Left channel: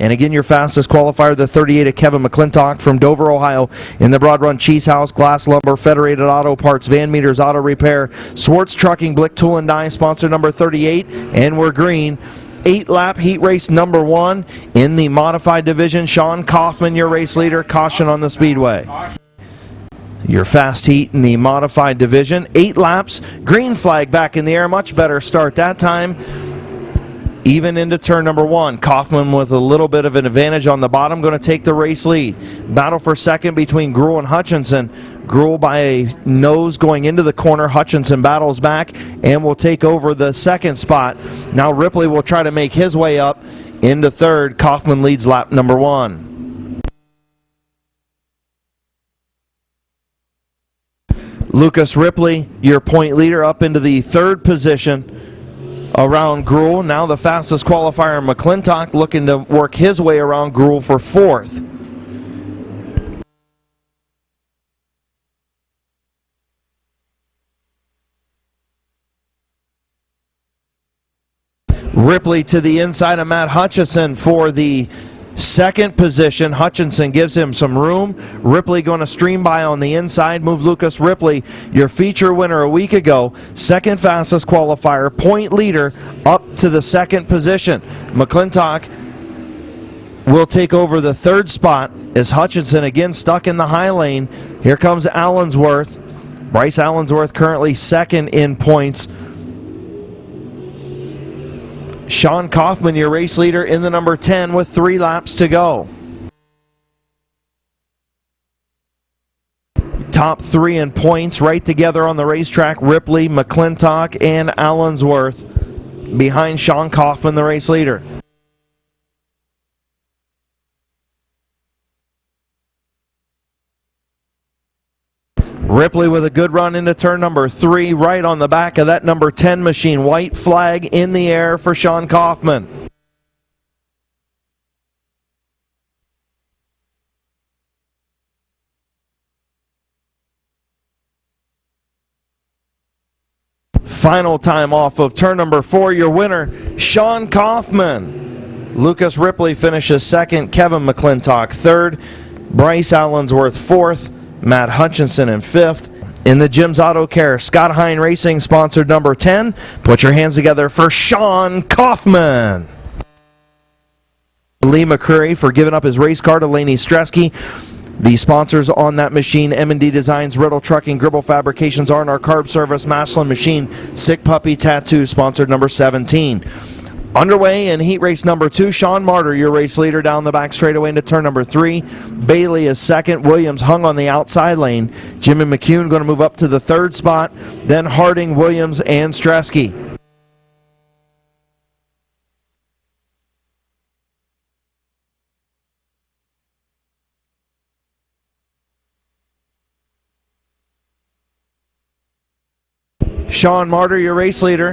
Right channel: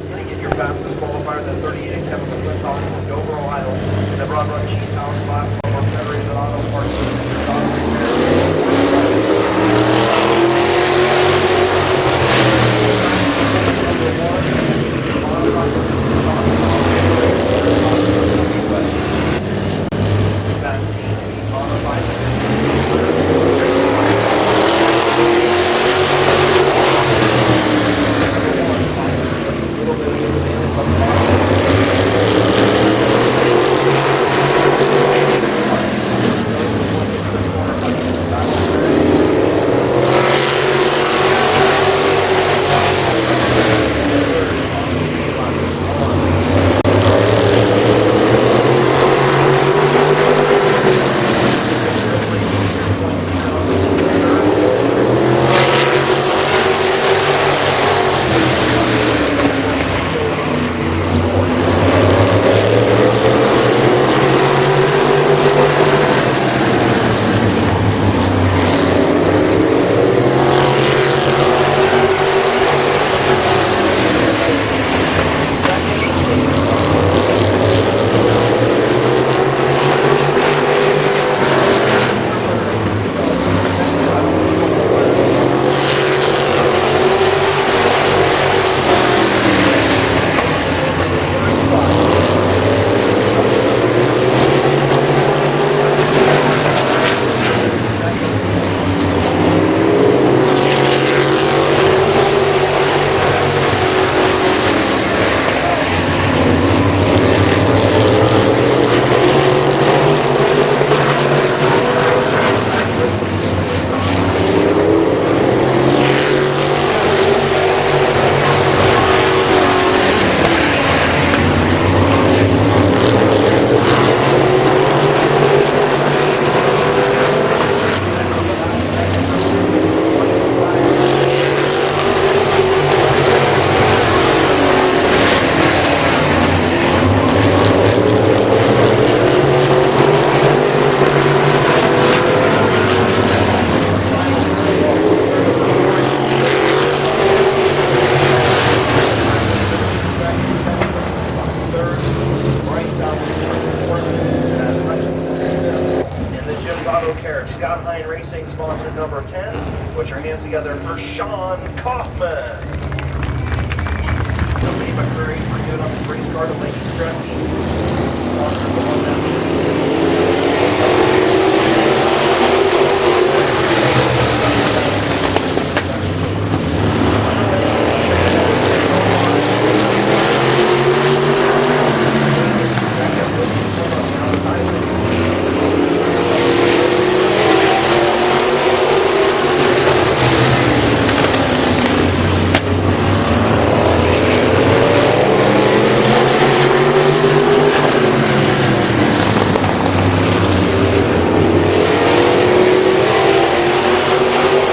And again, your fastest qualifier, the 38 of Kevin McClintock from Dover, Ohio. In the Broad Run, Cheese House, Glass Lumber, Federated Auto Parts, Van Meters Auto Repair, Swartz Trucking, Blick Tool and Die, sponsor number 38, and we're green. 8-lap heat race number 1 in the modified division. Sean Kaufman, your race leader. Caution on the speedway. Your fast heat in the modified division. 8 laps, green flag back in the air. Much better start that time. Even into turn number 1. Kaufman with a little bit of an advantage on the bottom, going to take the race lead. Battle for second between Gruhl and Hutchinson. Gruhl by a nose going into the corner. Hutchinson battles back and will take over the second spot. Now Ripley will try to make his way up into third. Kaufman leads lap number 1. Lucas Ripley, your point leader, up into the third position around Gruhl. Now the fastest qualifier, McClintock, looking to work his way around Gruhl for fourth. Ripley to the inside of Matt Hutchinson for the second position. Hutchinson gives him some room. Ripley going to stream by on the inside. Move Lucas Ripley, your feature winner a week ago. Second fastest qualifier, point leader, up to the second position. McClintock will take over the third spot as Hutchinson again stuck in the high lane. Here comes Allensworth. Bryce Allensworth currently second in points. Sean Kaufman, your race leader, in the number 10 with 3 laps to go. Top 3 in points right together on the racetrack. Ripley, McClintock, and Allensworth behind Sean Kaufman, the race leader. Ripley with a good run into turn number 3, right on the back of that number 10 machine. White flag in the air for Sean Kaufman. Final time off of turn number 4, your winner, Sean Kaufman. Lucas Ripley finishes second, Kevin McClintock third, Bryce Allensworth fourth, Matt Hutchinson in fifth. In the Jim's Auto Care, Scott Hine Racing, sponsored number 10. Put your hands together for Sean Kaufman. Lee McCurry for giving up his race car to Laney Stresky. The sponsors on that machine, M&D Designs, Rental Trucking, Gribble Fabrications, R&R Carb Service, Maslin Machine, Sick Puppy Tattoo, sponsored number 17. Underway in heat race number 2, Sean Martyr, your race leader, down the back straightaway to turn number 3. Bailey is second. Williams hung on the outside lane. Jim and McCune going to move up to the third spot. Then Harding, Williams, and Stresky. Sean Martyr, your race leader,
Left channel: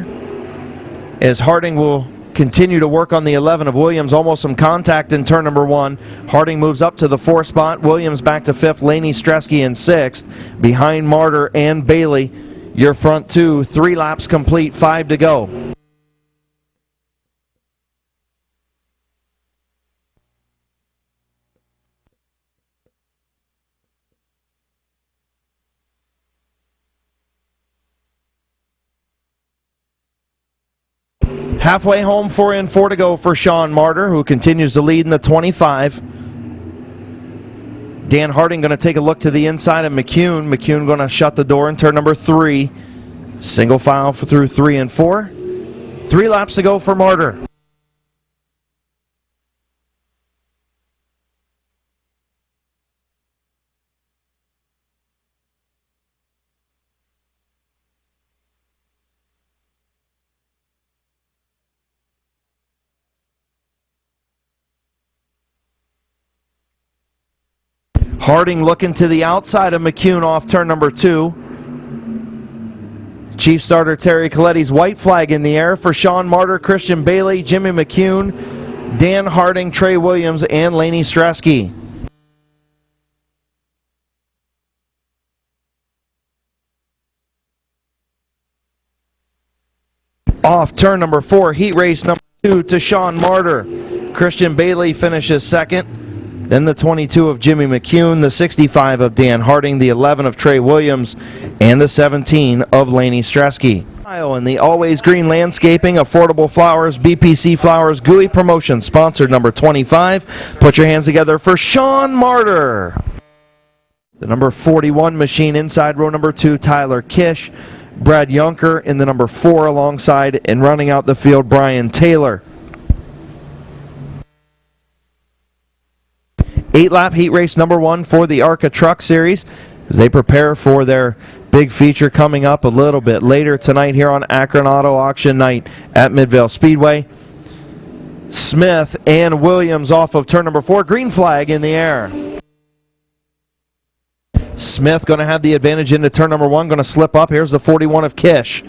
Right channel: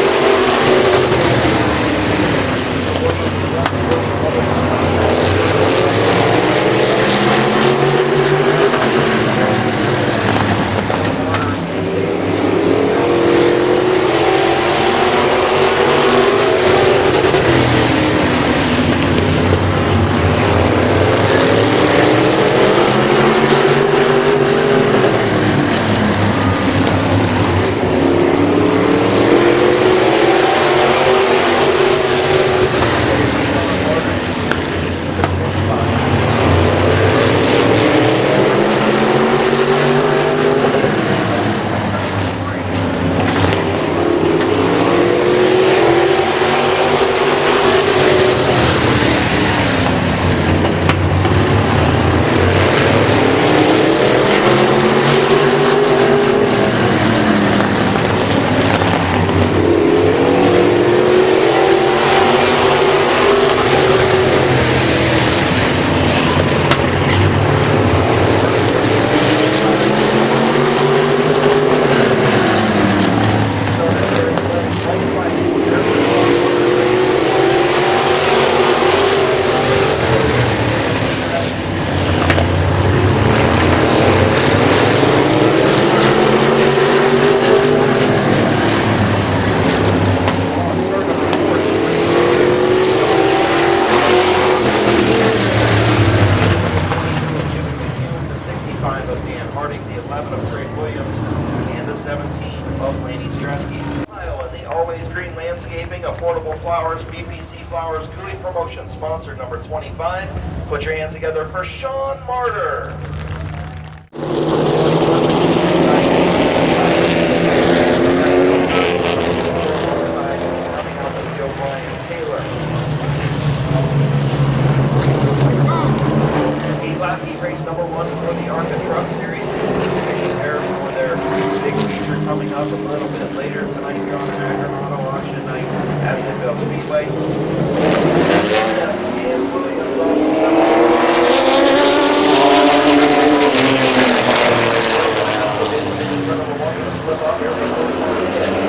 as Harding will continue to work on the 11 of Williams. Almost some contact in turn number 1. Harding moves up to the 4th spot. Williams back to 5th. Laney Stresky in 6th. Behind Martyr and Bailey. Your front 2. 3 laps complete. 5 to go. Halfway home, 4 and 4 to go for Sean Martyr, who continues to lead in the 25. Dan Harding going to take a look to the inside of McCune. McCune going to shut the door in turn number 3. Single file through 3 and 4. 3 laps to go for Martyr. Harding looking to the outside of McCune off turn number 2. Chief starter Terry Coletti's white flag in the air for Sean Martyr, Christian Bailey, Jimmy McCune, Dan Harding, Trey Williams, and Laney Stresky. Off turn number 4, heat race number 2 to Sean Martyr. Christian Bailey finishes second. Then the 22 of Jimmy McCune, the 65 of Dan Harding, the 11 of Trey Williams, and the 17 of Laney Stresky. And the Always Green Landscaping, Affordable Flowers, BPC Flowers, GUI Promotion, sponsored number 25. Put your hands together for Sean Martyr. The number 41 machine inside row number 2, Tyler Kish. Brad Yunker in the number 4 alongside, and running out the field, Brian Taylor. 8-lap heat race number 1 for the ARCA Truck Series as they prepare for their big feature coming up a little bit later tonight here on Akron Auto Auction Night at Midvale Speedway. Smith and Williams off of turn number 4. Green flag in the air. Smith going to have the advantage into turn number 1. Going to slip up. Here's the 41 of Kish.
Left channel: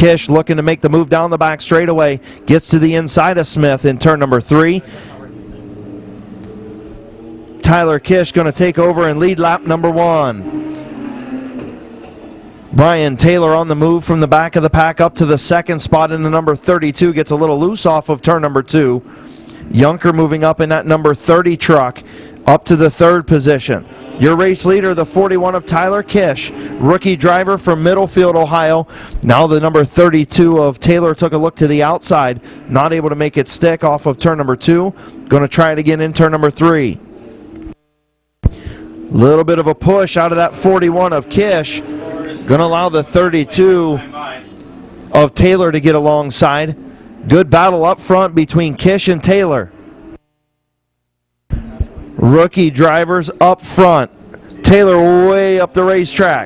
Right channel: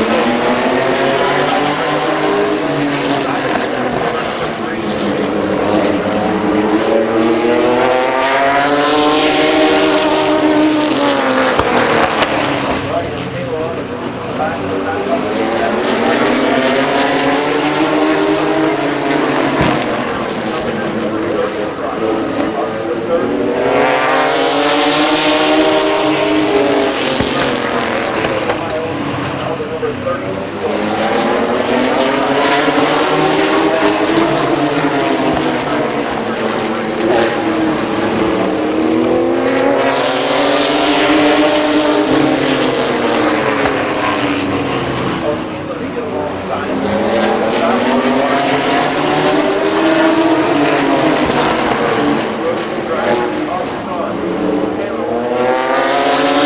Kish looking to make the move down the back straightaway. Gets to the inside of Smith in turn number 3. Tyler Kish going to take over and lead lap number 1. Brian Taylor on the move from the back of the pack up to the second spot in the number 32. Gets a little loose off of turn number 2. Yunker moving up in that number 30 truck up to the 3rd position. Your race leader, the 41 of Tyler Kish, rookie driver from Middlefield, Ohio. Now the number 32 of Taylor took a look to the outside. Not able to make it stick off of turn number 2. Going to try it again in turn number 3. A little bit of a push out of that 41 of Kish. Going to allow the 32 of Taylor to get alongside. Good battle up front between Kish and Taylor. Rookie drivers up front. Taylor way up the racetrack.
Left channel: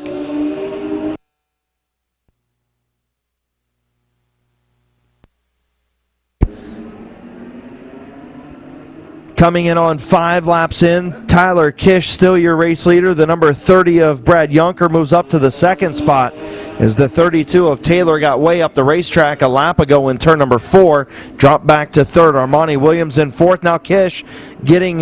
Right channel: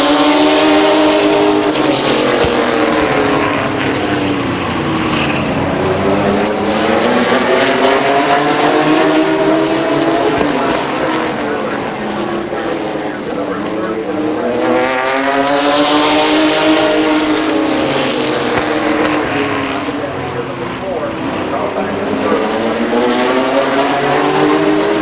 Coming in on 5 laps in, Tyler Kish still your race leader. The number 30 of Brad Yunker moves up to the 2nd spot as the 32 of Taylor got way up the racetrack a lap ago in turn number 4. Dropped back to 3rd. Armani Williams in 4th. Now Kish getting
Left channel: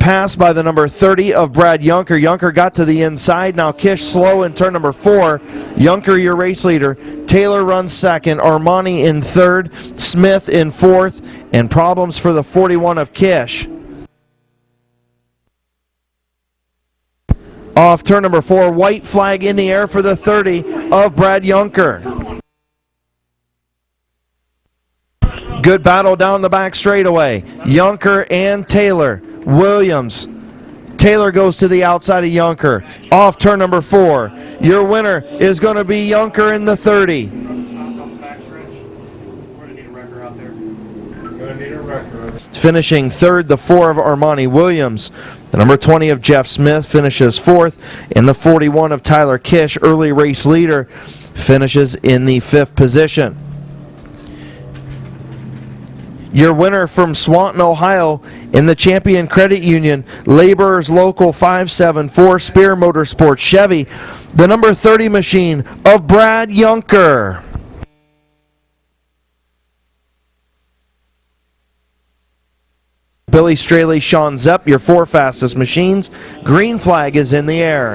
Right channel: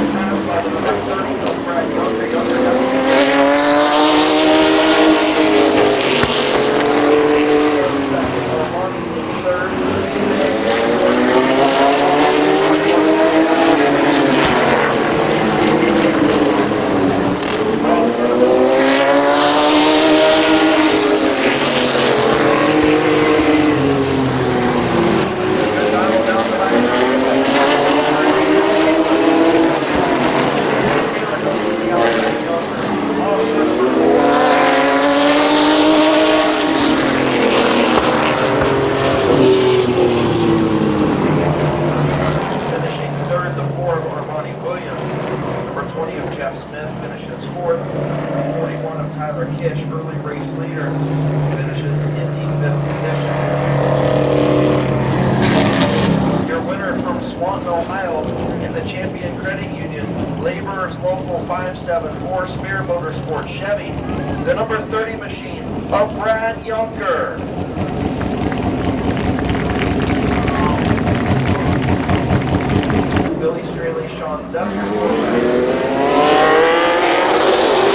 passed by the number 30 of Brad Yunker. Yunker got to the inside. Now Kish slow in turn number 4. Yunker your race leader. Taylor runs 2nd. Armani in 3rd. Smith in 4th. And problems for the 41 of Kish. Off turn number 4, white flag in the air for the 30 of Brad Yunker. Good battle down the back straightaway. Yunker and Taylor. Williams. Taylor goes to the outside of Yunker. Off turn number 4. Your winner is going to be Yunker in the 30. Finishing 3rd, the 4 of Armani Williams. The number 20 of Jeff Smith finishes 4th. And the 41 of Tyler Kish, early race leader, finishes in the 5th position. Your winner from Swanton, Ohio, in the Champion Credit Union, Laborers Local 574 Spear Motorsports Chevy, the number 30 machine of Brad Yunker. Billy Straley, Sean Zepp, your 4 fastest machines. Green flag is in the air.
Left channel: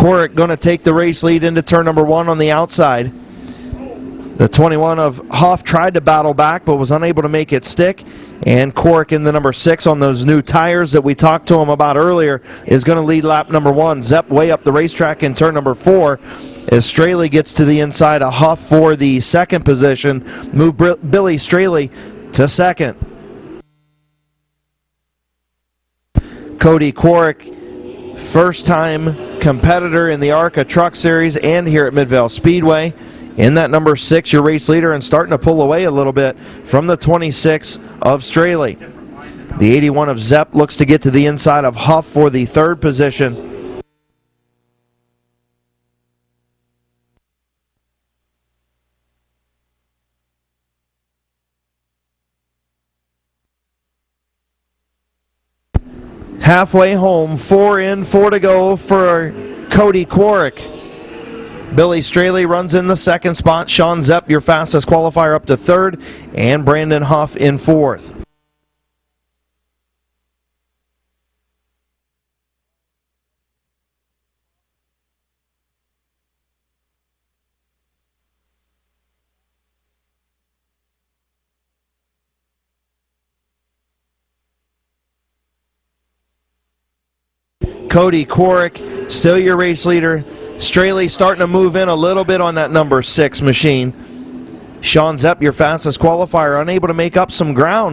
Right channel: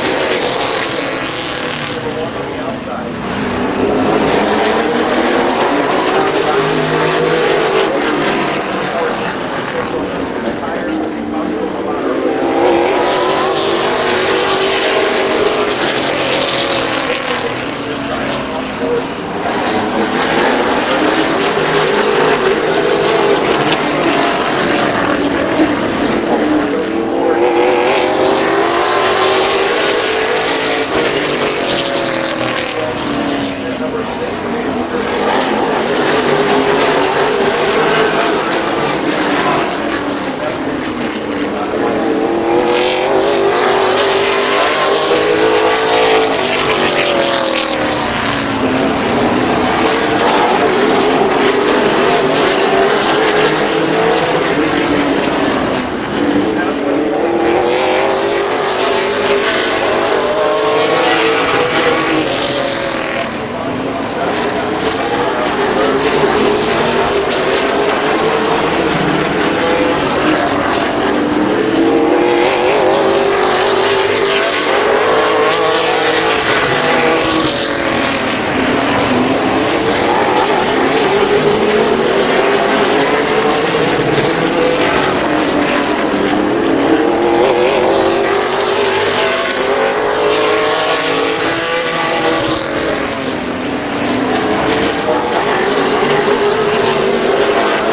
Corrick going to take the race lead into turn number 1 on the outside. The 21 of Hoff tried to battle back but was unable to make it stick. And Corrick in the number 6 on those new tires that we talked to him about earlier is going to lead lap number 1. Zepp way up the racetrack in turn number 4 as Straley gets to the inside of Huff for the 2nd position. Move Billy Straley to 2nd. Cody Corrick, first-time competitor in the ARCA Truck Series and here at Midvale Speedway. In that number 6, your race leader, and starting to pull away a little bit from the 26 of Straley. The 81 of Zepp looks to get to the inside of Huff for the 3rd position. Halfway home, 4 in, 4 to go for Cody Corrick. Billy Straley runs in the 2nd spot. Sean Zepp, your fastest qualifier, up to 3rd. And Brandon Huff in 4th. Korick, still your race leader. Straley starting to move in a little bit on that number 6 machine. Sean Zepp, your fastest qualifier, unable to make up some ground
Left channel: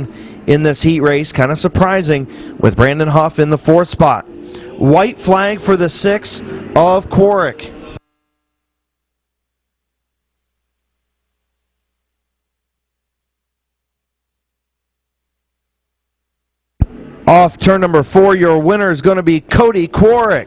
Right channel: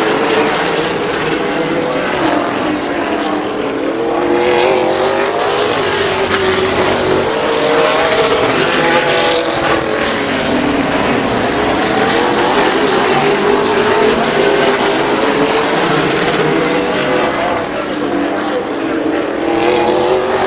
in this heat race. Kind of surprising with Brandon Huff in the 4th spot. White flag for the 6th of Korick. Off turn number 4, your winner is going to be Cody Korick.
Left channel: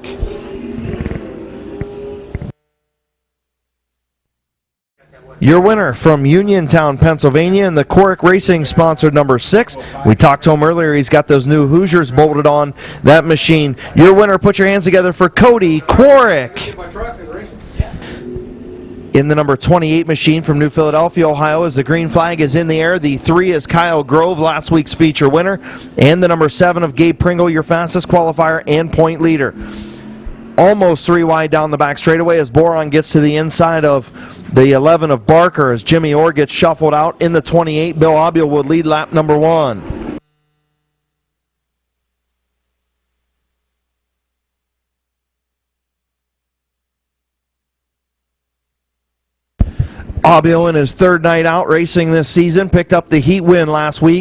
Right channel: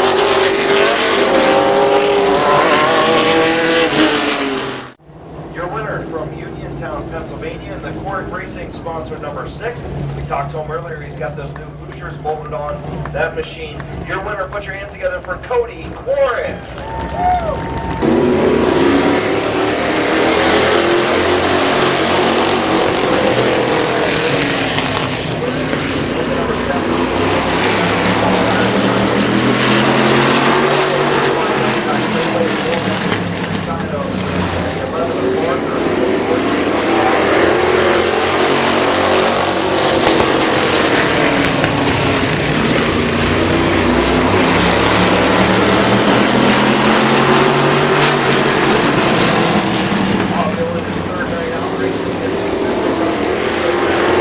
Your winner from Uniontown, Pennsylvania, and the Korick Racing sponsored number 6. We talked to him earlier. He's got those new Hoosiers bolted on that machine. Your winner, put your hands together for Cody Korick. In the number 28 machine from New Philadelphia, Ohio, as the green flag is in the air. The 3 is Kyle Grove, last week's feature winner. And the number 7 of Gabe Pringle, your fastest qualifier and point leader. Almost 3 wide down the back straightaway as Boron gets to the inside of the 11 of Barker as Jimmy Orr gets shuffled out. In the 28, Bill Abio will lead lap number 1. Abio in his 3rd night out racing this season, picked up the heat win last week.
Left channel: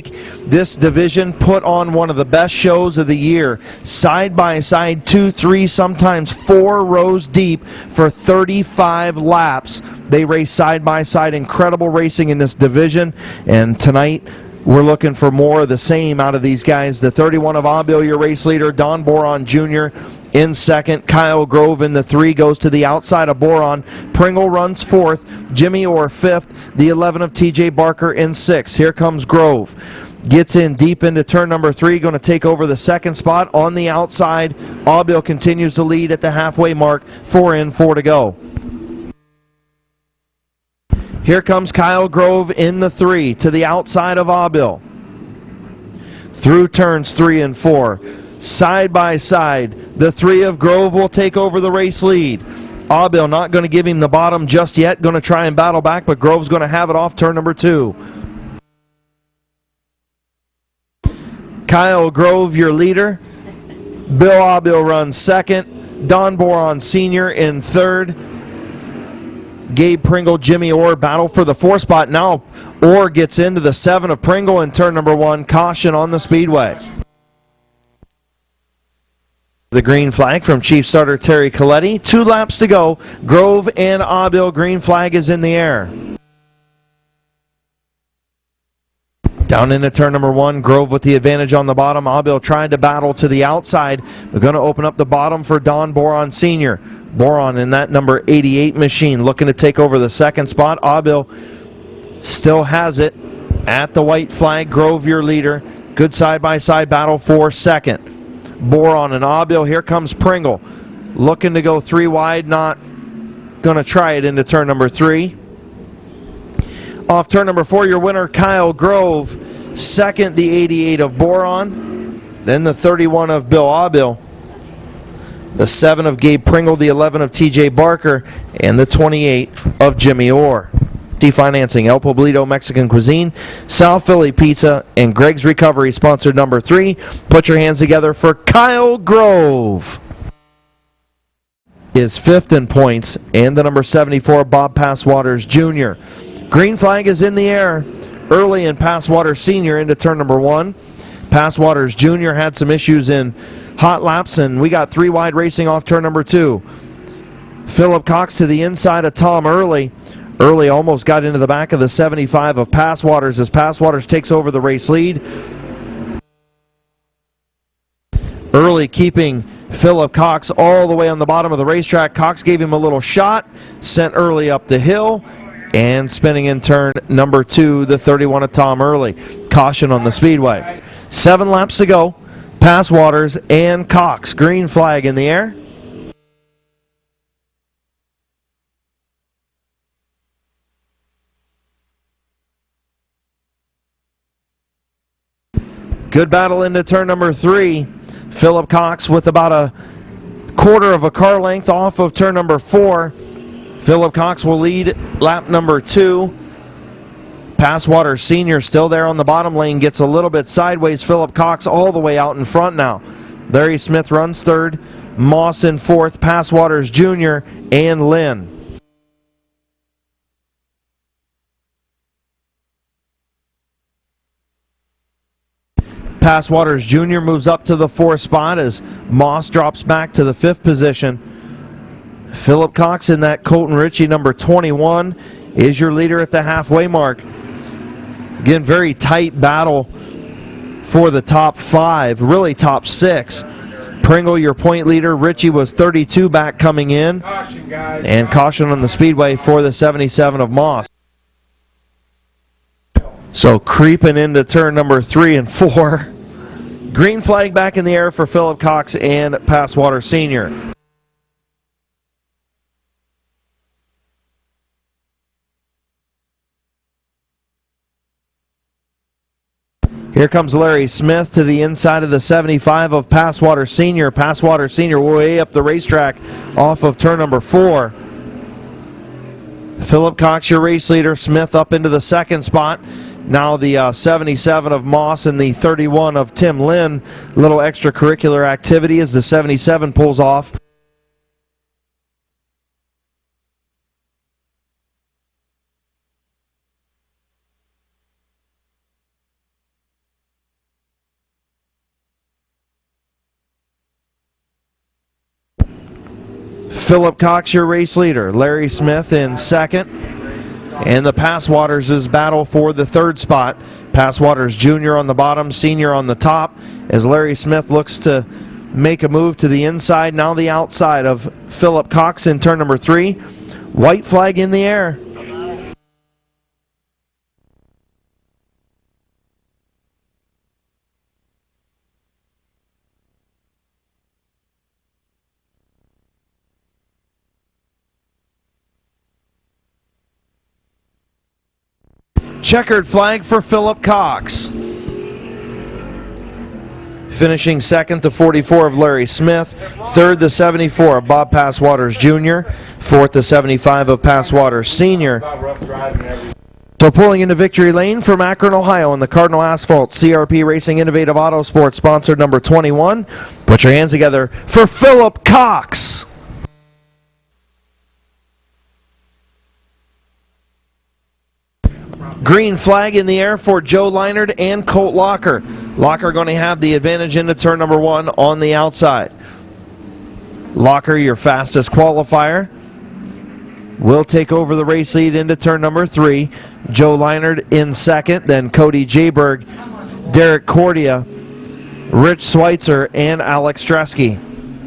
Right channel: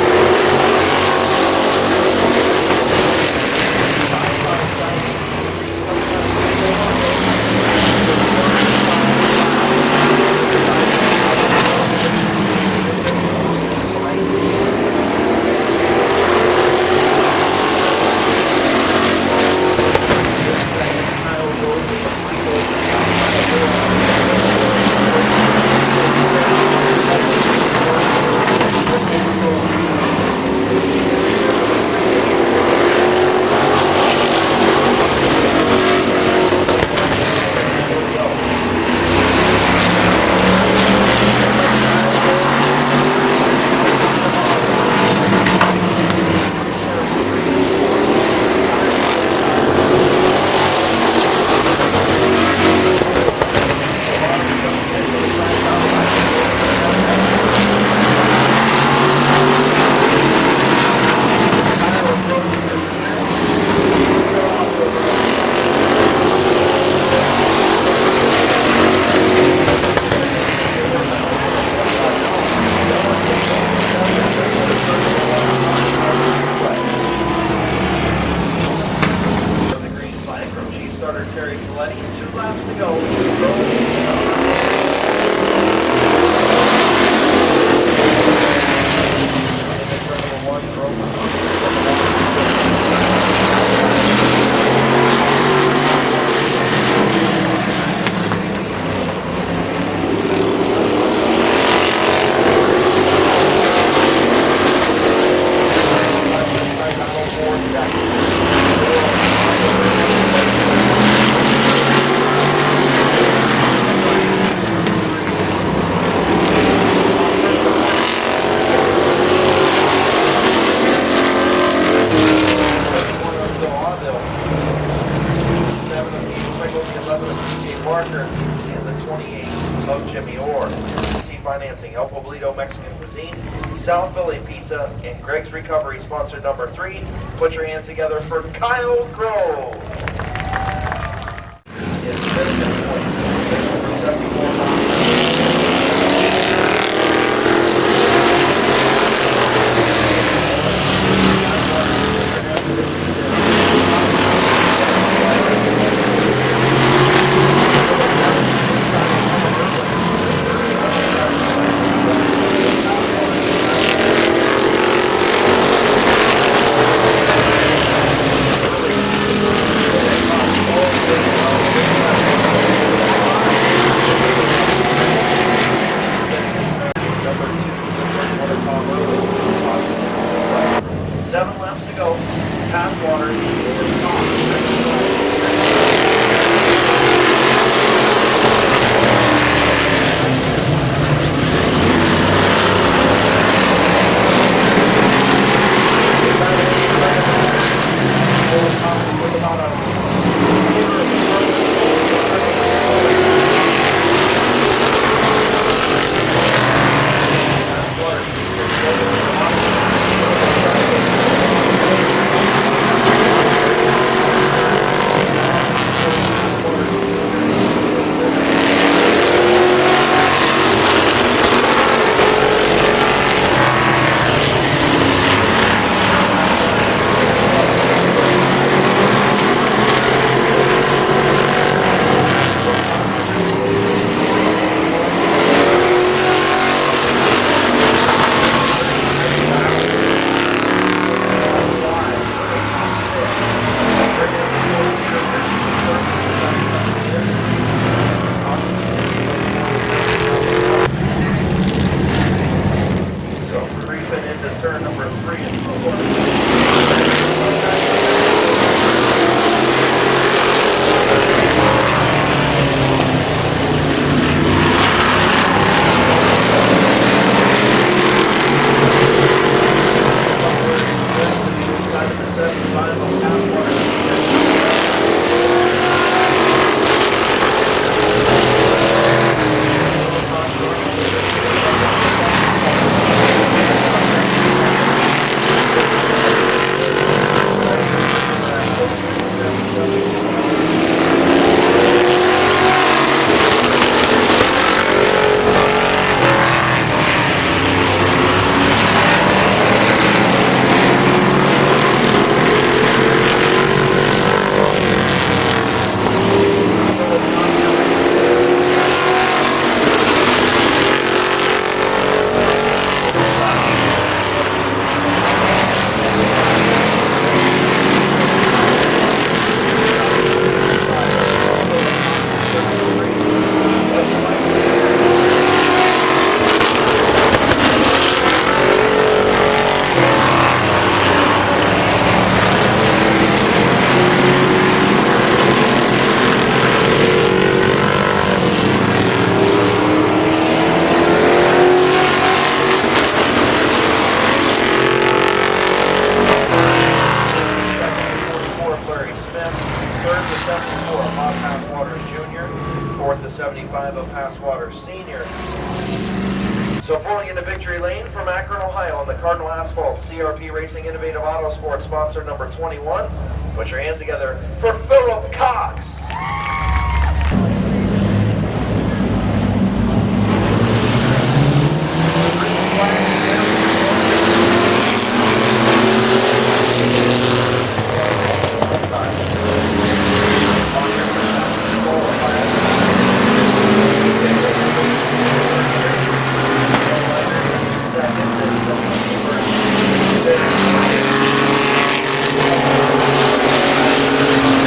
This division put on one of the best shows of the year. Side by side, 2, 3, sometimes 4 rows deep for 35 laps. They race side by side, incredible racing in this division. And tonight, we're looking for more of the same out of these guys. The 31 of Abio, your race leader, Don Boron Jr. in 2nd. Kyle Grove in the 3 goes to the outside of Boron. Pringle runs 4th. Jimmy Orr 5th. The 11 of TJ Barker in 6th. Here comes Grove. Gets in deep into turn number 3, going to take over the 2nd spot on the outside. Abio continues to lead at the halfway mark. 4 in, 4 to go. Here comes Kyle Grove in the 3 to the outside of Abio. Through turns 3 and 4. Side by side, the 3 of Grove will take over the race lead. Abio not going to give him the bottom just yet. Going to try and battle back, but Grove's going to have it off turn number 2. Kyle Grove, your leader. Bill Abio runs 2nd. Don Boron Sr. in 3rd. Gabe Pringle, Jimmy Orr battle for the 4th spot. Now Orr gets into the 7 of Pringle in turn number 1. Caution on the speedway. The green flag from Chief Starter Terry Coletti. 2 laps to go. Grove and Abio, green flag is in the air. Down into turn number 1, Grove with the advantage on the bottom. Abio trying to battle to the outside. We're going to open up the bottom for Don Boron Sr. Boron in that number 88 machine looking to take over the 2nd spot. Abio still has it at the white flag. Grove, your leader. Good side-by-side battle for 2nd. Boron and Abio. Here comes Pringle. Looking to go 3 wide, not going to try it into turn number 3. Off turn number 4, your winner, Kyle Grove. 2nd, the 88 of Boron. Then the 31 of Bill Abio. The 7 of Gabe Pringle, the 11 of TJ Barker, and the 28 of Jimmy Orr. Financing, El Poblito Mexican Cuisine, South Philly Pizza, and Greg's Recovery, sponsored number 3. Put your hands together for Kyle Grove. Is 5th in points, and the number 74, Bob Passwaters Jr. Green flag is in the air early in Passwater Sr. into turn number 1. Passwaters Jr. had some issues in hot laps, and we got 3 wide racing off turn number 2. Philip Cox to the inside of Tom Early. Early almost got into the back of the 75 of Passwaters as Passwaters takes over the race lead. Early keeping Philip Cox all the way on the bottom of the racetrack. Cox gave him a little shot, sent Early up the hill. And spinning in turn number 2, the 31 of Tom Early. Caution on the speedway. 7 laps to go. Passwaters and Cox. Green flag in the air. Good battle into turn number 3. Philip Cox with about a quarter of a car length off of turn number 4. Philip Cox will lead lap number 2. Passwater Sr. still there on the bottom lane, gets a little bit sideways. Philip Cox all the way out in front now. Barry Smith runs 3rd. Moss in fourth, Passwaters Jr. and Lim. Passwaters Jr. moves up to the fourth spot as Moss drops back to the fifth position. Philip Cox in that Colton Ritchie number 21 is your leader at the halfway mark. Again, very tight battle for the top five, really top six. Pringle, your point leader. Ritchie was 32 back coming in. And caution on the speedway for the 77 of Moss. So creeping into turn number 3 and 4. Green flag back in the air for Philip Cox and Passwater Sr. Here comes Larry Smith to the inside of the 75 of Passwater Sr. Passwater Sr. way up the racetrack off of turn number 4. Philip Cox, your race leader. Smith up into the second spot. Now the 77 of Moss and the 31 of Tim Lim. A little extracurricular activity as the 77 pulls off. Philip Cox, your race leader. Larry Smith in second. And the Passwaters is battle for the third spot. Passwaters Jr. on the bottom, Senior on the top. As Larry Smith looks to make a move to the inside, now the outside of Philip Cox in turn number 3. White flag in the air. Checkered flag for Philip Cox. Finishing second, the 44 of Larry Smith. Third, the 74 of Bob Passwaters Jr. Fourth, the 75 of Passwaters Sr. So pulling into victory lane from Akron, Ohio in the Cardinal Asphalt CRP Racing Innovative Auto Sports sponsored number 21. Put your hands together for Philip Cox. Green flag in the air for Joe Leinert and Colt Locker. Locker going to have the advantage into turn number 1 on the outside. Locker, your fastest qualifier, will take over the race lead into turn number 3. Joe Leinert in second, then Cody Jayberg, Derek Cordia, Rich Schweitzer, and Alex Stresky.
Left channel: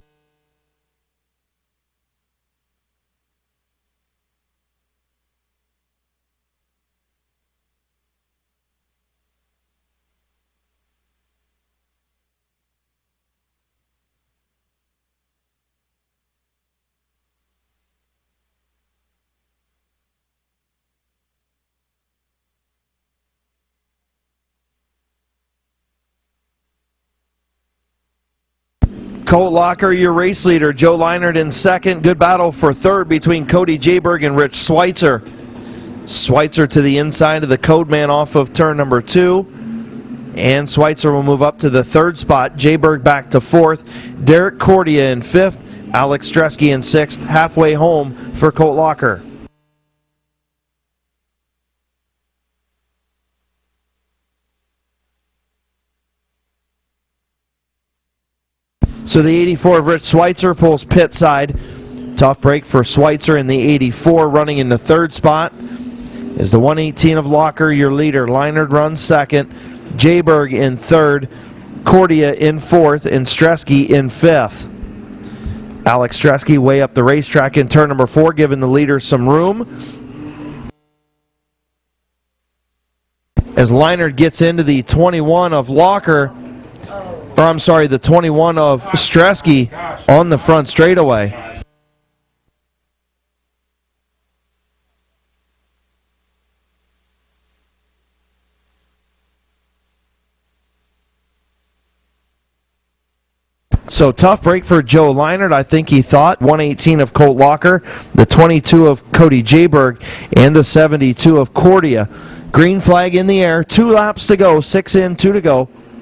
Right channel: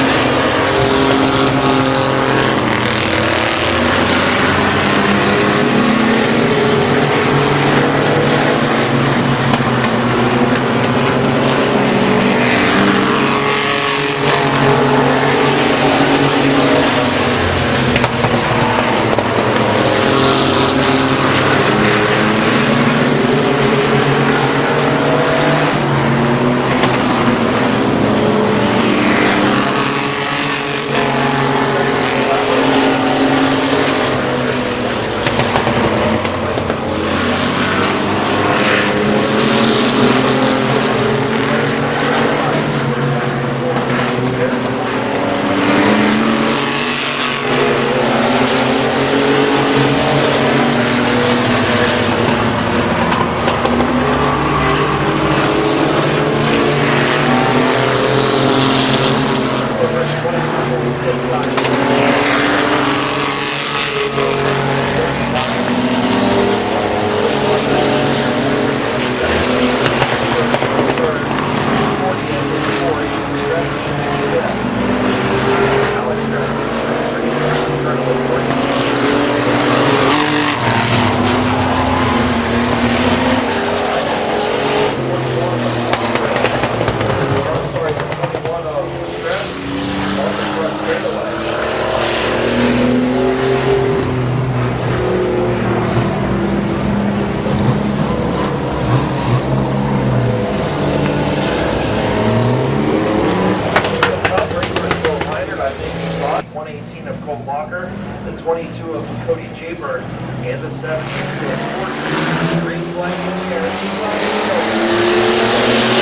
Your race leader, Joe Leinert in second. Good battle for third between Cody Jayberg and Rich Schweitzer. Schweitzer to the inside of the coat man off of turn number 2. And Schweitzer will move up to the third spot. Jayberg back to fourth. Derek Cordia in fifth. Alex Stresky in sixth. Halfway home for Colt Walker. So the 84 of Rich Schweitzer pulls pit side. Tough break for Schweitzer in the 84, running in the third spot. As the 118 of Locker, your leader. Leinert runs second. Jayberg in third. Cordia in fourth. And Stresky in fifth. Alex Stresky way up the racetrack in turn number 4, giving the leader some room. As Leinert gets into the 21 of Locker, or I'm sorry, the 21 of Stresky on the front straightaway. So tough break for Joe Leinert, I think he thought. 118 of Colt Locker, the 22 of Cody Jayberg, and the 72 of Cordia. Green flag in the air, 2 laps to go, 6 in, 2 to go.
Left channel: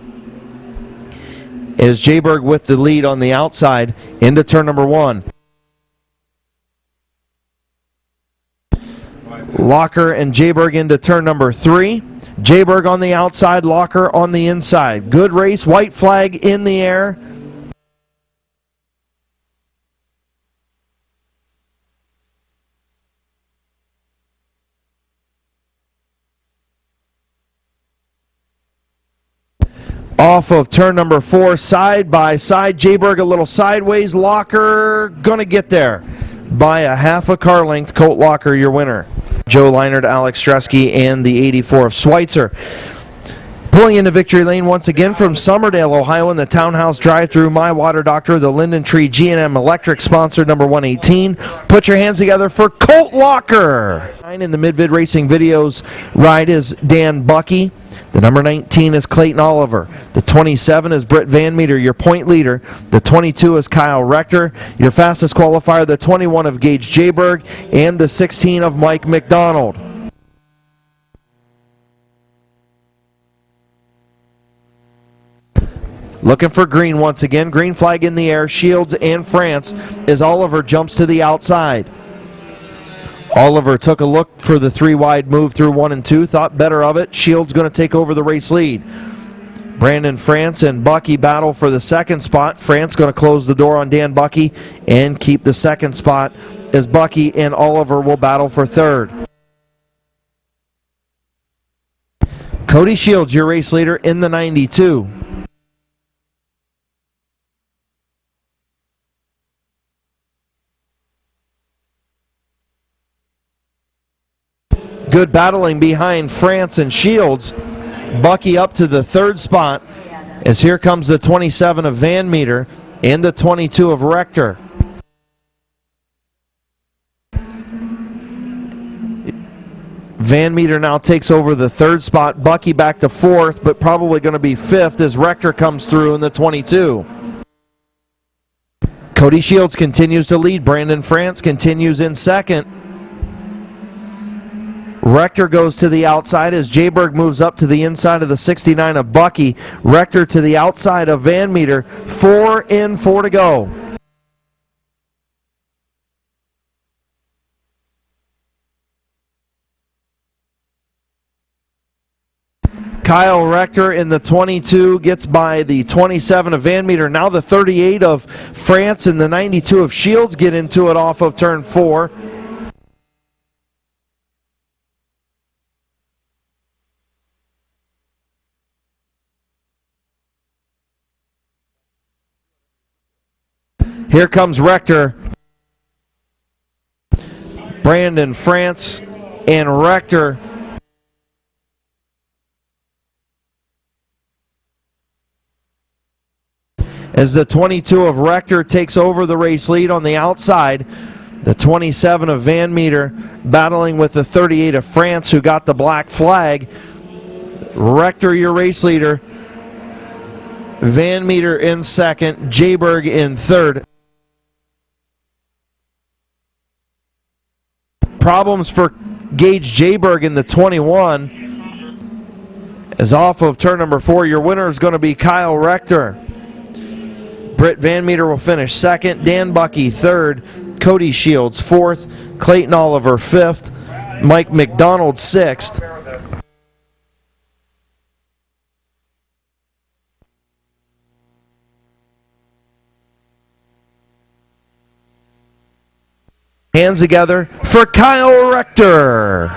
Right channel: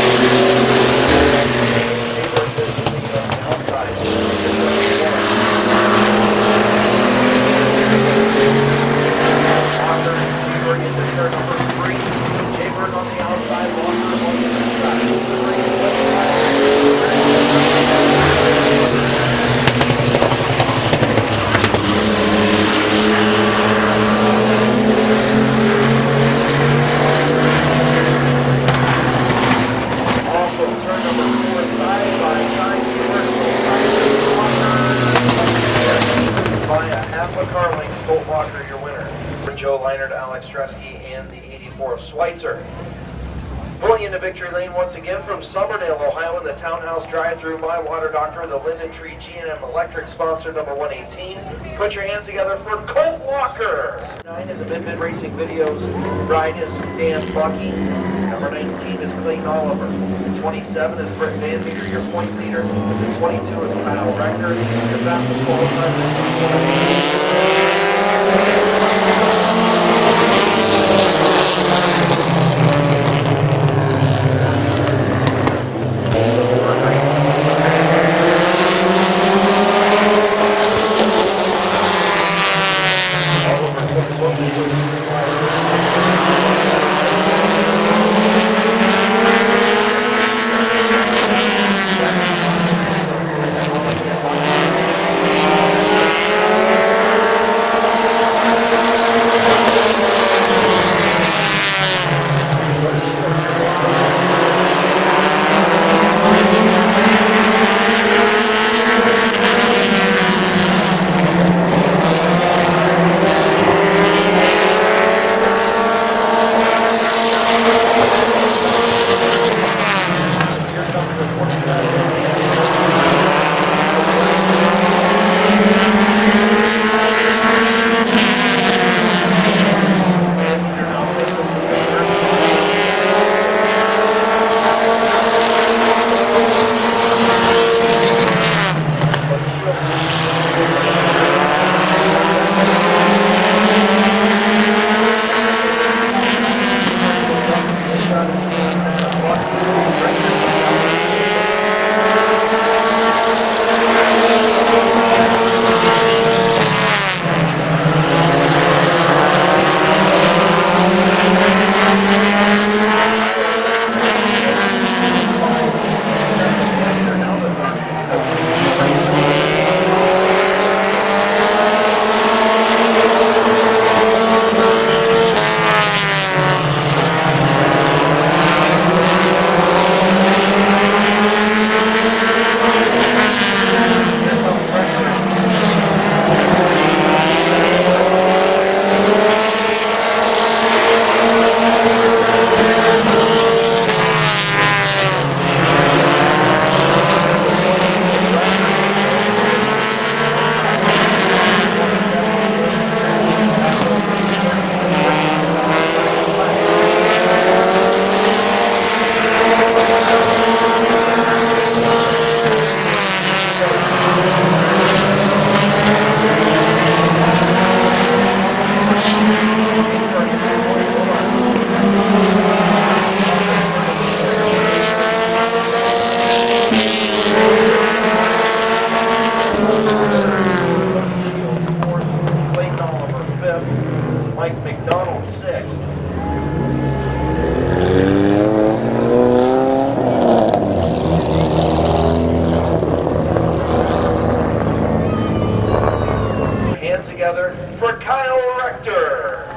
is Jayberg with the lead on the outside into turn number 1. Locker and Jayberg into turn number 3. Jayberg on the outside, Locker on the inside. Good race, white flag in the air. Off of turn number 4, side by side. Jayberg a little sideways. Locker gonna get there by a half a car length. Colt Locker, your winner. Joe Leinert, Alex Stresky, and the 84 of Schweitzer. Pulling into victory lane once again from Summerdale, Ohio in the Townhouse drive-through, My Water Doctor, the Linden Tree G&M Electric sponsor, number 118. Put your hands together for Colt Locker. In the Mid-Vid Racing Videos ride is Dan Bucky. The number 19 is Clayton Oliver. The 27 is Britt Van Meter, your point leader. The 22 is Kyle Rector. Your fastest qualifier, the 21 of Gage Jayberg, and the 16 of Mike McDonald. Looking for green once again. Green flag in the air. Shields in France as Oliver jumps to the outside. Oliver took a look for the 3 wide move through 1 and 2. Thought better of it. Shields going to take over the race lead. Brandon France and Bucky battle for the second spot. France going to close the door on Dan Bucky and keep the second spot as Bucky and Oliver will battle for third. Cody Shields, your race leader in the 92. Good battling behind France and Shields. Bucky up to the third spot as here comes the 27 of Van Meter and the 22 of Rector. Van Meter now takes over the third spot. Bucky back to fourth, but probably going to be fifth as Rector comes through in the 22. Cody Shields continues to lead. Brandon France continues in second. Rector goes to the outside as Jayberg moves up to the inside of the 69 of Bucky. Rector to the outside of Van Meter. 4 and 4 to go. Kyle Rector in the 22 gets by the 27 of Van Meter. Now the 38 of France and the 92 of Shields get into it off of turn 4. Here comes Rector, Brandon France, and Rector. As the 22 of Rector takes over the race lead on the outside, the 27 of Van Meter battling with the 38 of France who got the black flag. Rector, your race leader. Van Meter in second, Jayberg in third. Problems for Gage Jayberg in the 21. As off of turn number 4, your winner is going to be Kyle Rector. Britt Van Meter will finish second, Dan Bucky third, Cody Shields fourth, Clayton Oliver fifth, Mike McDonald sixth. Hands together for Kyle Rector.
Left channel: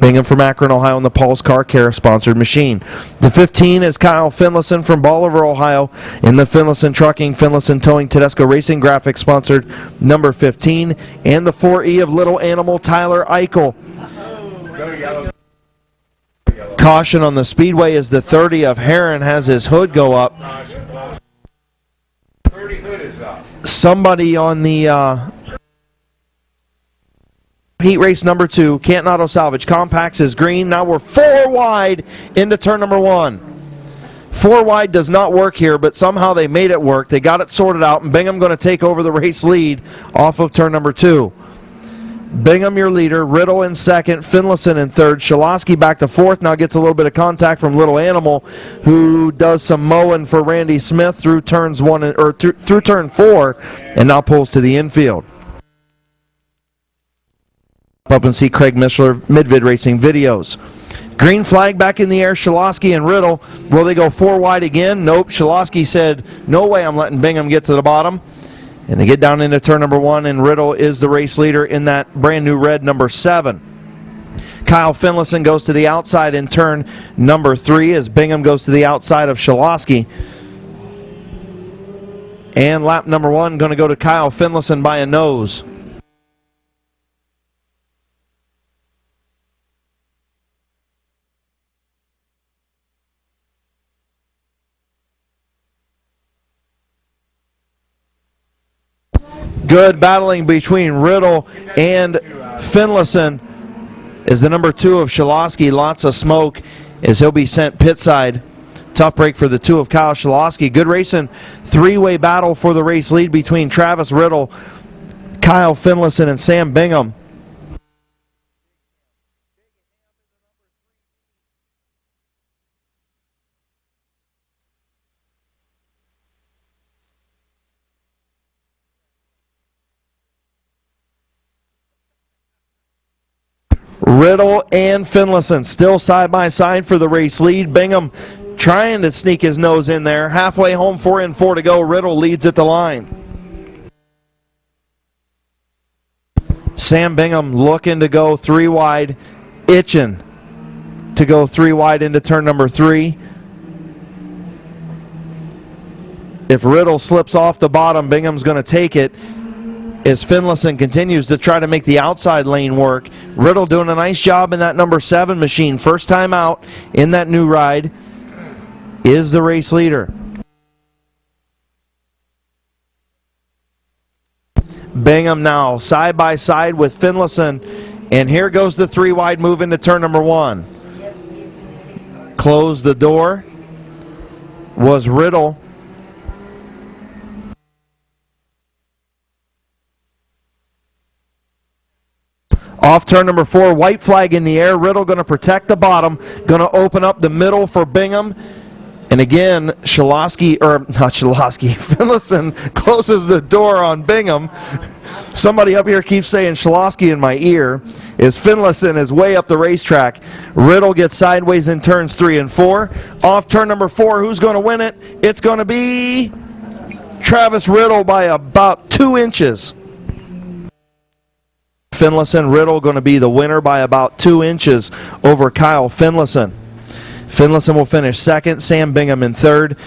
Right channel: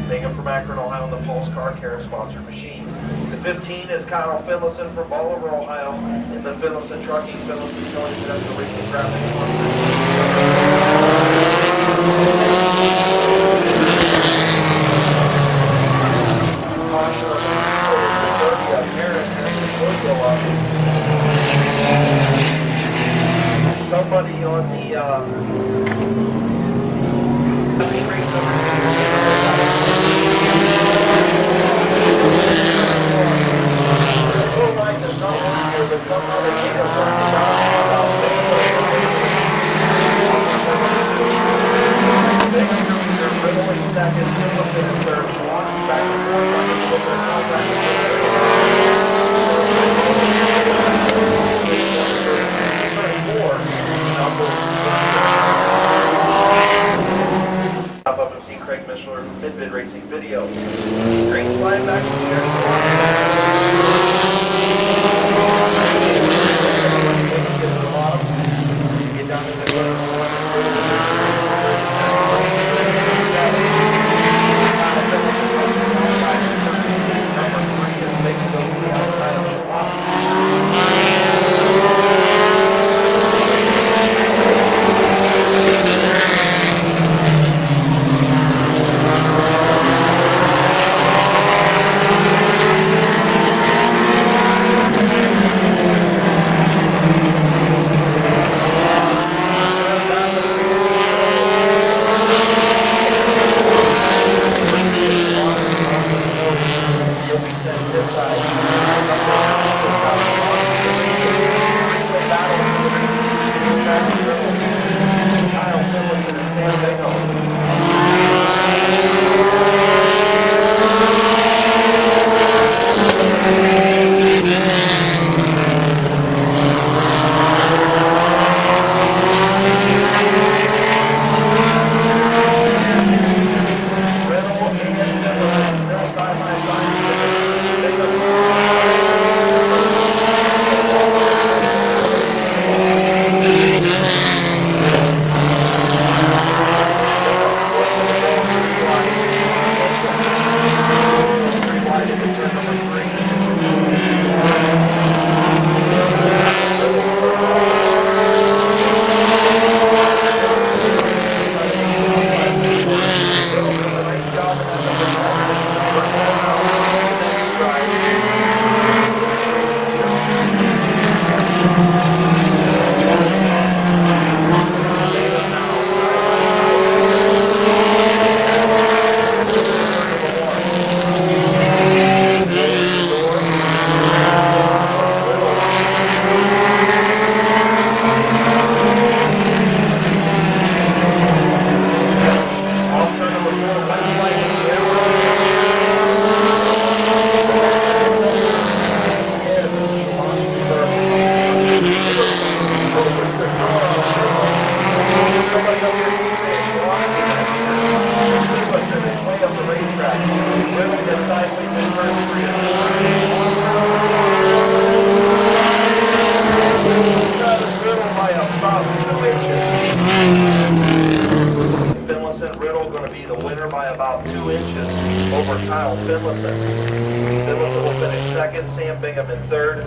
Bingham from Akron, Ohio, and the Paul's Car Care sponsored machine. The 15 is Kyle Finlayson from Bolivar, Ohio, in the Finlayson Trucking, Finlayson Towing, Tedesco Racing Graphics sponsored number 15, and the 40 of Little Animal Tyler Eichel. Caution on the speedway as the 30 of Heron has his hood go up. Somebody on the heat race number 2, Canton Auto Salvage, compacts his green. Now we're 4 wide into turn number 1. 4 wide does not work here, but somehow they made it work. They got it sorted out, and Bingham going to take over the race lead off of turn number 2. Bingham your leader, Riddle in second, Finlayson in third, Shaloski back to fourth. Now gets a little bit of contact from Little Animal, who does some mowing for Randy Smith through turns through turn 4, and now pulls to the infield. Up and see Craig Mishler, Mid-Vid Racing videos. Green flag back in the air, Shaloski and Riddle. Will they go 4 wide again? Nope. Shaloski said, no way I'm letting Bingham get to the bottom. And they get down into turn number 1, and Riddle is the race leader in that brand new red number 7. Kyle Finlayson goes to the outside in turn number 3 as Bingham goes to the outside of Shaloski. And lap number 1 is going to go to Kyle Finlayson by a nose. Good battling between Riddle and Finlayson as the number 2 of Shaloski, lots of smoke as he'll be sent pit side. Tough break for the 2 of Kyle Shaloski. Good racing, 3-way battle for the race lead between Travis Riddle, Kyle Finlayson, and Sam Bingham. Riddle and Finlayson still side by side for the race lead. Bingham trying to sneak his nose in there. Halfway home, 4 and 4 to go. Riddle leads at the line. Sam Bingham looking to go 3 wide, itching to go 3 wide into turn number 3. If Riddle slips off the bottom, Bingham's going to take it as Finlayson continues to try to make the outside lane work. Riddle doing a nice job in that number 7 machine. First time out in that new ride is the race leader. Bingham now side by side with Finlayson, and here goes the 3 wide move into turn number 1. Close the door was Riddle. Off turn number 4, white flag in the air. Riddle going to protect the bottom, going to open up the middle for Bingham. And again, Finlayson closes the door on Bingham. Somebody up here keeps saying Shaloski in my ear, as Finlayson is way up the racetrack. Riddle gets sideways in turns 3 and 4. Off turn number 4, who's going to win it? It's going to be Travis Riddle by about 2 inches. Finlayson, Riddle going to be the winner by about 2 inches over Kyle Finlayson. Finlayson will finish second, Sam Bingham in third,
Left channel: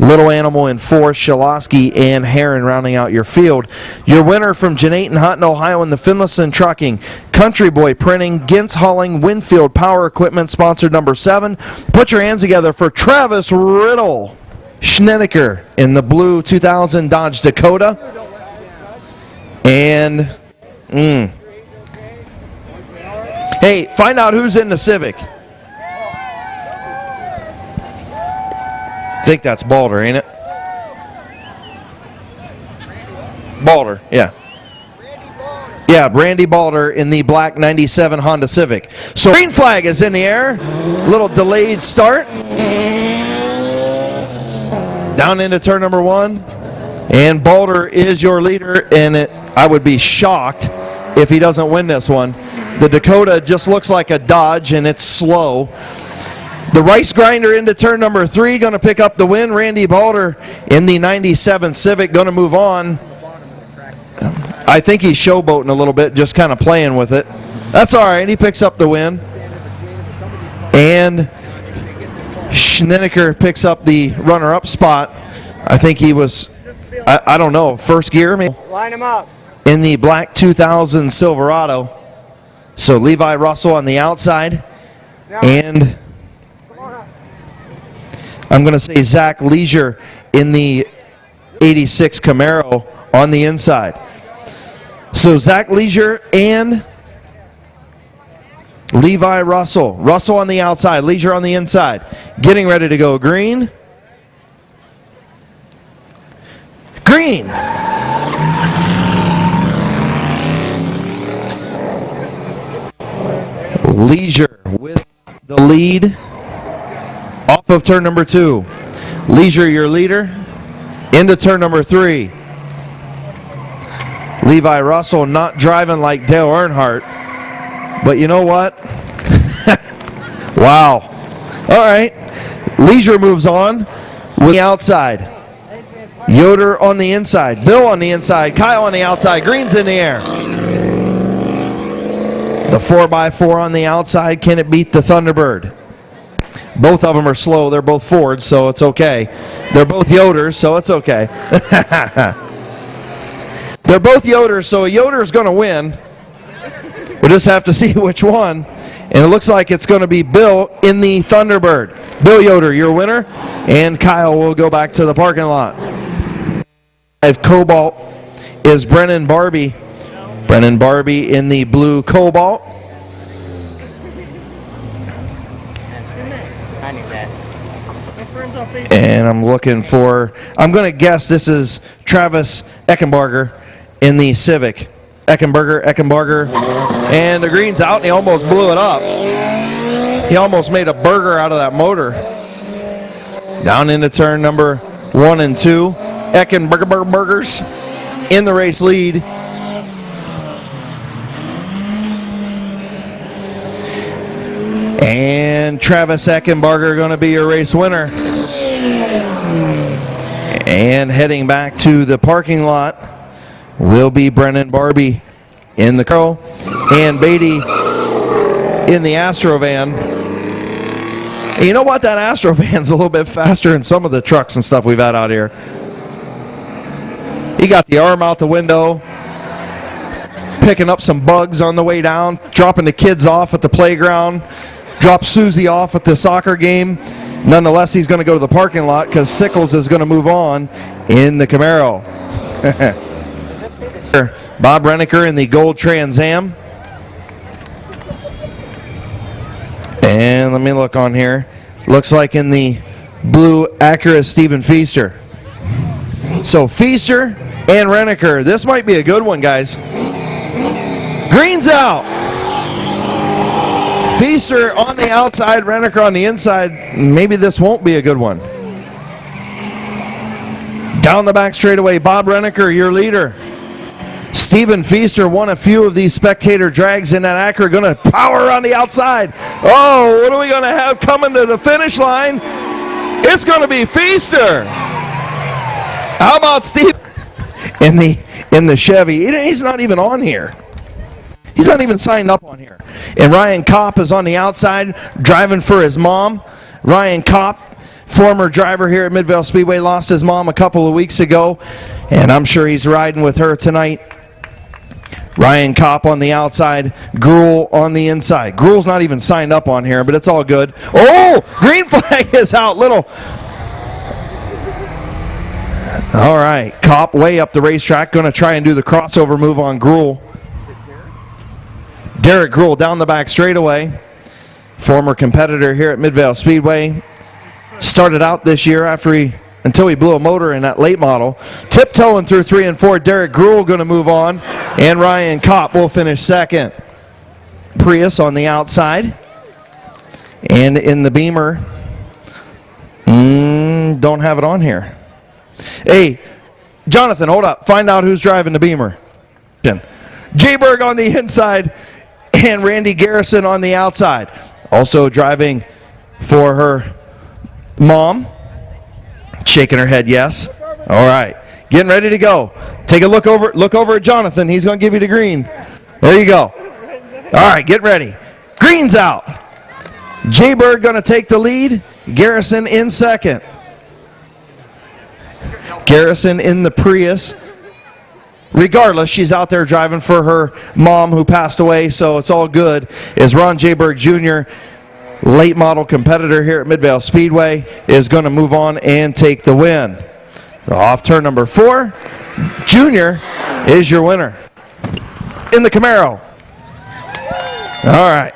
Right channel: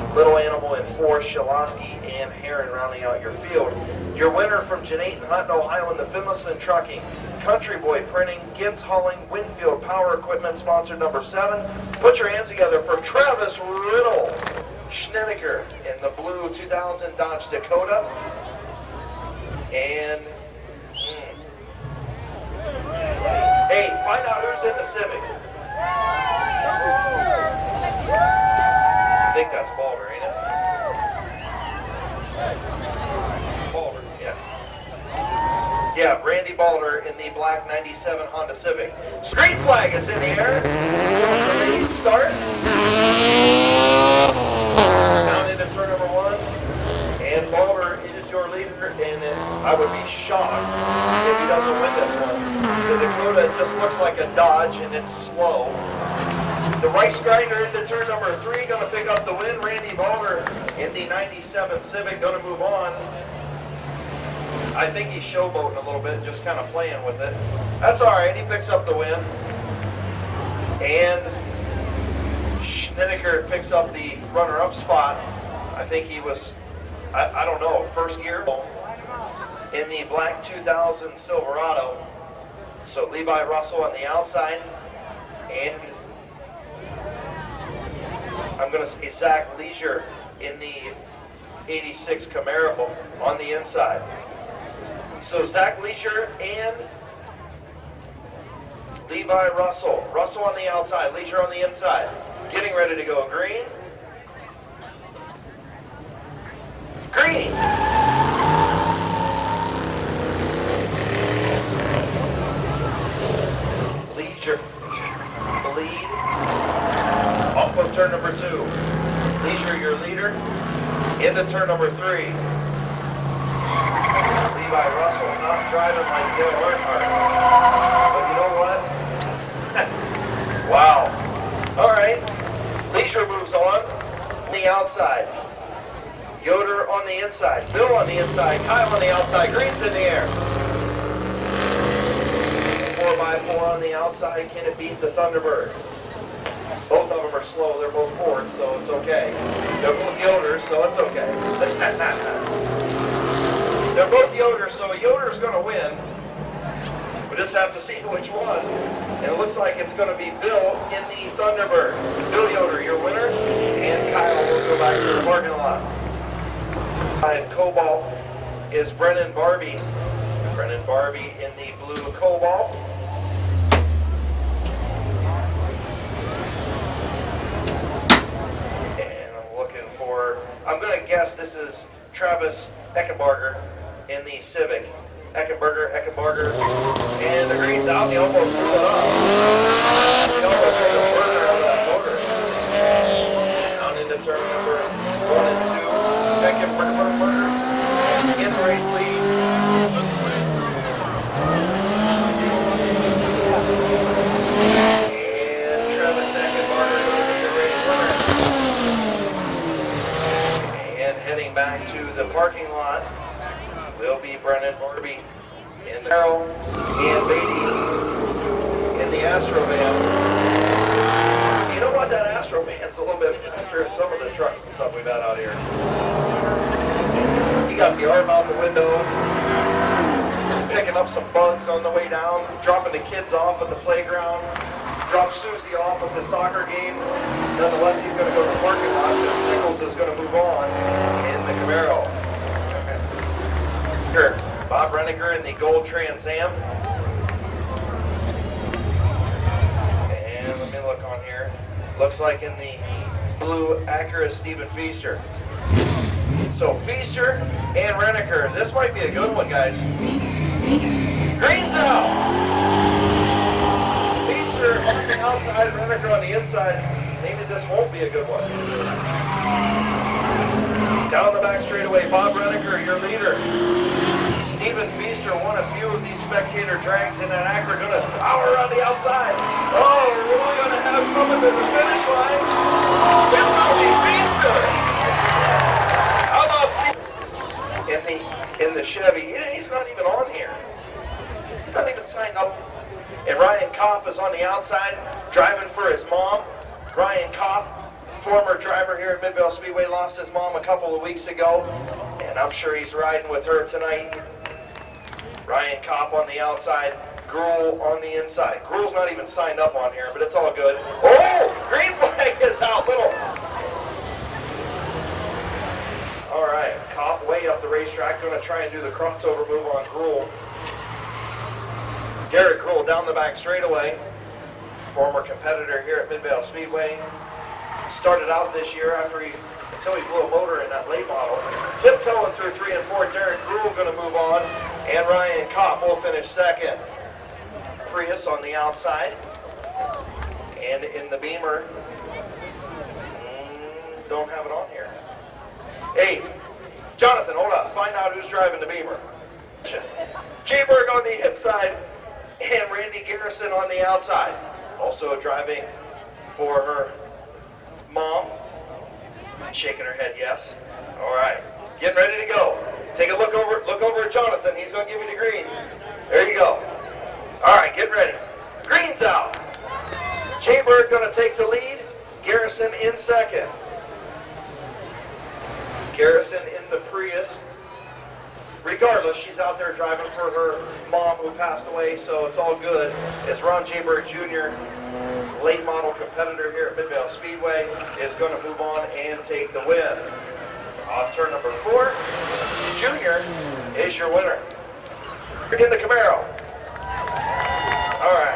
Little Animal in fourth, Shaloski and Heron rounding out your field. Your winner from Janate and Hutton, Ohio in the Finlayson Trucking, Country Boy Printing, Gintz Hauling, Winfield Power Equipment, sponsored number 7. Put your hands together for Travis Riddle. Schnedeker in the blue 2000 Dodge Dakota. And hey, find out who's in the Civic. I think that's Balder, ain't it? Balder, yeah. Yeah, Randy Balder in the black 97 Honda Civic. So green flag is in the air. Little delayed start. Down into turn number 1. And Balder is your leader, and I would be shocked if he doesn't win this one. The Dakota just looks like a Dodge, and it's slow. The Rice Grinder into turn number 3, going to pick up the win. Randy Balder in the 97 Civic going to move on. I think he's showboating a little bit, just kind of playing with it. That's all right. He picks up the win. And Schnedeker picks up the runner-up spot. I think he was, I don't know, first gear maybe? Line him up. In the black 2000 Silverado. So Levi Russell on the outside. And I'm going to say Zach Leisure in the 86 Camaro on the inside. So Zach Leisure and Levi Russell. Russell on the outside, Leisure on the inside. Getting ready to go green. Green. Leisure with the lead off of turn number 2. Leisure, your leader, into turn number 3. Levi Russell not driving like Dale Earnhardt, but you know what? Wow. All right. Leisure moves on with the outside. Yoder on the inside. Bill on the inside. Kyle on the outside. Green's in the air. The 4x4 on the outside. Can it beat the Thunderbird? Both of them are slow. They're both Fords, so it's okay. They're both Yoders, so it's okay. They're both Yoders, so a Yoder is going to win. We'll just have to see which one. And it looks like it's going to be Bill in the Thunderbird. Bill Yoder, your winner. And Kyle will go back to the parking lot. Cobalt is Brennan Barbie. Brennan Barbie in the blue Cobalt. And I'm looking for, I'm going to guess this is Travis Eckenbarger in the Civic. Eckenbarger, and the green's out, and he almost blew it up. He almost made a burger out of that motor. Down into turn number 1 and 2. Eckenbarger's in the race lead. And Travis Eckenbarger going to be your race winner. And heading back to the parking lot will be Brennan Barbie in the car and Beatty in the Astro van. And you know what? That Astro van's a little bit faster than some of the trucks and stuff we've had out here. He got the arm out the window, picking up some bugs on the way down, dropping the kids off at the playground, dropped Susie off at the soccer game. Nonetheless, he's going to go to the parking lot because Sickles is going to move on in the Camaro. Bob Renneker in the gold Trans Am. And let me look on here. Looks like in the blue Acura, Stephen Feaster. So Feaster and Renneker. This might be a good one, guys. Green's out. Feaster on the outside, Renneker on the inside. Maybe this won't be a good one. Down the back straightaway, Bob Renneker, your leader. Stephen Feaster won a few of these spectator drags in that Acura, going to power on the outside. Oh, what are we going to have coming to the finish line? It's going to be Feaster. How about Steve in the Chevy? He's not even on here. He's not even signed up on here. And Ryan Kopp is on the outside driving for his mom. Ryan Kopp, former driver here at Midvale Speedway, lost his mom a couple of weeks ago, and I'm sure he's riding with her tonight. Ryan Kopp on the outside, Gruel on the inside. Gruel's not even signed up on here, but it's all good. Oh, green flag is out. Little. All right, Kopp way up the racetrack, going to try and do the crossover move on Gruel. Derek Gruel down the back straightaway, former competitor here at Midvale Speedway. Started out this year until he blew a motor in that late model. Tiptoeing through 3 and 4. Derek Gruel going to move on, and Ryan Kopp will finish second. Prius on the outside, and in the Beamer, don't have it on here. Hey, Jonathan, hold up. Find out who's driving the Beamer. J-Berg on the inside, and Randy Garrison on the outside. Also driving for her mom. Shaking her head yes. All right. Getting ready to go. Take a look over at Jonathan. He's going to give you the green. There you go. All right, get ready. Green's out. J-Bird going to take the lead. Garrison in second. Garrison in the Prius. Regardless, she's out there driving for her mom who passed away, so it's all good. Is Ron J-Berg Jr., late model competitor here at Midvale Speedway, is going to move on and take the win. Off turn number 4, Junior is your winner in the Camaro. All right.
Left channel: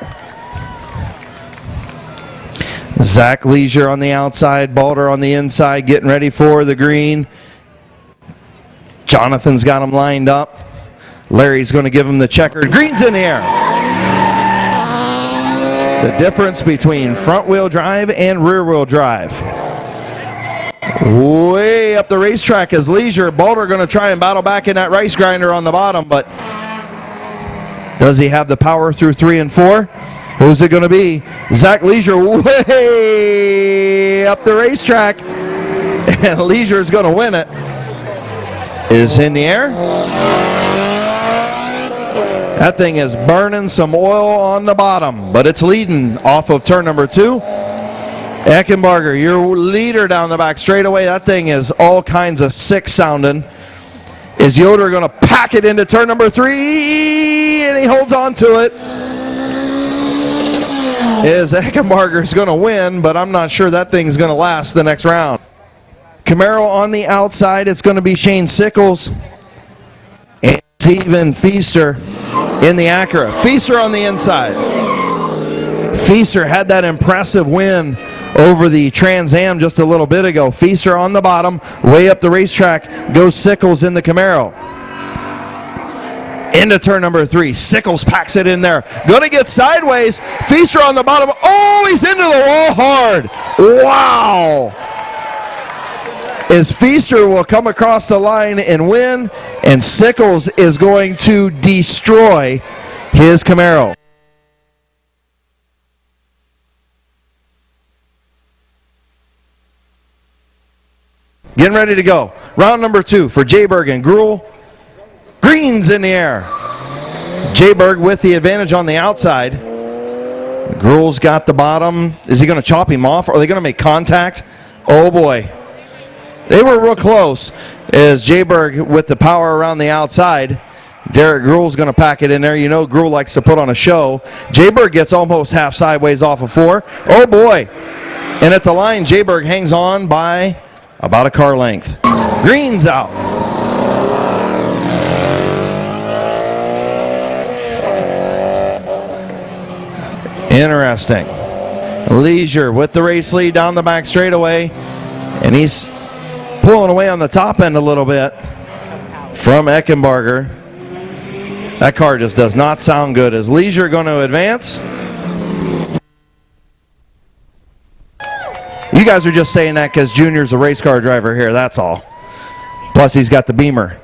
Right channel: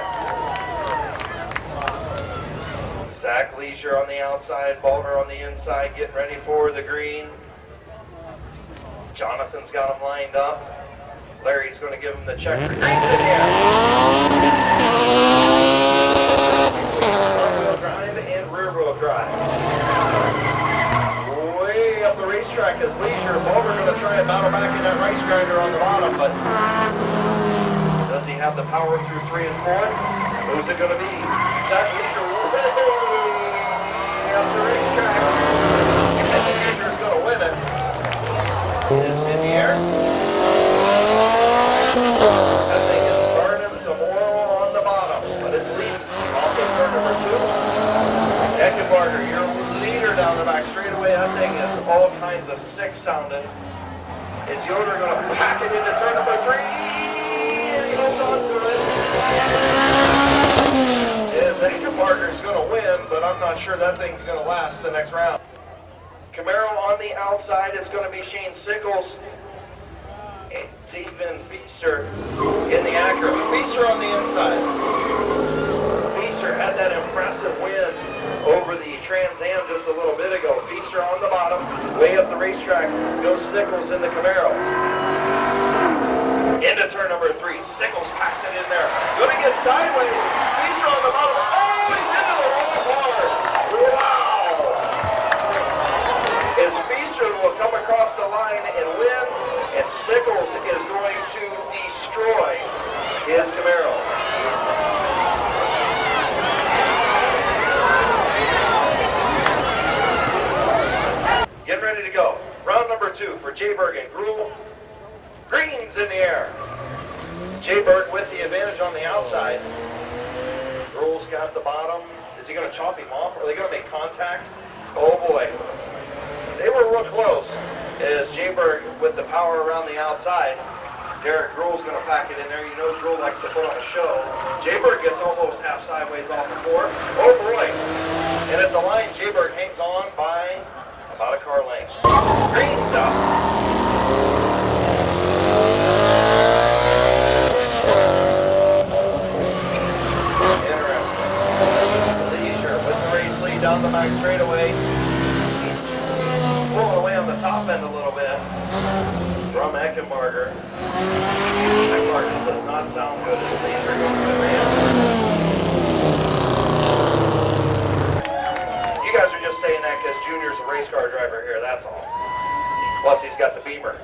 Zach Leisure on the outside, Balder on the inside, getting ready for the green. Jonathan's got him lined up. Larry's going to give him the checker. Green's in the air. difference between front-wheel drive and rear-wheel drive. Way up the racetrack is Leisure. Boulder going to try and battle back in that race grinder on the bottom, but does he have the power through 3 and 4? Who's it going to be? Zach Leisure way up the racetrack, and Leisure is going to win it. Is in the air. That thing is burning some oil on the bottom, but it's leading off of turn number 2. Eckenbarger, your leader down the back straightaway. That thing is all kinds of sick sounding. Is Yoder going to pack it into turn number 3? And he holds on to it. Is Eckenbarger's going to win, but I'm not sure that thing's going to last the next round. Camaro on the outside. It's going to be Shane Sickles and Steven Feaster in the Acura. Feaster on the inside. Feaster had that impressive win over the Trans Am just a little bit ago. Feaster on the bottom, way up the racetrack goes Sickles in the Camaro. Into turn number 3. Sickles packs it in there. Gonna get sideways. Feaster on the bottom. Oh, he's into the wall hard. Wow. As Feaster will come across the line and win, and Sickles is going to destroy his Camaro. Getting ready to go. Round number 2 for Jayberg and Gruhl. Green's in the air. Jayberg with the advantage on the outside. Gruhl's got the bottom. Is he going to chop him off? Are they going to make contact? Oh boy. They were real close. As Jayberg with the power around the outside. Derek Gruhl's going to pack it in there. You know Gruhl likes to put on a show. Jayberg gets almost half sideways off of 4. Oh boy. And at the line, Jayberg hangs on by about a car length. Green's out. Interesting. Leisure with the race lead down the back straightaway, and he's pulling away on the top end a little bit from Eckenbarger. That car just does not sound good. Is Leisure going to advance? You guys are just saying that because Junior's a race car driver here, that's all. Plus he's got the Beamer.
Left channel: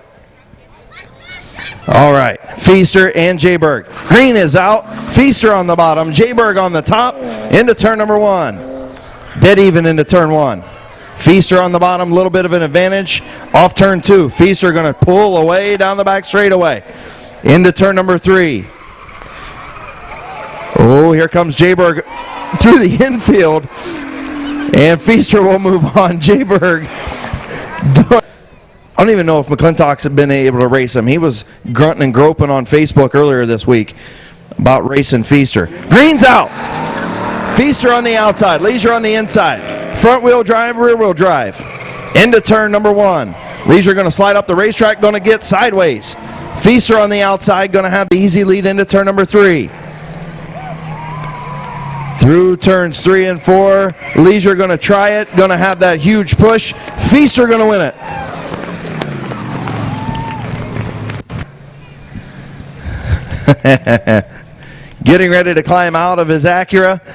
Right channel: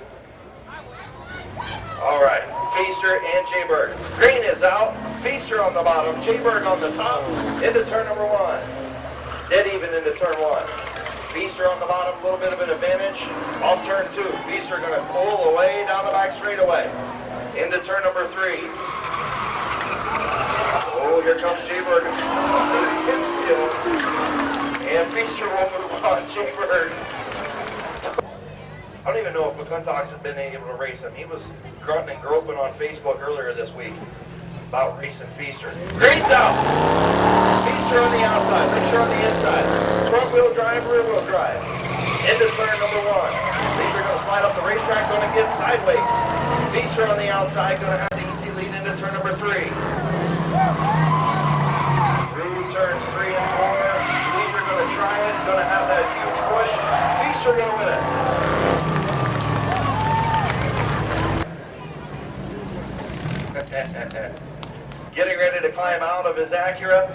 All right, Feaster and Jayberg. Green is out. Feaster on the bottom. Jayberg on the top. Into turn number 1. Dead even into turn 1. Feaster on the bottom, a little bit of an advantage. Off turn 2. Feaster going to pull away down the back straightaway. Into turn number 3. Oh, here comes Jayberg through the infield. And Feaster will move on. Jayberg. I don't even know if McClintock's been able to race him. He was grunting and groping on Facebook earlier this week about racing Feaster. Green's out. Feaster on the outside. Leisure on the inside. Front wheel drive, rear wheel drive. Into turn number 1. Leisure going to slide up the racetrack, going to get sideways. Feaster on the outside, going to have the easy lead into turn number 3. Through turns 3 and 4. Leisure going to try it, going to have that huge push. Feaster going to win it. Getting ready to climb out of his Acura.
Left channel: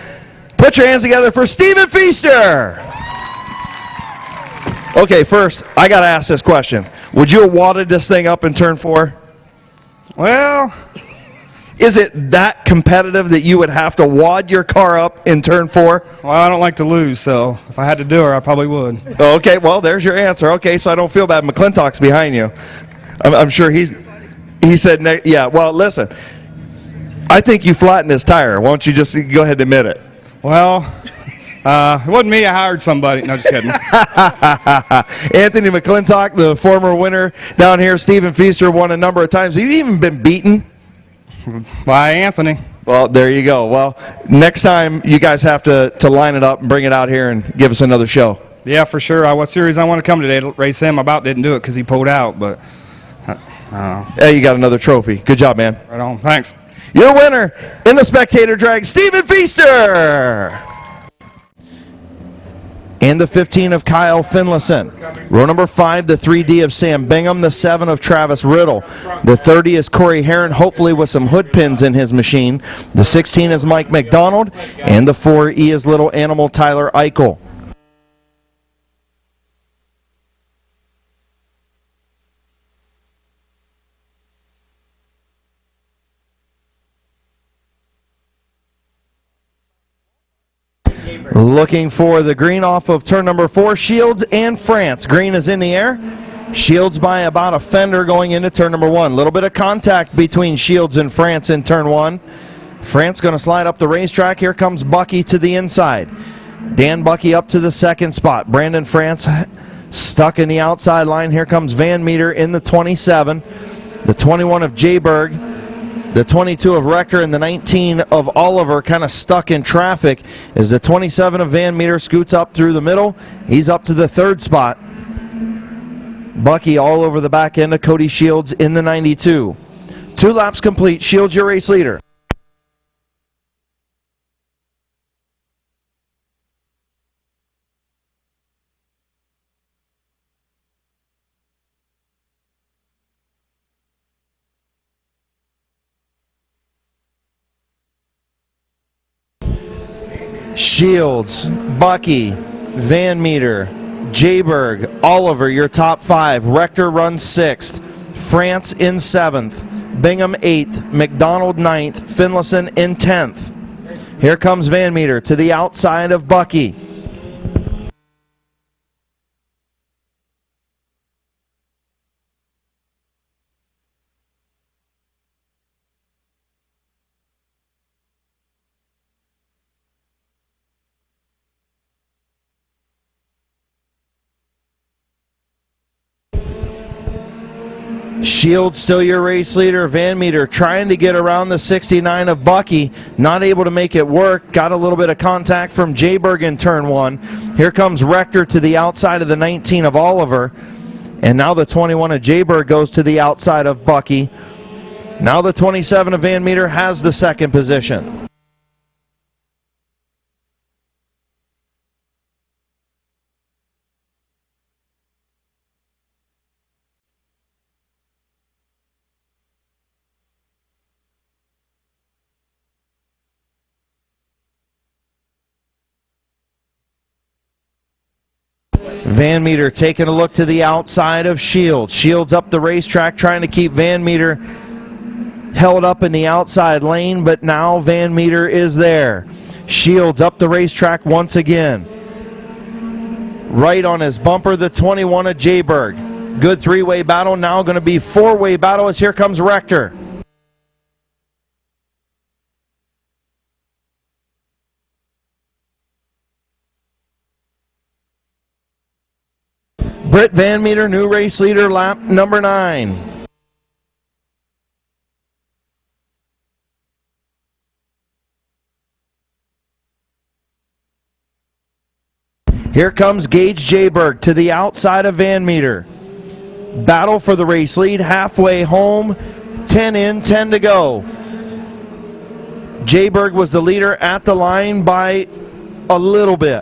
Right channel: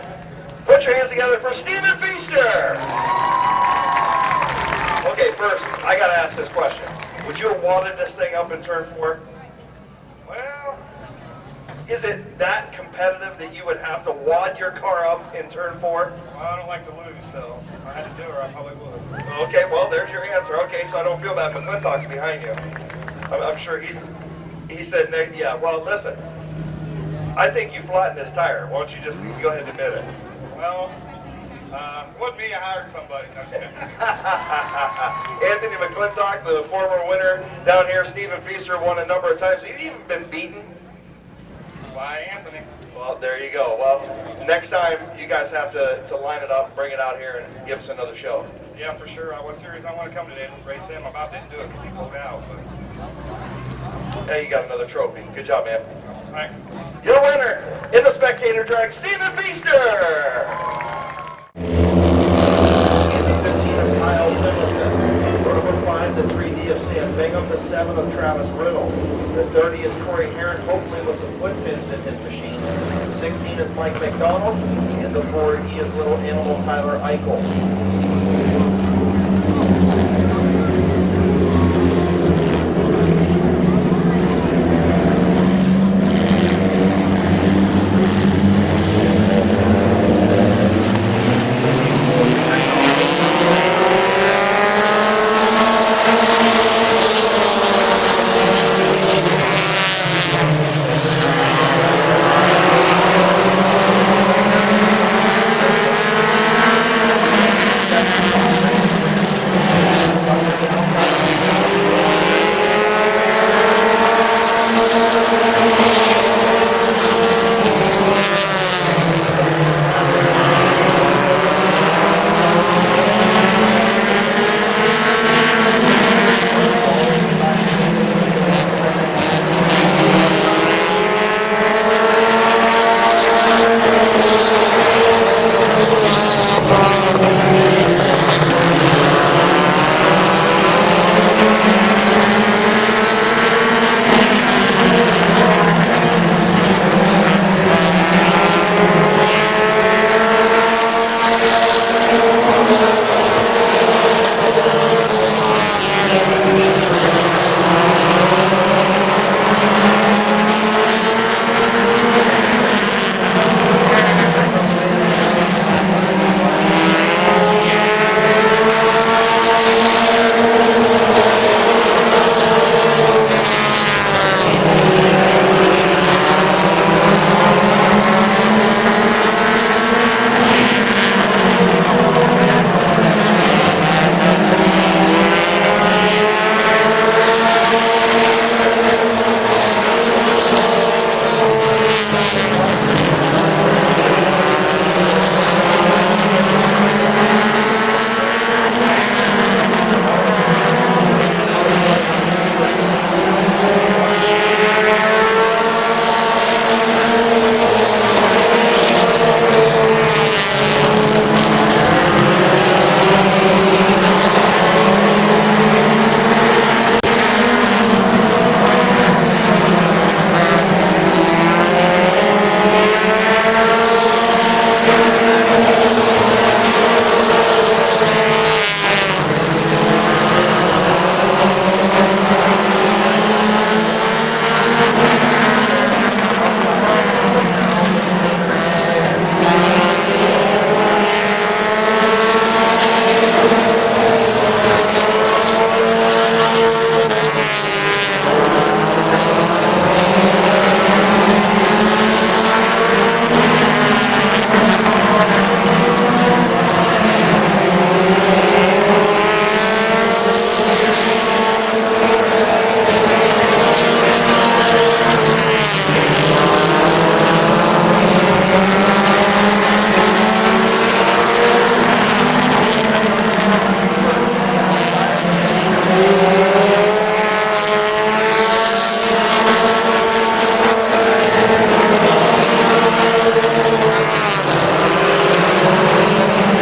Put your hands together for Steven Feaster. Okay, first, I got to ask this question. Would you have wadded this thing up in turn 4? Well, is it that competitive that you would have to wad your car up in turn 4? Well, I don't like to lose, so if I had to do it, I probably would. Okay, well, there's your answer. Okay, so I don't feel bad. McClintock's behind you. I'm sure he said, yeah, well, listen. I think you flattened his tire. Why don't you just go ahead and admit it? Well, it wasn't me. I hired somebody. No, just kidding. Anthony McClintock, the former winner down here. Steven Feaster won a number of times. Have you even been beaten? By Anthony. Well, there you go. Well, next time you guys have to line it up and bring it out here and give us another show. Yeah, for sure. What series I want to come today to race him. I about didn't do it because he pulled out, but. Hey, you got another trophy. Good job, man. Right on. Thanks. Your winner in the spectator drag, Steven Feaster. And the 15 of Kyle Finlayson. Row number 5, the 3D of Sam Bingham, the 7 of Travis Riddle. The 30 is Corey Heron, hopefully with some hood pins in his machine. The 16 is Mike McDonald, and the 4E is Little Animal Tyler Eichel. Looking for the green off of turn number 4, Shields and France. Green is in the air. Shields by about a fender going into turn number 1. A little bit of contact between Shields and France in turn 1. France going to slide up the racetrack. Here comes Bucky to the inside. Dan Bucky up to the second spot. Brandon France stuck in the outside line. Here comes Van Meter in the 27. The 21 of Jayberg. The 22 of Rector and the 19 of Oliver kind of stuck in traffic as the 27 of Van Meter scoots up through the middle. He's up to the third spot. Bucky all over the back end of Cody Shields in the 92. 2 laps complete. Shields your race leader. Shields, Bucky, Van Meter, Jayberg, Oliver, your top 5. Rector runs 6th. France in 7th. Bingham 8th. McDonald 9th. Finlayson in 10th. Here comes Van Meter to the outside of Bucky. Shields still your race leader. Van Meter trying to get around the 69 of Bucky. Not able to make it work. Got a little bit of contact from Jayberg in turn 1. Here comes Rector to the outside of the 19 of Oliver. And now the 21 of Jayberg goes to the outside of Bucky. Now the 27 of Van Meter has the second position. Van Meter taking a look to the outside of Shields. Shields up the racetrack trying to keep Van Meter held up in the outside lane, but now Van Meter is there. Shields up the racetrack once again. Right on his bumper, the 21 of Jayberg. Good 3-way battle, now going to be 4-way battle as here comes Rector. Britt Van Meter, new race leader, lap number 9. Here comes Gage Jayberg to the outside of Van Meter. Battle for the race lead, halfway home, 10 in, 10 to go. Jayberg was the leader at the line by a little bit.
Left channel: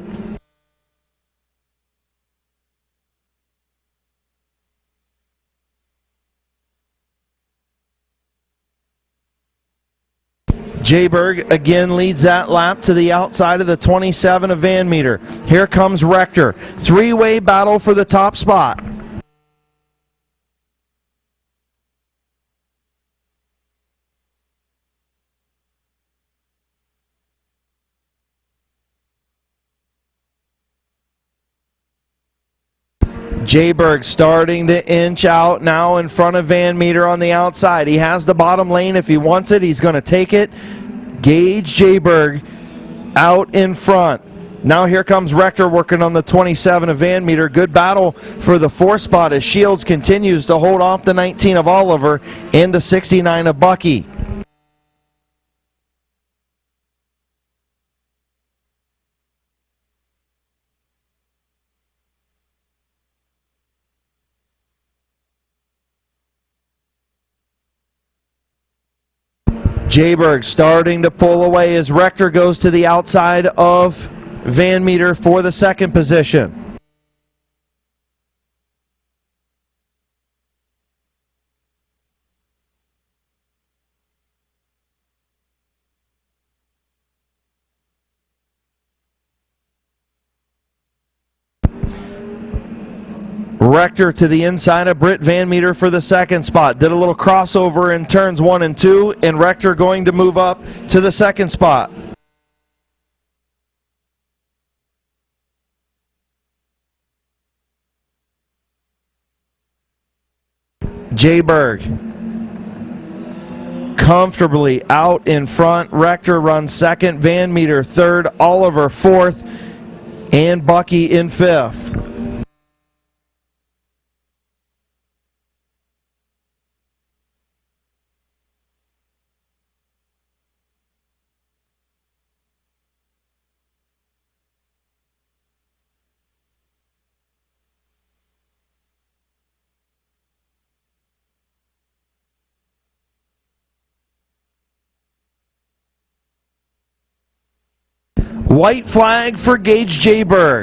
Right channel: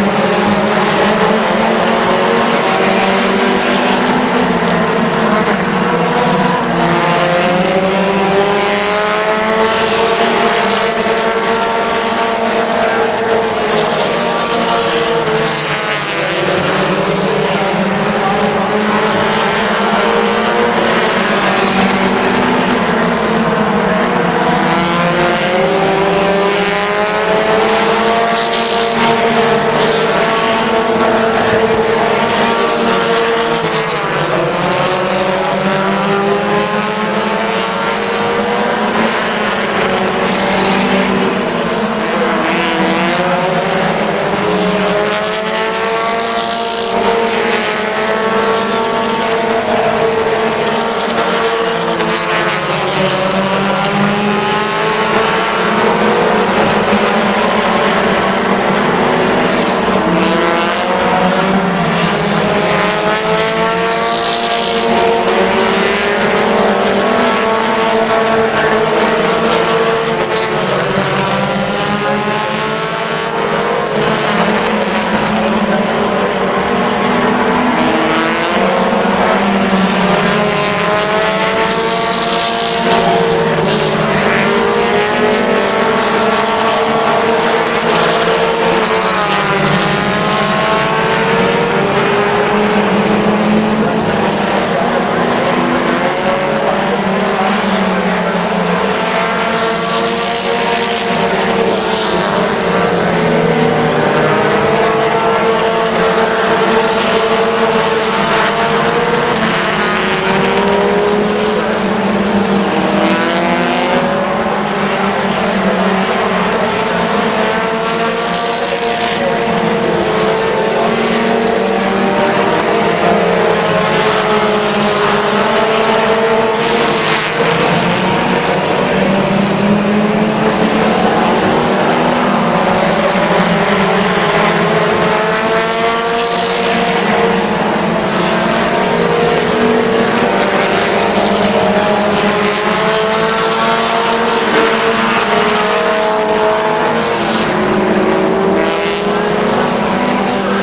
Jayberg again leads that lap to the outside of the 27 of Van Meter. Here comes Rector. 3-way battle for the top spot. Jayberg starting to inch out now in front of Van Meter on the outside. He has the bottom lane. If he wants it, he's going to take it. Gage Jayberg out in front. Now here comes Rector working on the 27 of Van Meter. Good battle for the 4th spot as Shields continues to hold off the 19 of Oliver and the 69 of Bucky. Jayberg starting to pull away as Rector goes to the outside of Van Meter for the second position. Rector to the inside of Britt Van Meter for the second spot. Did a little crossover in turns 1 and 2, and Rector going to move up to the second spot. Jay Bird comfortably out in front. Rector runs second, Van Meter third, Oliver fourth, and Bucky in fifth. White flag for Gage J. Bird.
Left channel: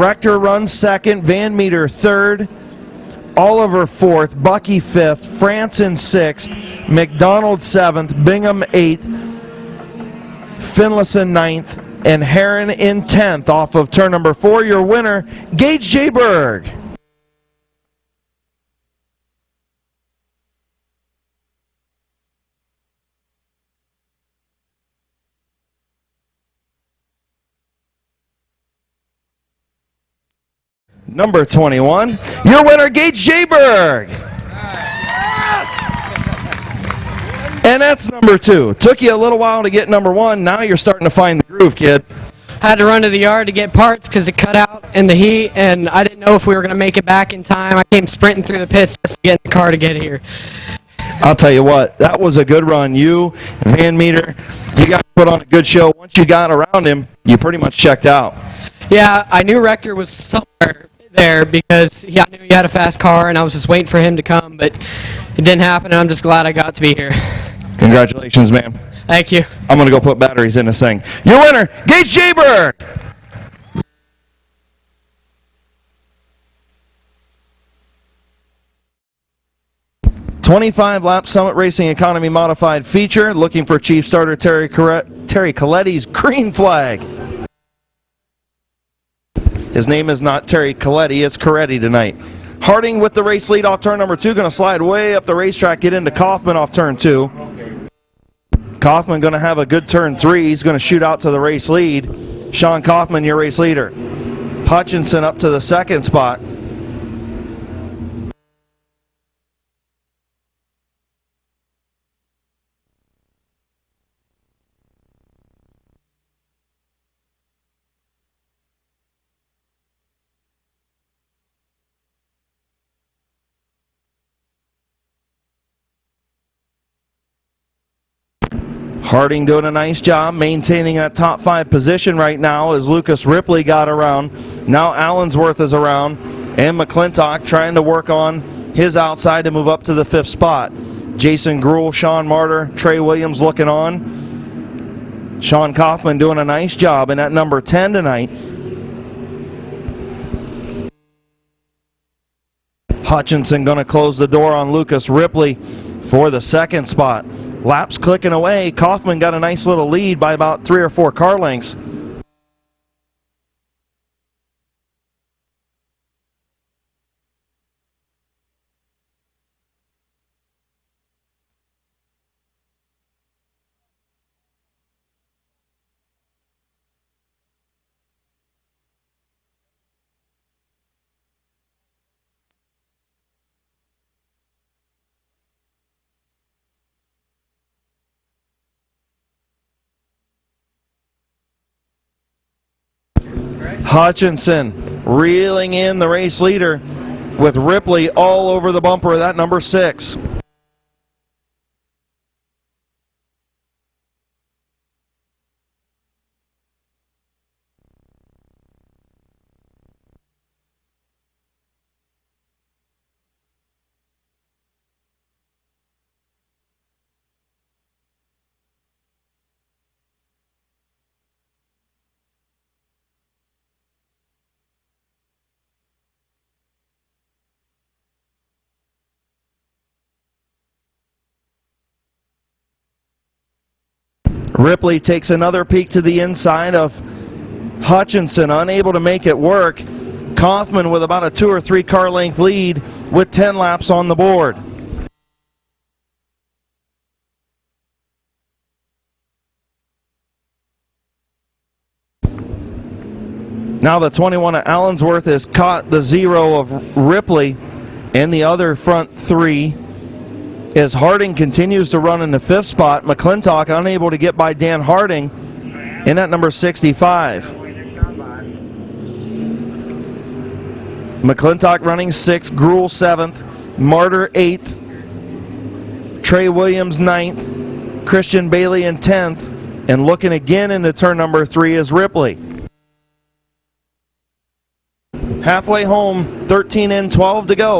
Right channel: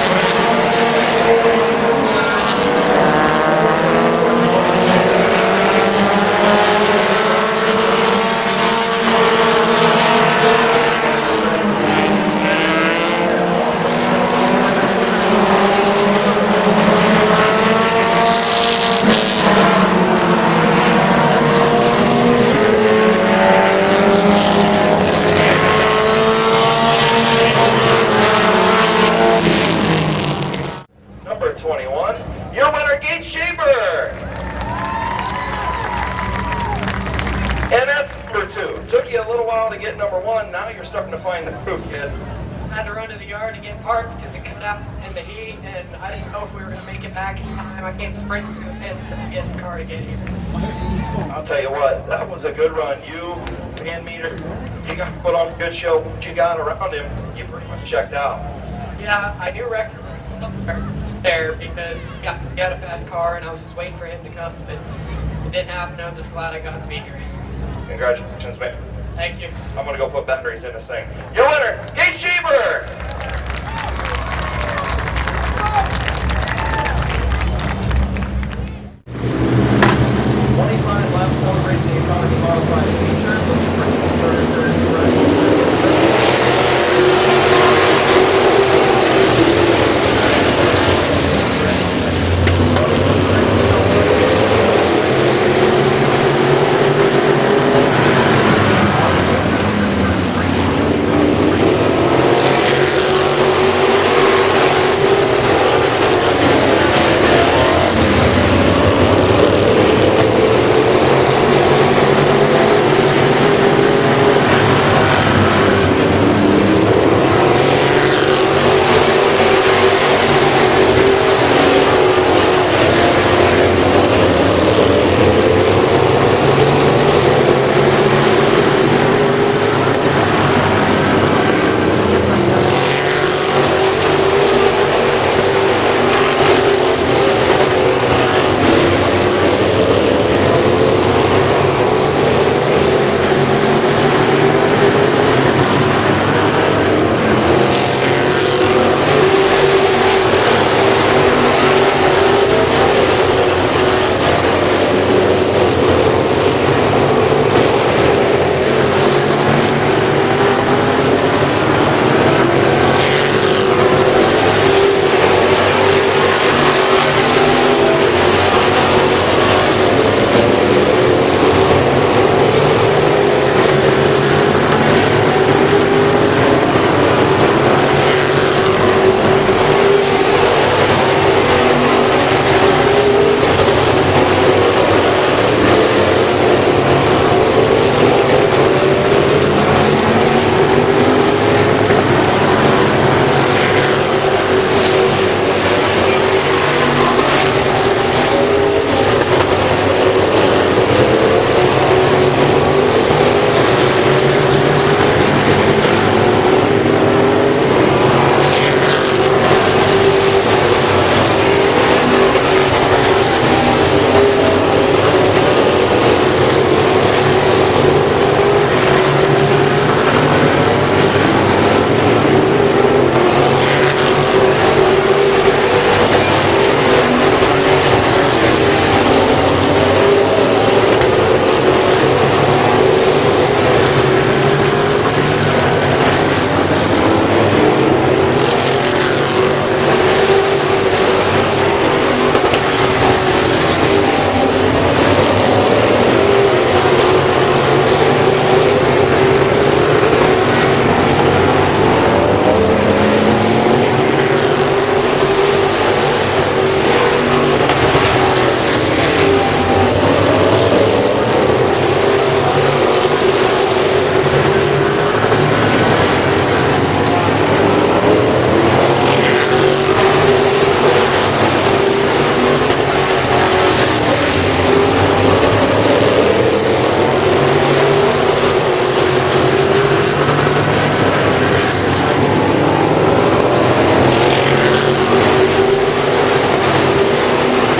Rector runs second, Van Meter third, Oliver fourth, Bucky fifth, Franson sixth, McDonald seventh, Bingham eighth, Finlayson ninth, and Heron in 10th off of turn number 4. Your winner, Gage J. Bird. Number 21, your winner, Gage J. Bird. And that's number 2. Took you a little while to get number 1. Now you're starting to find the groove, kid. I had to run to the yard to get parts because it cut out in the heat, and I didn't know if we were going to make it back in time. I came sprinting through the pits just to get the car to get here. I'll tell you what, that was a good run. You, Van Meter, you got to put on a good show. Once you got around him, you pretty much checked out. Yeah, I knew Rector was somewhere there because he had a fast car, and I was just waiting for him to come, but it didn't happen, and I'm just glad I got to be here. Congratulations, man. Thank you. I'm going to go put batteries in this thing. Your winner, Gage J. Bird. "25 lap Summit Racing Economy Modified feature. Looking for Chief Starter Terry Coletti's green flag. His name is not Terry Coletti, it's Coretti tonight. Harding with the race lead off turn number 2, going to slide way up the racetrack, get into Kaufman off turn 2. Kaufman going to have a good turn 3. He's going to shoot out to the race lead. Sean Kaufman, your race leader. Hutchinson up to the second spot. Harding doing a nice job maintaining that top 5 position right now as Lucas Ripley got around. Now Allensworth is around, and McClintock trying to work on his outside and move up to the 5th spot. Jason Gruhl, Sean Martyr, Trey Williams looking on. Sean Kaufman doing a nice job in at number 10 tonight. Hutchinson going to close the door on Lucas Ripley for the 2nd spot. Laps clicking away. Kaufman got a nice little lead by about 3 or 4 car lengths. Hutchinson reeling in the race leader with Ripley all over the bumper, that number 6. Ripley takes another peek to the inside of Hutchinson, unable to make it work. Kaufman with about a 2 or 3 car length lead with 10 laps on the board. Now the 21 of Allensworth has caught the 0 of Ripley and the other front 3 as Harding continues to run in the 5th spot. McClintock unable to get by Dan Harding in at number 65. McClintock running 6th, Gruel 7th, Martyr 8th, Trey Williams 9th, Christian Bailey in 10th, and looking again into turn number 3 is Ripley. Halfway home, 13 in, 12 to go.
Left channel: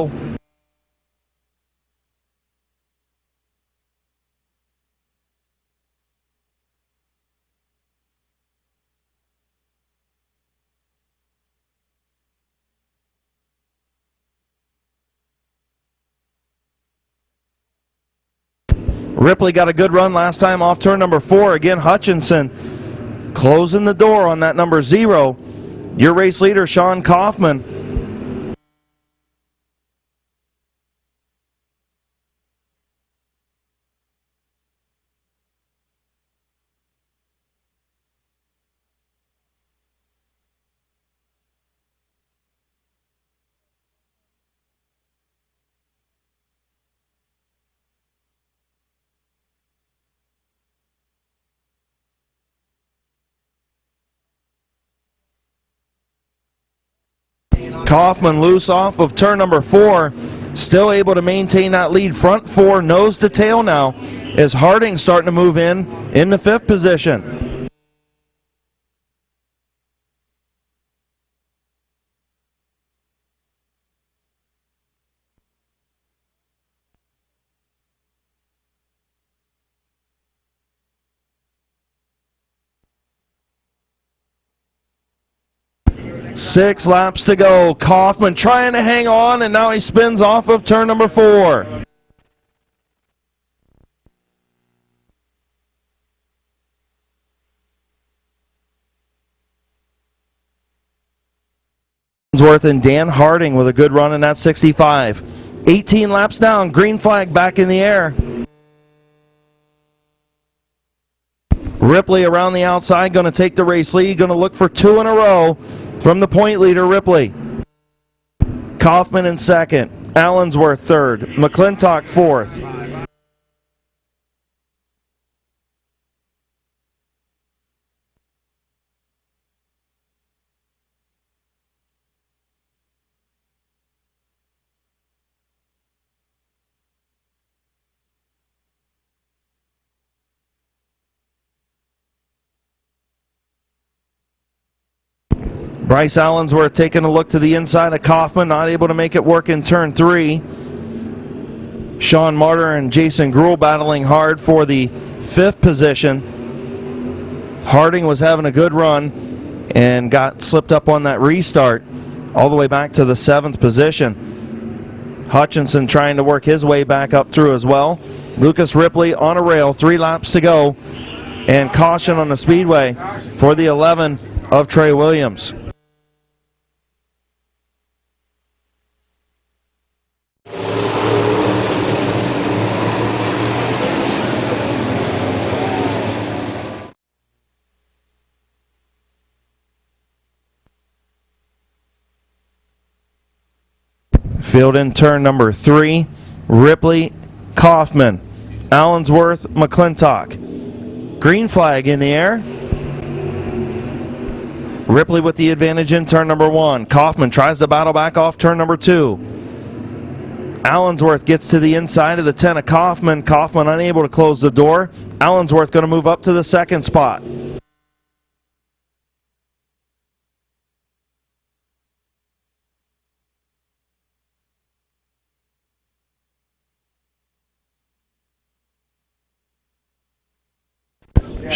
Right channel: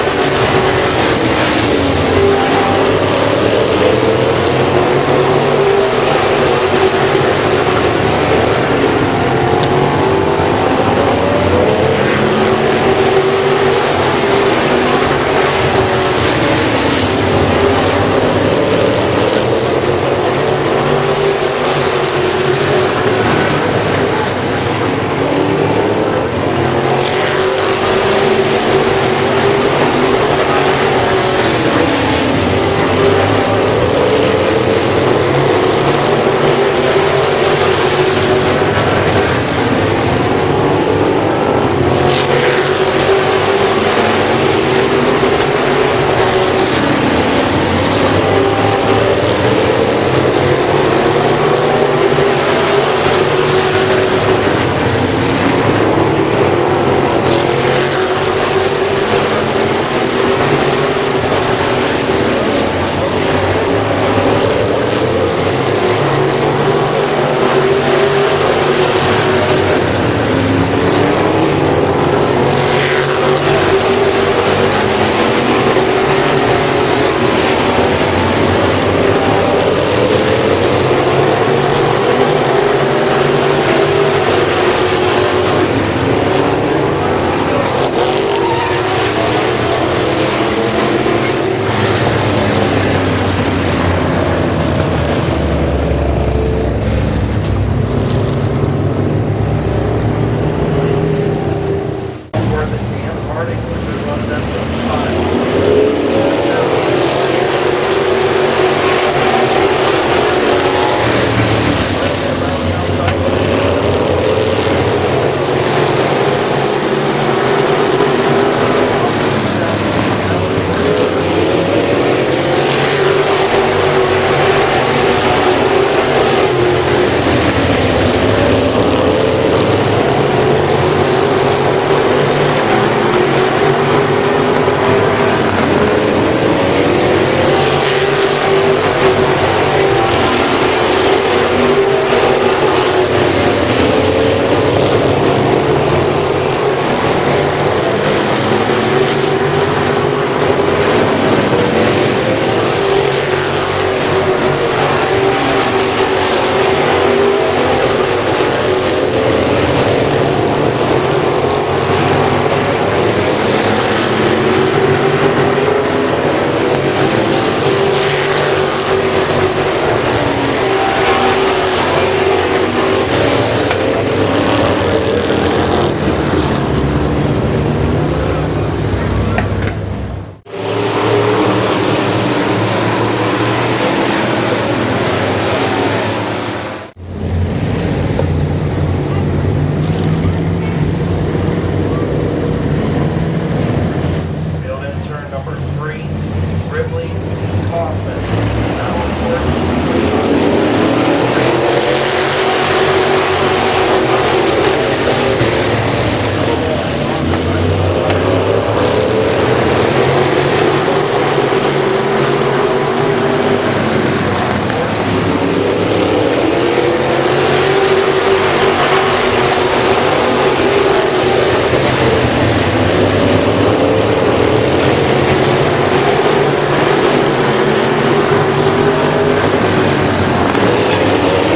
Ripley got a good run last time off turn number 4. Again, Hutchinson closing the door on that number 0. Your race leader, Sean Kaufman. Loose off of turn number 4, still able to maintain that lead. Front 4 nose to tail now as Harding starting to move in the 5th position. 6 laps to go. Kaufman trying to hang on, and now he spins off of turn number 4. Allensworth and Dan Harding with a good run in that 65. 18 laps down, green flag back in the air. Ripley around the outside, going to take the race lead, going to look for 2 in a row. From the point leader, Ripley. Kaufman in 2nd, Allensworth 3rd, McClintock 4th. Allensworth taking a look to the inside of Kaufman, not able to make it work in turn 3. Sean Martyr and Jason Gruel battling hard for the 5th position. Harding was having a good run and got slipped up on that restart all the way back to the 7th position. Hutchinson trying to work his way back up through as well. Lucas Ripley on a rail, 3 laps to go, and caution on the speedway for the 11 of Trey Williams. Field in turn number 3, Ripley, Kaufman, Allensworth, McClintock. Green flag in the air. Ripley with the advantage in turn number 1. Kaufman tries to battle back off turn number 2. Allensworth gets to the inside of the 10 of Kaufman. Kaufman unable to close the door. Allensworth going to move up to the 2nd spot.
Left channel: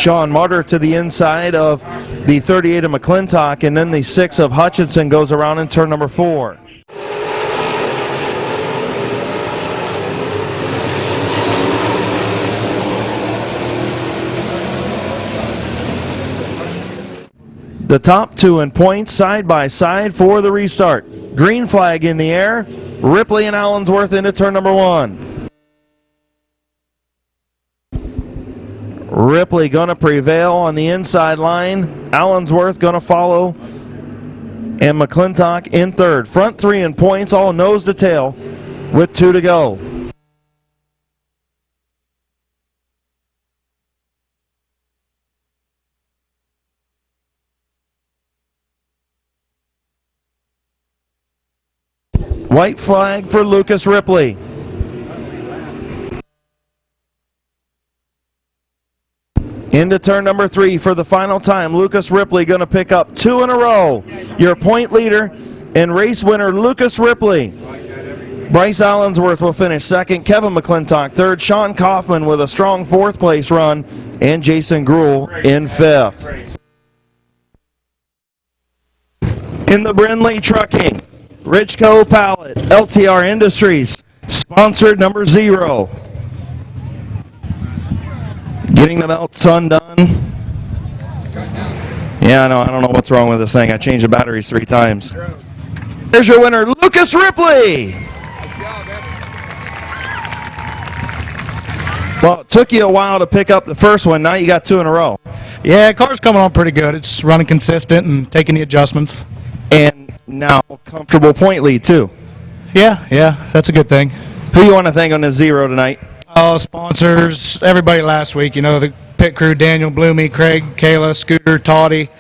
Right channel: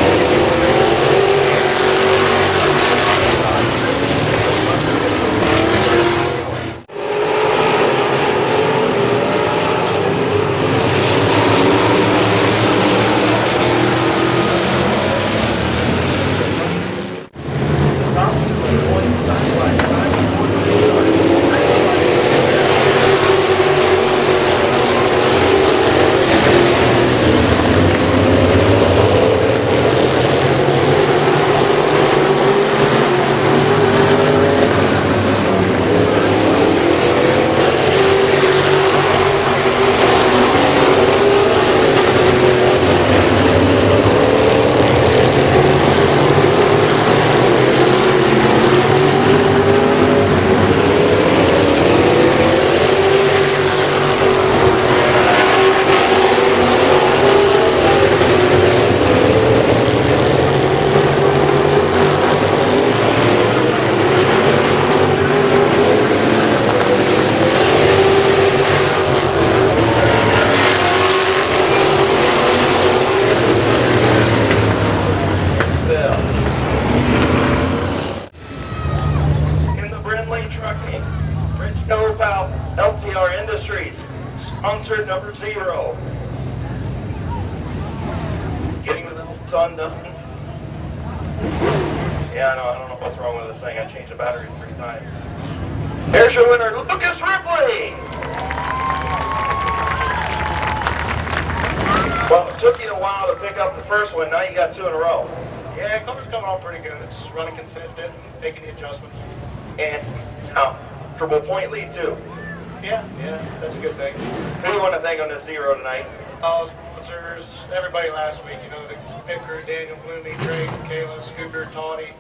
Sean Martyr to the inside of the 38 of McClintock, and then the 6 of Hutchinson goes around in turn number 4. The top two in points side by side for the restart. Green flag in the air. Ripley and Allensworth into turn number one. Ripley going to prevail on the inside line. Allensworth going to follow. And McClintock in third. Front three in points, all nose to tail with 2 to go. White flag for Lucas Ripley. Into turn number 3 for the final time. Lucas Ripley going to pick up 2 in a row. Your point leader and race winner, Lucas Ripley. Bryce Allensworth will finish second. Kevin McClintock third. Sean Coughlin with a strong fourth place run. And Jason Gruhl in fifth. In the Brindley Trucking, Richco Pallet, LTR Industries, sponsored number 0. Getting the belts undone. Yeah, I don't know what's wrong with this thing. I changed the batteries 3 times. There's your winner, Lucas Ripley. Well, it took you a while to pick up the first one. Now you got 2 in a row. Yeah, car's coming on pretty good. It's running consistent and taking the adjustments. And now comfortable point lead too. Yeah, that's a good thing. Who you want to thank on the 0 tonight? Sponsors, everybody last week, the pit crew, Daniel, Bloomy, Craig, Kayla, Scooter, Toddy,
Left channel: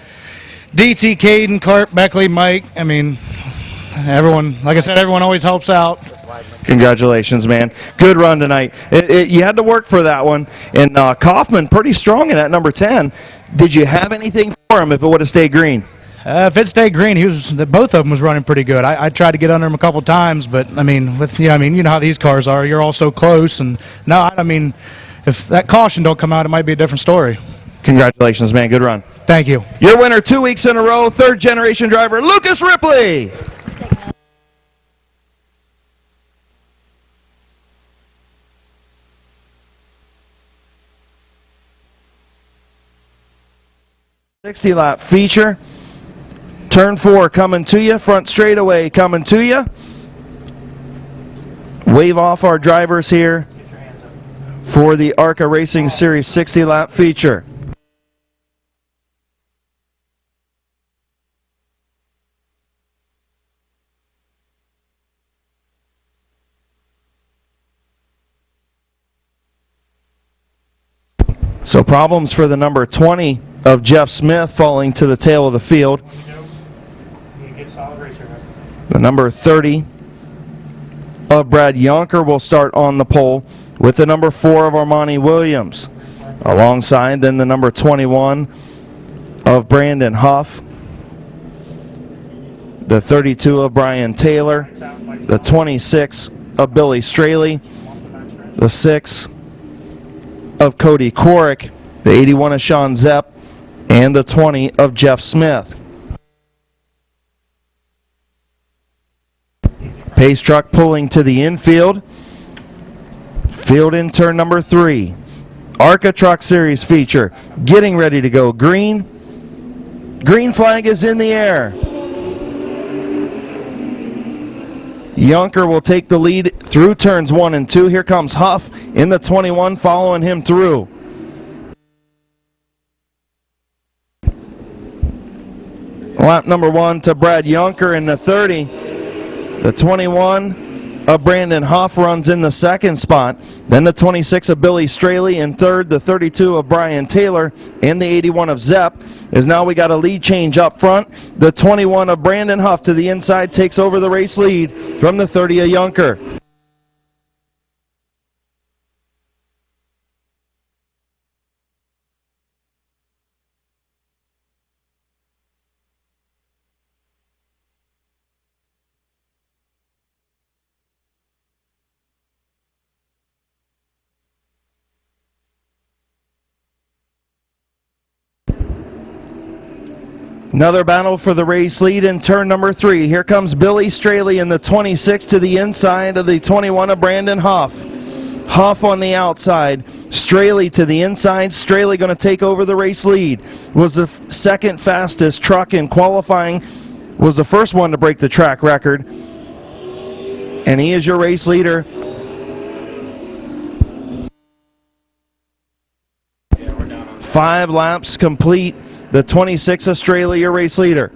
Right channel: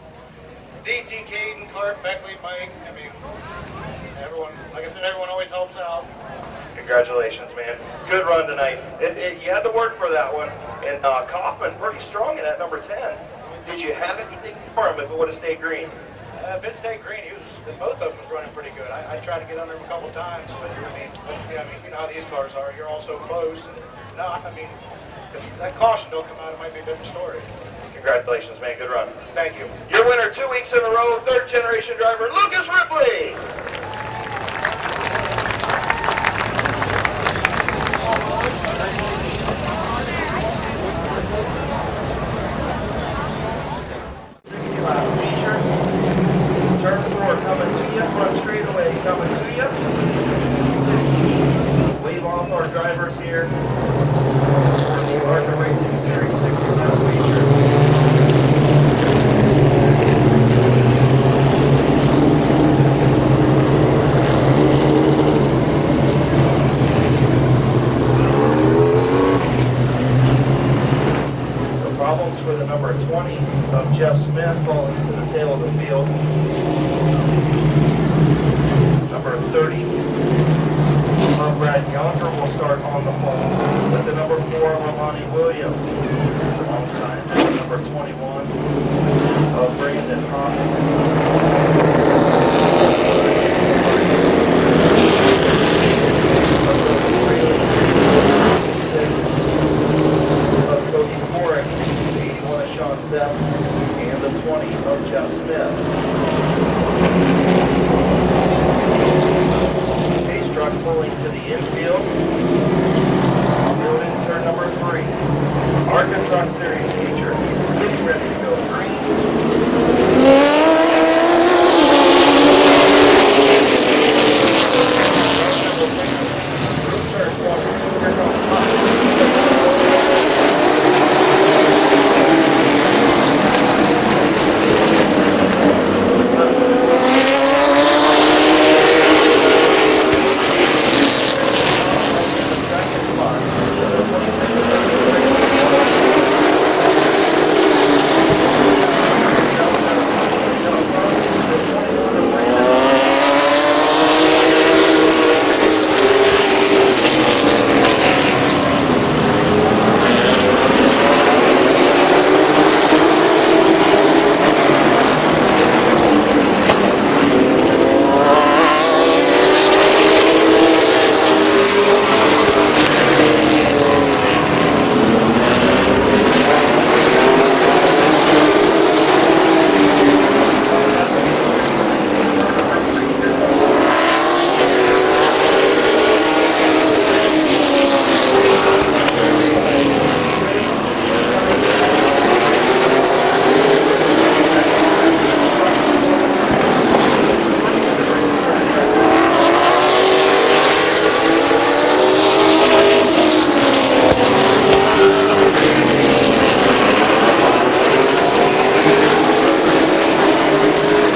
DC, Caden, Carp, Beckley, Mike. I mean, everyone, like I said, everyone always helps out. Congratulations, man. Good run tonight. You had to work for that one. And Kaufman, pretty strong in that number 10. Did you have anything for him if it would have stayed green? If it stayed green, both of them was running pretty good. I tried to get under him a couple times, but you know how these cars are. You're all so close, and if that caution don't come out, it might be a different story. Congratulations, man. Good run. Thank you. Your winner 2 weeks in a row, third generation driver, Lucas Ripley. Lap feature. Turn 4 coming to you. Front straightaway coming to you. Wave off our drivers here for the ARCA Racing Series 60 lap feature. So problems for the number 20 of Jeff Smith falling to the tail of the field. The number 30 of Brad Yonker will start on the pole with the number 4 of Armani Williams. Alongside then the number 21 of Brandon Huff. The 32 of Brian Taylor. The 26 of Billy Straley. The 6 of Cody Korick, the 81 of Sean Zepp, and the 20 of Jeff Smith. Pace truck pulling to the infield. Field in turn number 3. ARCA Truck Series feature getting ready to go green. Green flag is in the air. Yonker will take the lead through turns 1 and 2. Here comes Huff in the 21, following him through. Lap number 1 to Brad Yonker in the 30. The 21 of Brandon Huff runs in the second spot. Then the 26 of Billy Straley in third. The 32 of Brian Taylor and the 81 of Zepp. As now we got a lead change up front. The 21 of Brandon Huff to the inside takes over the race lead from the 30 of Yonker. Another battle for the race lead in turn number 3. Here comes Billy Straley in the 26 to the inside of the 21 of Brandon Huff. Huff on the outside. Straley to the inside. Straley going to take over the race lead. was the second fastest truck in qualifying, was the first one to break the track record. And he is your race leader. Five laps complete. The 26 Australia race leader.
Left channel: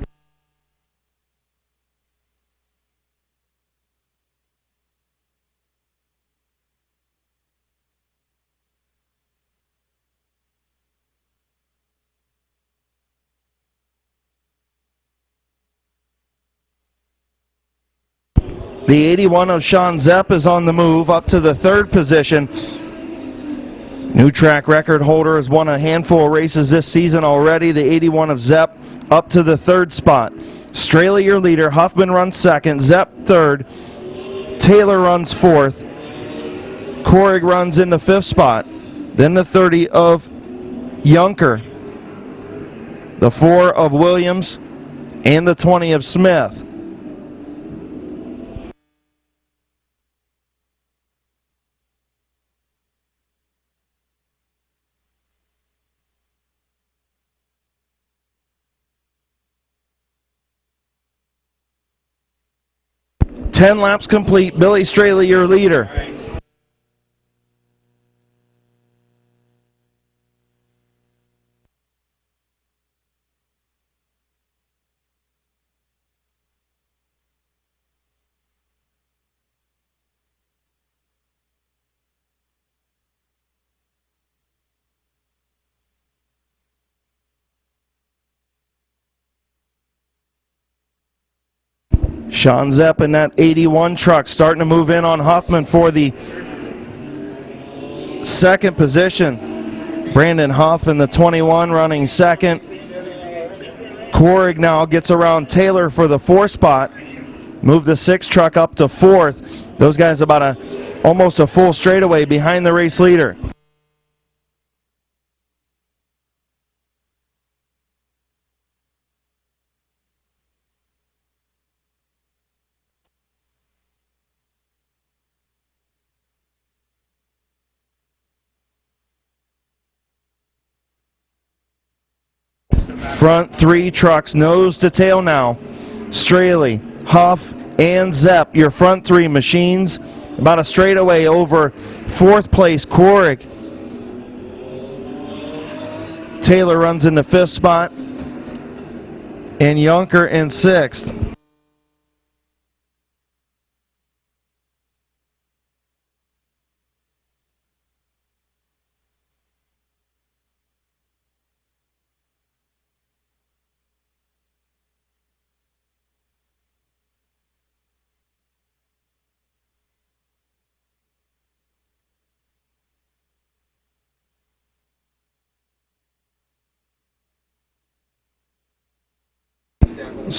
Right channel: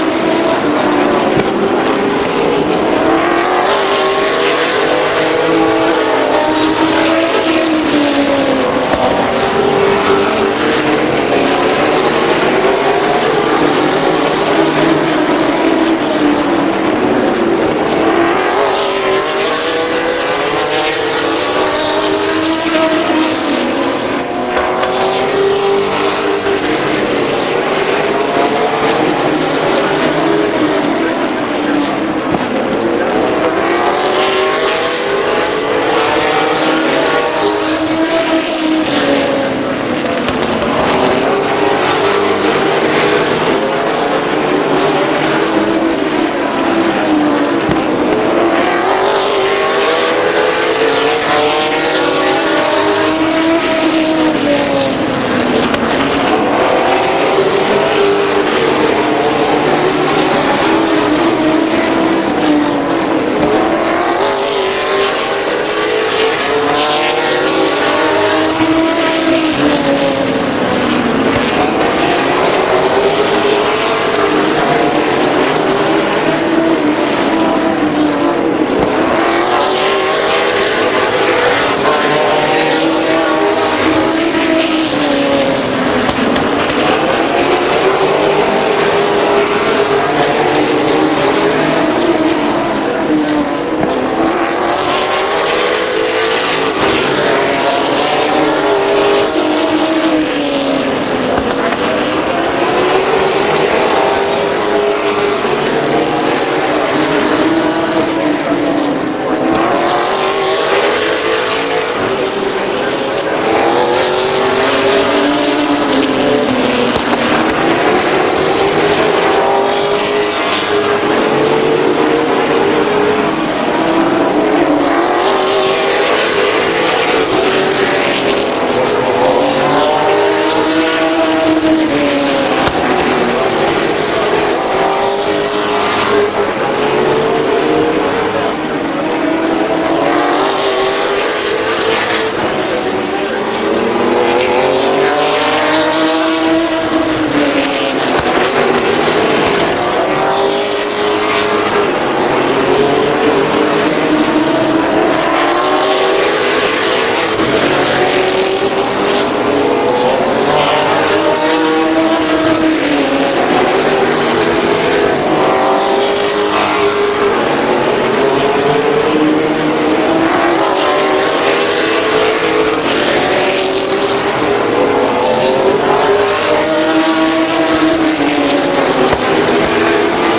The 81 of Sean Zepp is on the move up to the third position. New track record holder has won a handful of races this season already. The 81 of Zepp up to the third spot. Australia your leader. Huffman runs second. Zepp third. Taylor runs fourth. Koenig runs in the fifth spot. Then the 30 of Junker. The 4 of Williams and the 20 of Smith. Complete. Billy Straley, your leader. Sean Zepp in that 81 truck starting to move in on Huffman for the second position. Brandon Huff in the 21 running second. Koenig now gets around Taylor for the fourth spot. Move the 6 truck up to fourth. Those guys about almost a full straightaway behind the race leader. Trucks nose to tail now. Straley, Huff, and Zepp, your front 3 machines. About a straightaway over fourth place, Koenig. Taylor runs in the 5th spot. And Junker in 6th.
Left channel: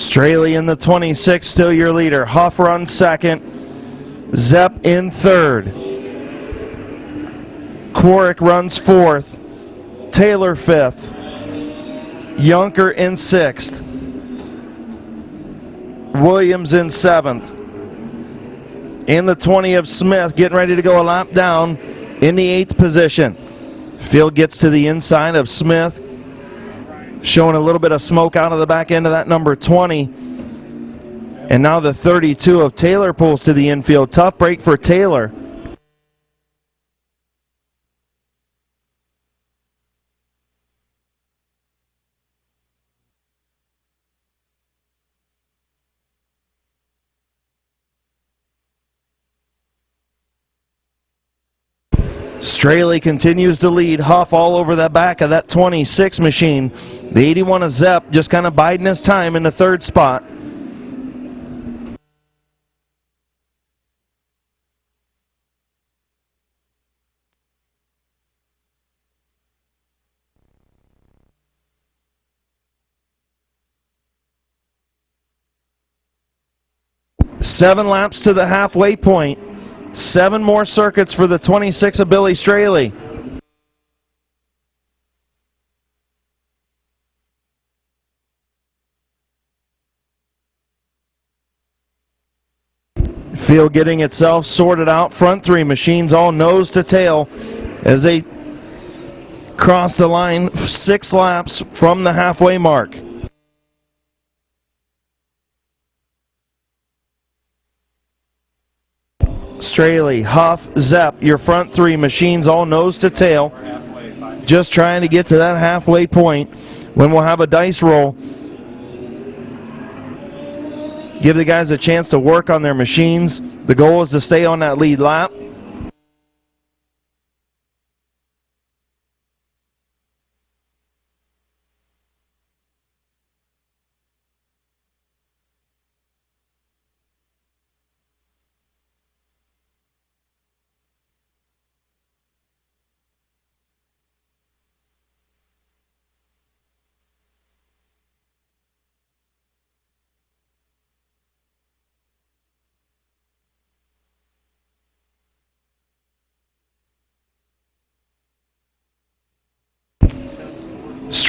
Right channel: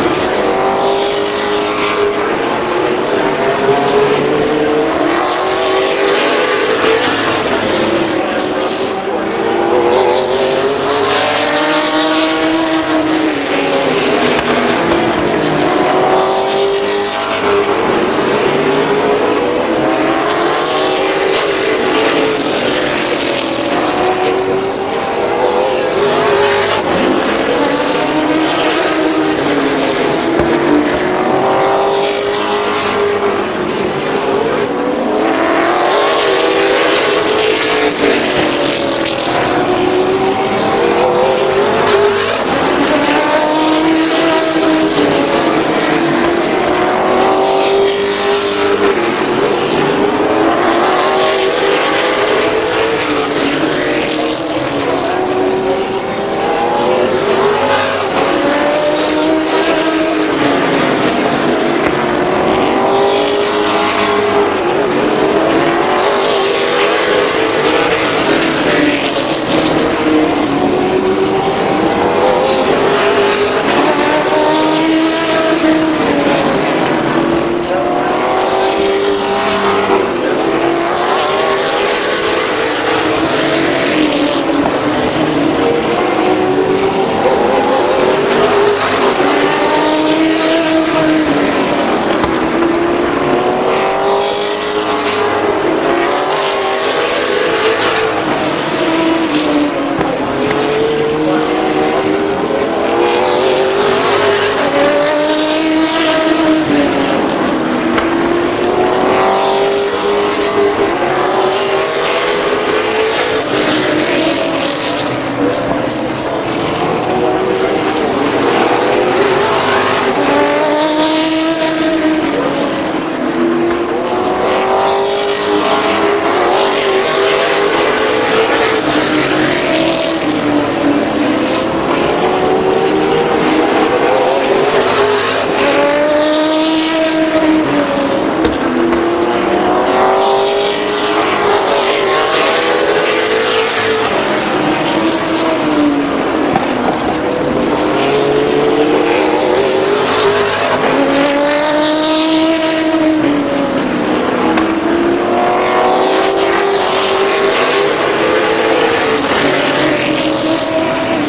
Straley in the 26, still your leader. Huff runs second. Zepp in third. Koenig runs fourth. Taylor fifth. Junker in sixth. Williams in seventh. In the 20 of Smith, getting ready to go a lap down in the 8th position. Field gets to the inside of Smith. Showing a little bit of smoke out of the back end of that number 20. And now the 32 of Taylor pulls to the infield. Tough break for Taylor. Straley continues to lead. Huff all over the back of that 26 machine. The 81 of Zepp just kind of biding his time in the 3rd spot. Seven laps to the halfway point. 7 more circuits for the 26 of Billy Straley. Field getting itself sorted out. Front 3 machines all nose to tail as they across the line, 6 laps from the halfway mark. Straley, Huff, Zepp, your front 3 machines all nose to tail. Just trying to get to that halfway point. Then we'll have a dice roll. Give the guys a chance to work on their machines. The goal is to stay on that lead lap.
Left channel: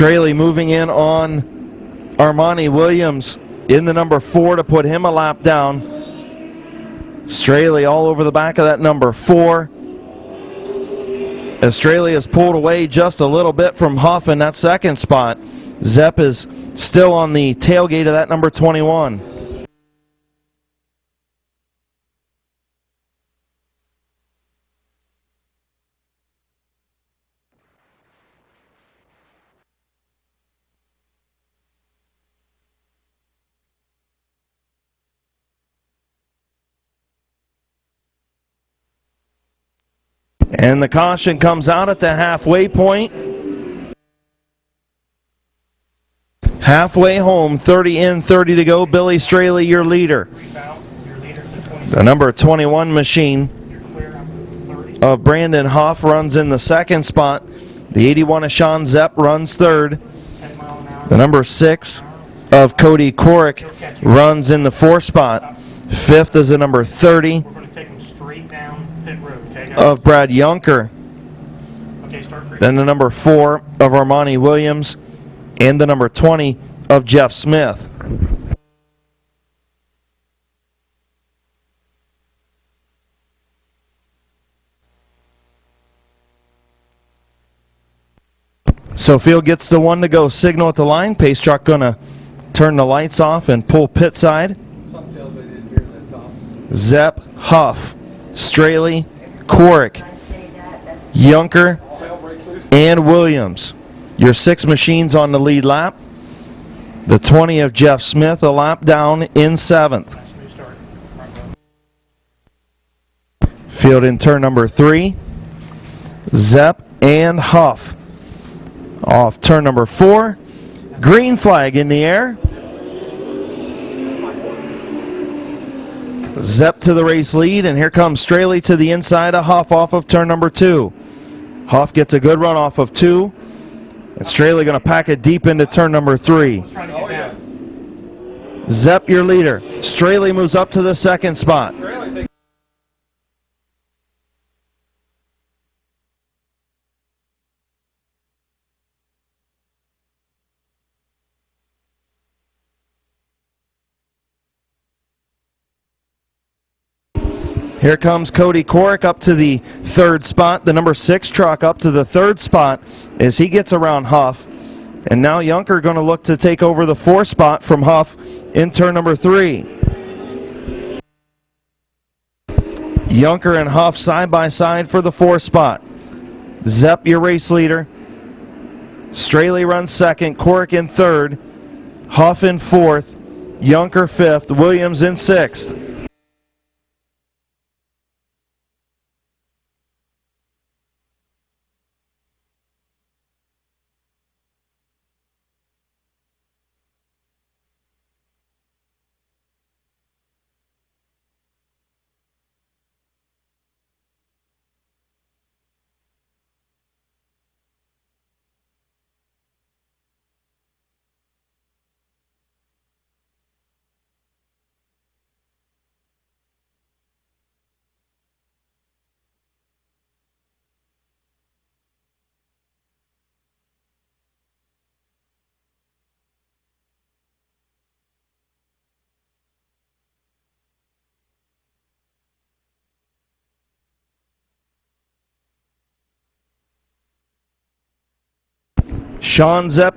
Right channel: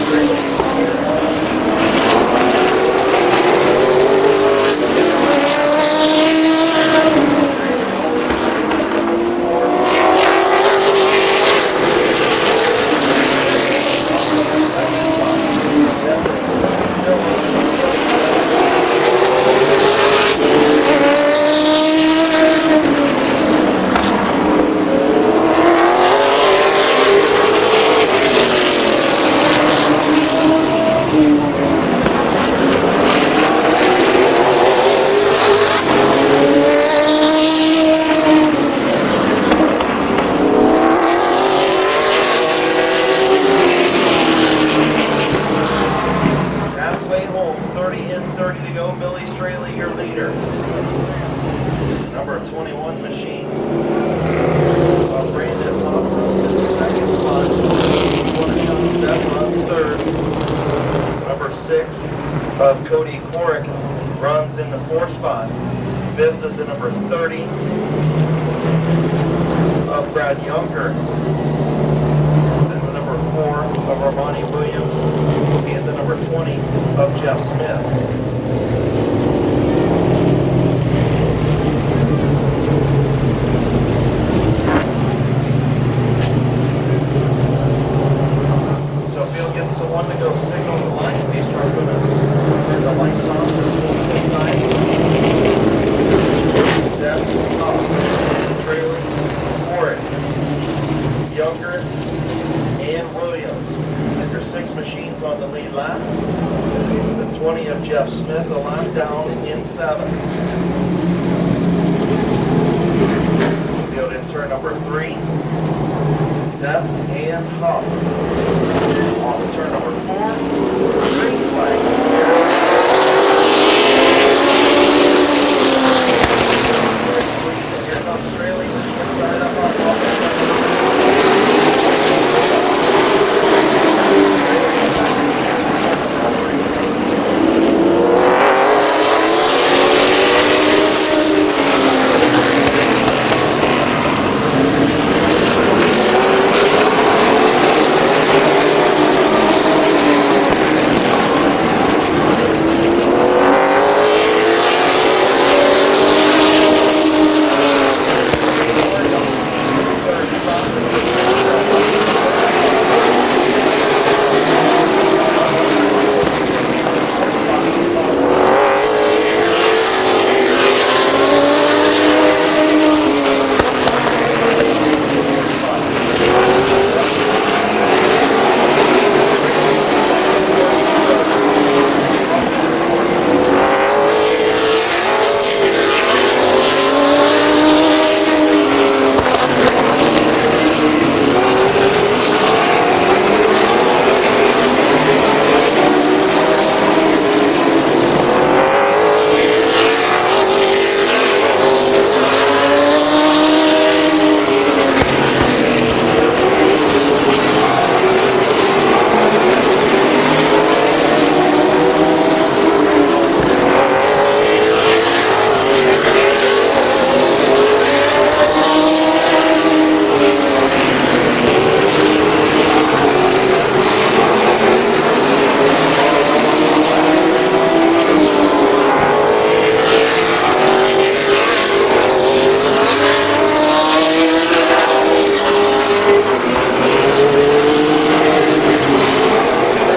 Straley moving in on Armani Williams in the number 4 to put him a lap down. Straley all over the back of that number 4. And Straley is pulled away just a little bit from Huff in that second spot. Zepp is still on the tailgate of that number 21. And the caution comes out at the halfway point. Halfway home, 30 in, 30 to go. Billy Straley, your leader. The number 21 machine of Brandon Huff runs in the second spot. The 81 of Sean Zepp runs third. The number 6 of Cody Korick runs in the 4th spot. 5th is the number 30 of Brad Yunker. Then the number 4 of Armani Williams and the number 20 of Jeff Smith. So Field gets the 1 to go signal at the line. Pace truck gonna turn the lights off and pull pit side. Zepp, Huff, Straley, Korick, Yunker, and Williams. Your 6 machines on the lead lap. The 20 of Jeff Smith a lap down in 7th. Field in turn number 3. Zepp and Huff. Off turn number 4. Green flag in the air. Zepp to the race lead, and here comes Straley to the inside of Huff off of turn number 2. Huff gets a good run off of 2. Straley going to pack it deep into turn number 3. Zepp your leader. Straley moves up to the second spot. Here comes Cody Korick up to the 3rd spot. The number 6 truck up to the 3rd spot as he gets around Huff. And now Yunker going to look to take over the 4th spot from Huff in turn number 3. Yunker and Huff side by side for the 4th spot. Zepp your race leader. Straley runs 2nd, Korick in 3rd, Huff in 4th, Yunker 5th, Williams in 6th.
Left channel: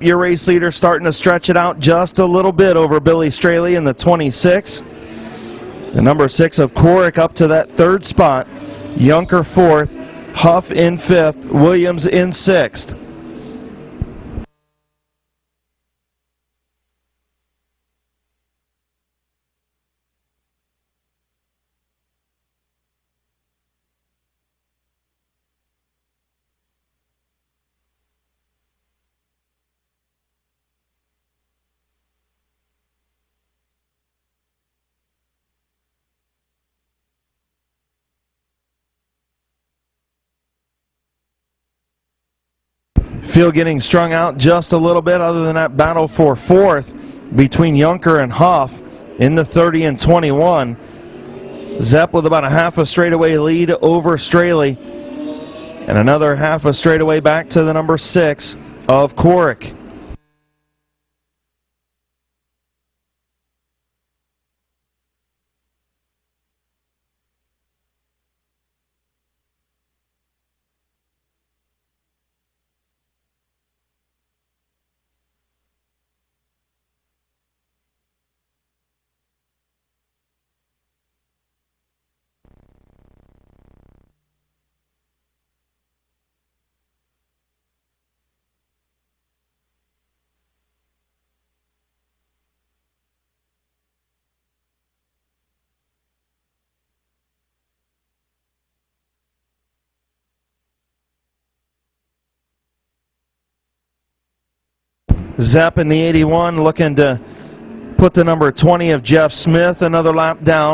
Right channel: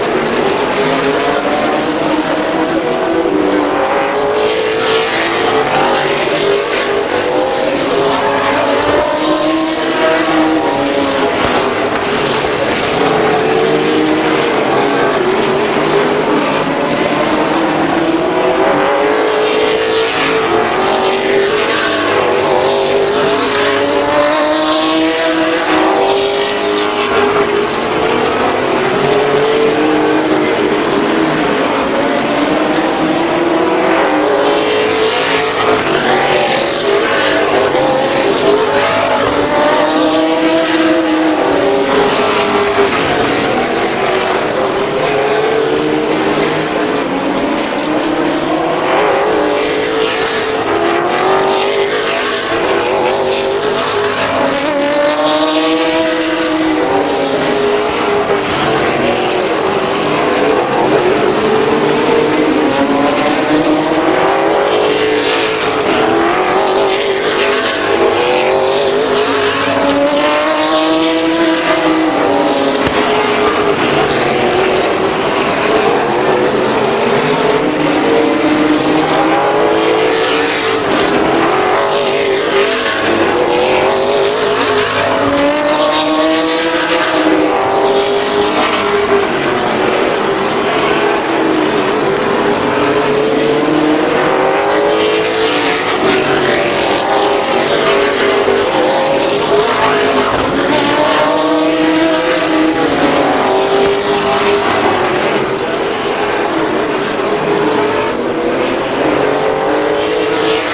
your race leader starting to stretch it out just a little bit over Billy Straley in the 26. Number 6 of Corrick up to that third spot. Yunker 4th, Huff in 5th, Williams in 6th. Field getting strung out just a little bit other than that battle for 4th between Yunker and Huff in the 30 and 21. Zepp with about a half a straightaway lead over Straley. And another half a straightaway back to the number 6 of Corrick. Zepp in the 81 looking to put the number 20 of Jeff Smith another lap down.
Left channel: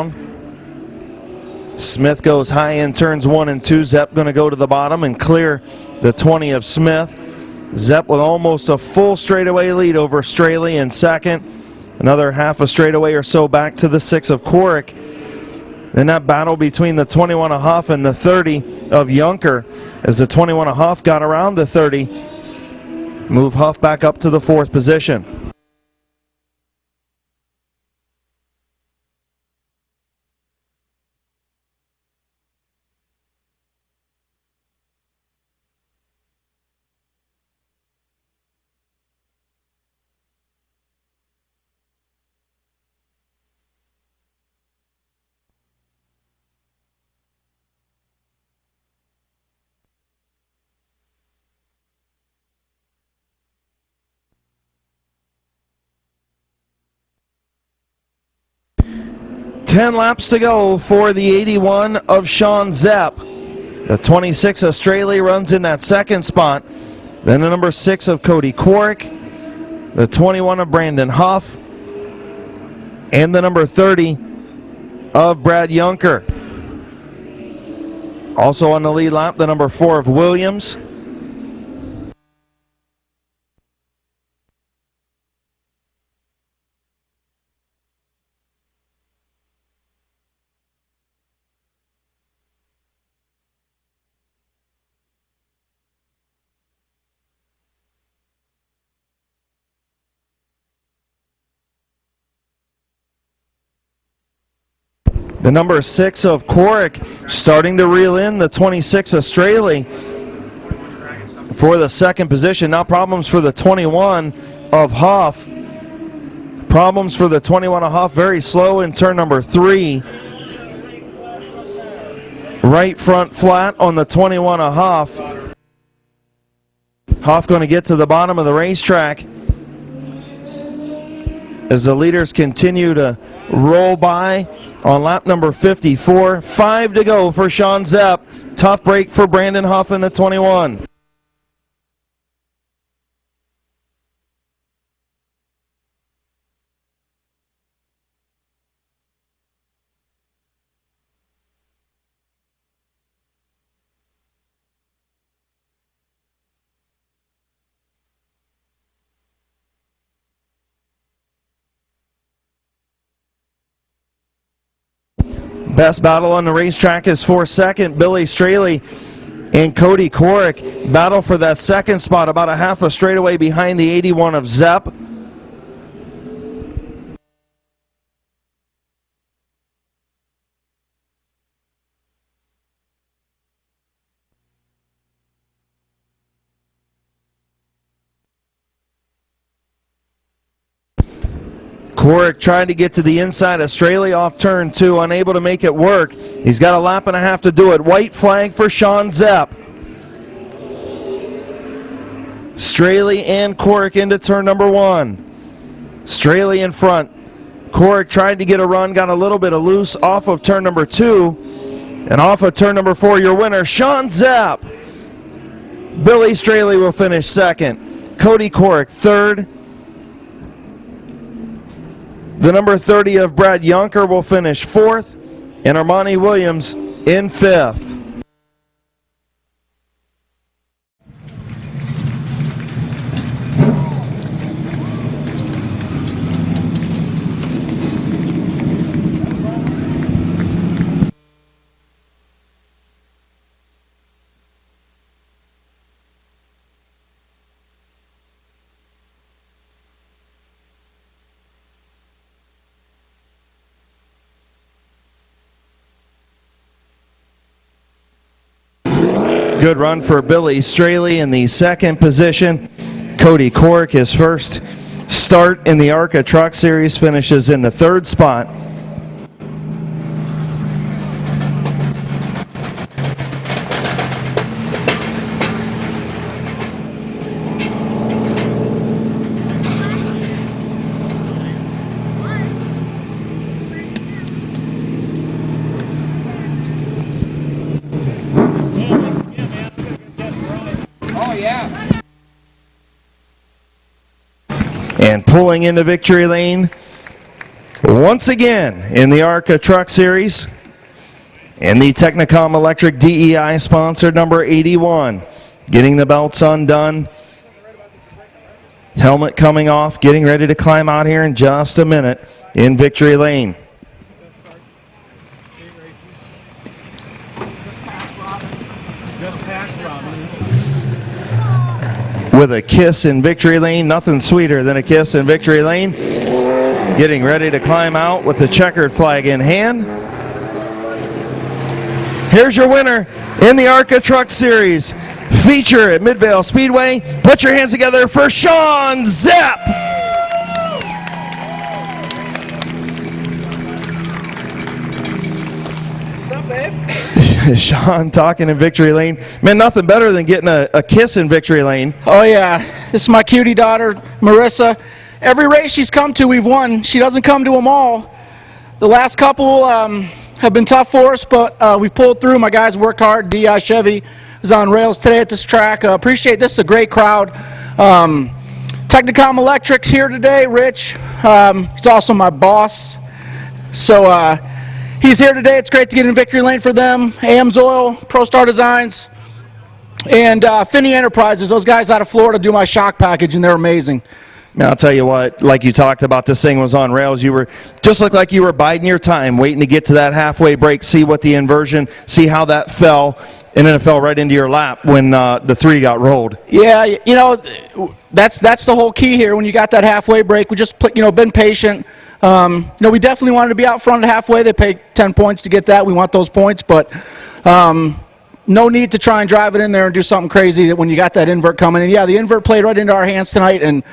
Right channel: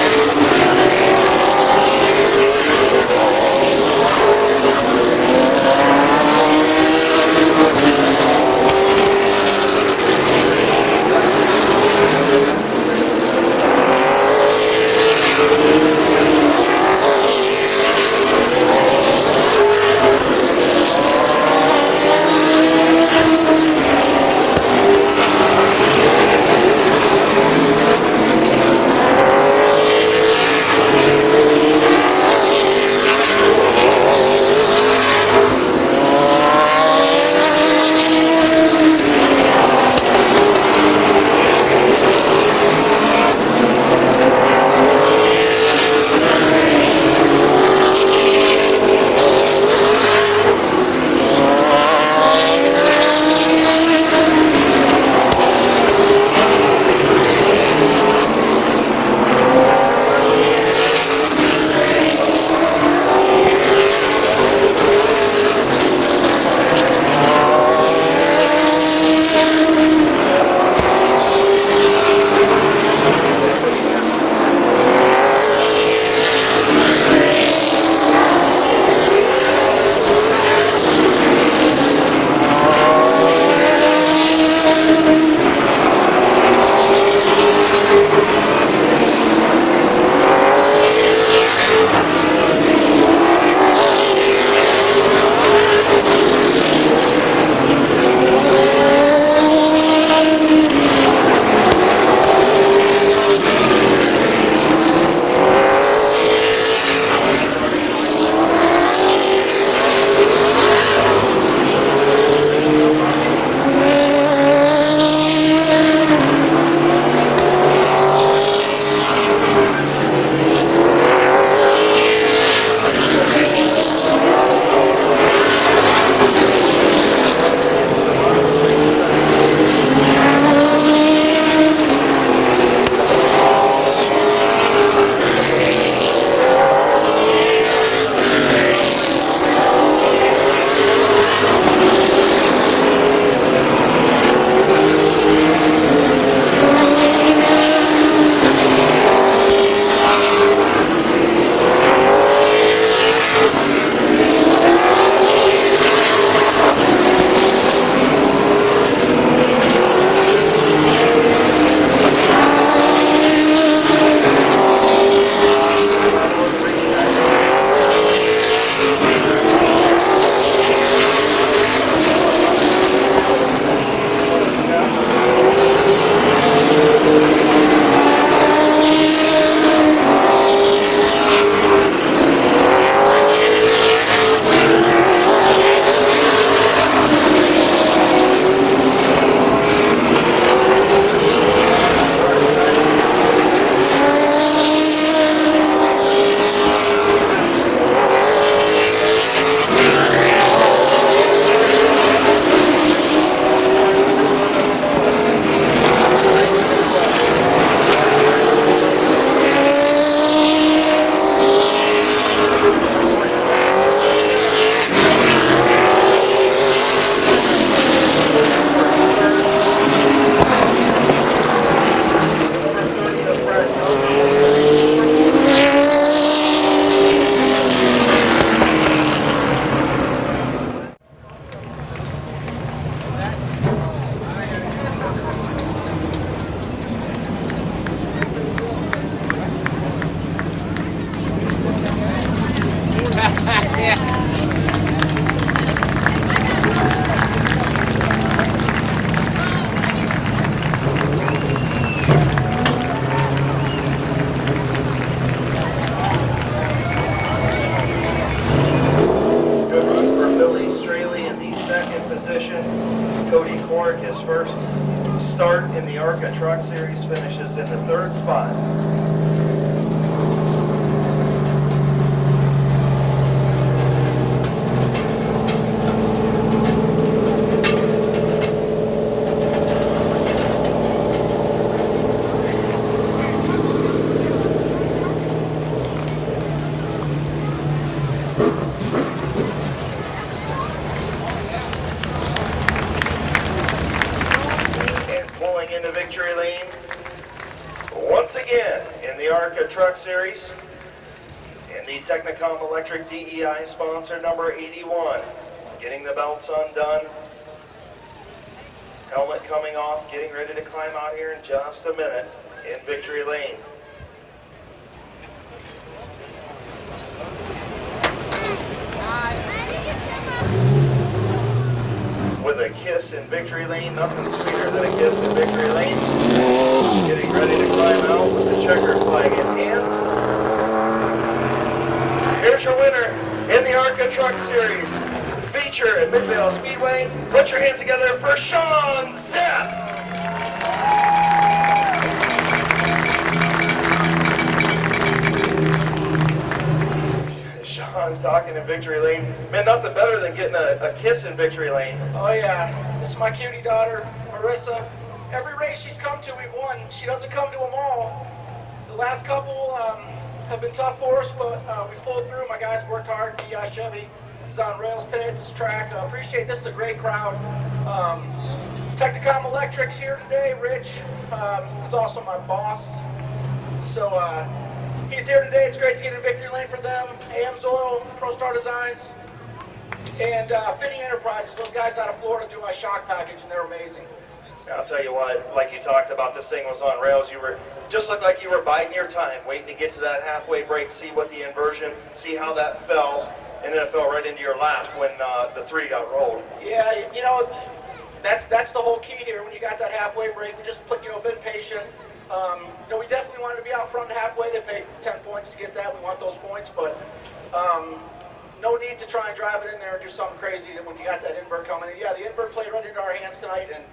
Smith goes high in turns 1 and 2. Zepp going to go to the bottom and clear the 20 of Smith. Zepp with almost a full straightaway lead over Straley in second. Another half a straightaway or so back to the 6 of Corrick. In that battle between the 21 of Huff and the 30 of Yunker, as the 21 of Huff got around the 30, moved Huff back up to the 4th position. To go for the 81 of Sean Zepp. The 26 of Straley runs in that second spot. Then the number 6 of Cody Corrick. The 21 of Brandon Huff. And the number 30 of Brad Yunker. Also on the lead lap, the number 4 of Williams. The number 6 of Corrick starting to reel in the 26 of Straley for the second position. Now problems for the 21 of Huff. Problems for the 21 of Huff. Very slow in turn number 3. Right front flat on the 21 of Huff. Huff going to get to the bottom of the racetrack as the leaders continue to roll by. On lap number 54, 5 to go for Sean Zepp. Tough break for Brandon Huff in the 21. Best battle on the racetrack is for second. Billy Straley and Cody Corrick battle for that second spot, about a half a straightaway behind the 81 of Zepp. trying to get to the inside of Straley off turn 2, unable to make it work. He's got a lap and a half to do it. White flag for Sean Zepp. Straley and Cork into turn number 1. Straley in front. Cork tried to get a run, got a little bit of loose off of turn number 2. And off of turn number 4, your winner, Sean Zepp. Billy Straley will finish second. Cody Cork third. The number 30 of Brad Yonker will finish fourth. And Armani Williams in fifth. Good run for Billy Straley in the second position. Cody Cork, his first start in the ARCA Truck Series, finishes in the third spot. And pulling into victory lane once again in the ARCA Truck Series and the Technicom Electric DEI sponsored number 81. Getting the belts undone. Helmet coming off, getting ready to climb out here in just a minute in victory lane. With a kiss in victory lane, nothing sweeter than a kiss in victory lane. Getting ready to climb out with the checkered flag in hand. Here's your winner in the ARCA Truck Series. Feature at Midvale Speedway. Put your hands together for Sean Zepp. Sean talking in victory lane. Man, nothing better than getting a kiss in victory lane. Oh yeah, this is my cutie daughter, Marissa. Every race she's come to, we've won. She doesn't come to them all. The last couple have been tough for us, but we pulled through. My guys worked hard. DI Chevy is on rails today at this track. Appreciate this. Is a great crowd. Technicom Electric's here today. Rich, he's also my boss. So he's here today. It's great to get in victory lane for them. AM's Oil, ProStar Designs, and Finney Enterprises. Those guys out of Florida do my shock package, and they're amazing. Now, I'll tell you what, like you talked about, this thing was on rails. You were just looked like you were biding your time, waiting to get to that halfway break, see what the inversion, see how that fell, and then it fell right into your lap when the 3 got rolled. Yeah, you know, that's the whole key here. When you got that halfway break, we just been patient. We definitely wanted to be out front at halfway. They paid 10 points to get that. We want those points, but no need to try and drive it in there and do something crazy when you got that invert coming. And yeah, the invert played right into our hands tonight, and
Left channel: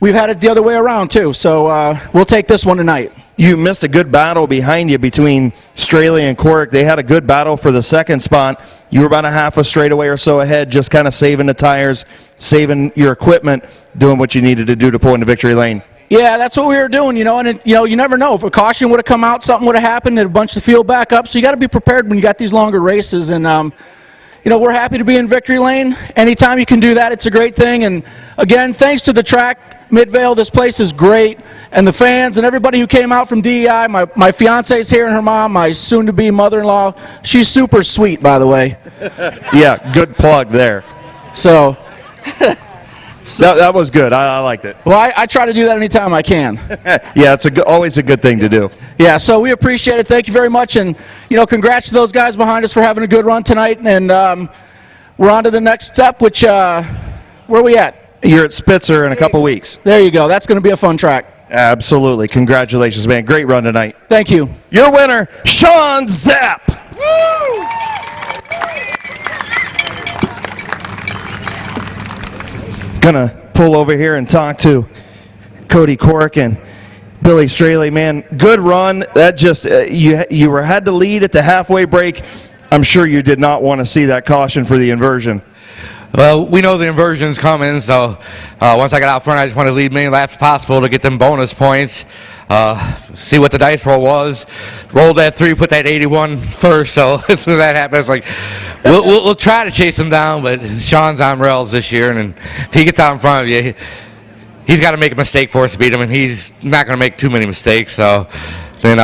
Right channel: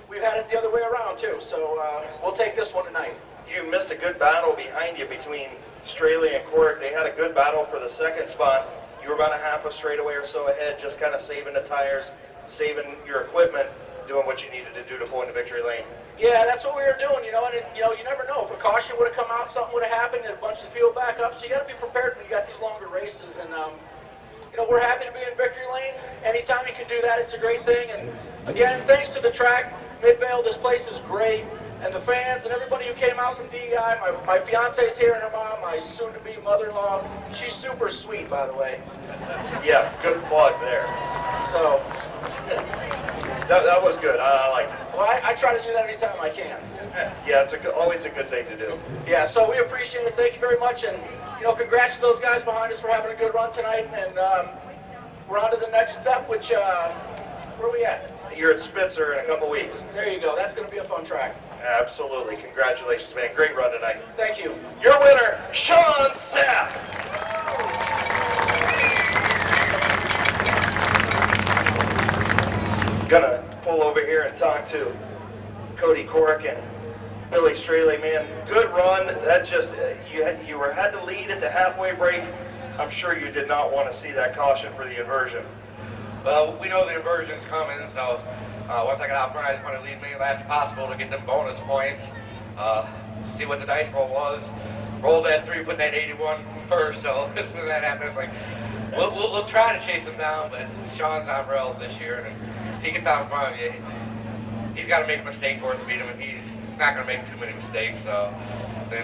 we've had it the other way around too. So we'll take this one tonight. You missed a good battle behind you between Straley and Cork. They had a good battle for the second spot. You were about a half a straightaway or so ahead, just kind of saving the tires, saving your equipment, doing what you needed to do to pull into victory lane. Yeah, that's what we were doing, and you never know. If a caution would have come out, something would have happened, and a bunch of the field back up. So you got to be prepared when you got these longer races. And we're happy to be in victory lane. Anytime you can do that, it's a great thing. And again, thanks to the track, Midvale. This place is great, and the fans and everybody who came out from DEI. My fiance's here and her mom, my soon-to-be mother-in-law. She's super sweet, by the way. Yeah, good plug there. So. That was good. I liked it. Well, I try to do that anytime I can. Yeah, it's always a good thing to do. Yeah, so we appreciate it. Thank you very much. And, congrats to those guys behind us for having a good run tonight. And we're on to the next step, which, where are we at? You're at Spitzer in a couple weeks. There you go. That's going to be a fun track. Absolutely. Congratulations, man. Great run tonight. Thank you. Your winner, Sean Zepp. Gonna pull over here and talk to Cody Cork, and Billy Straley, man, good run. That just you had to lead at the halfway break. I'm sure you did not want to see that caution for the inversion. Well, we know the inversion's coming, so once I got out front, I just want to lead many laps possible to get them bonus points. See what the dice roll was. Rolled that 3, put that 81 first, so as soon as that happens, like, we'll try to chase him down, but Sean's on rails this year, and if he gets out in front of you, he's got to make a mistake for us to beat him, and he's not going to make too many mistakes. So then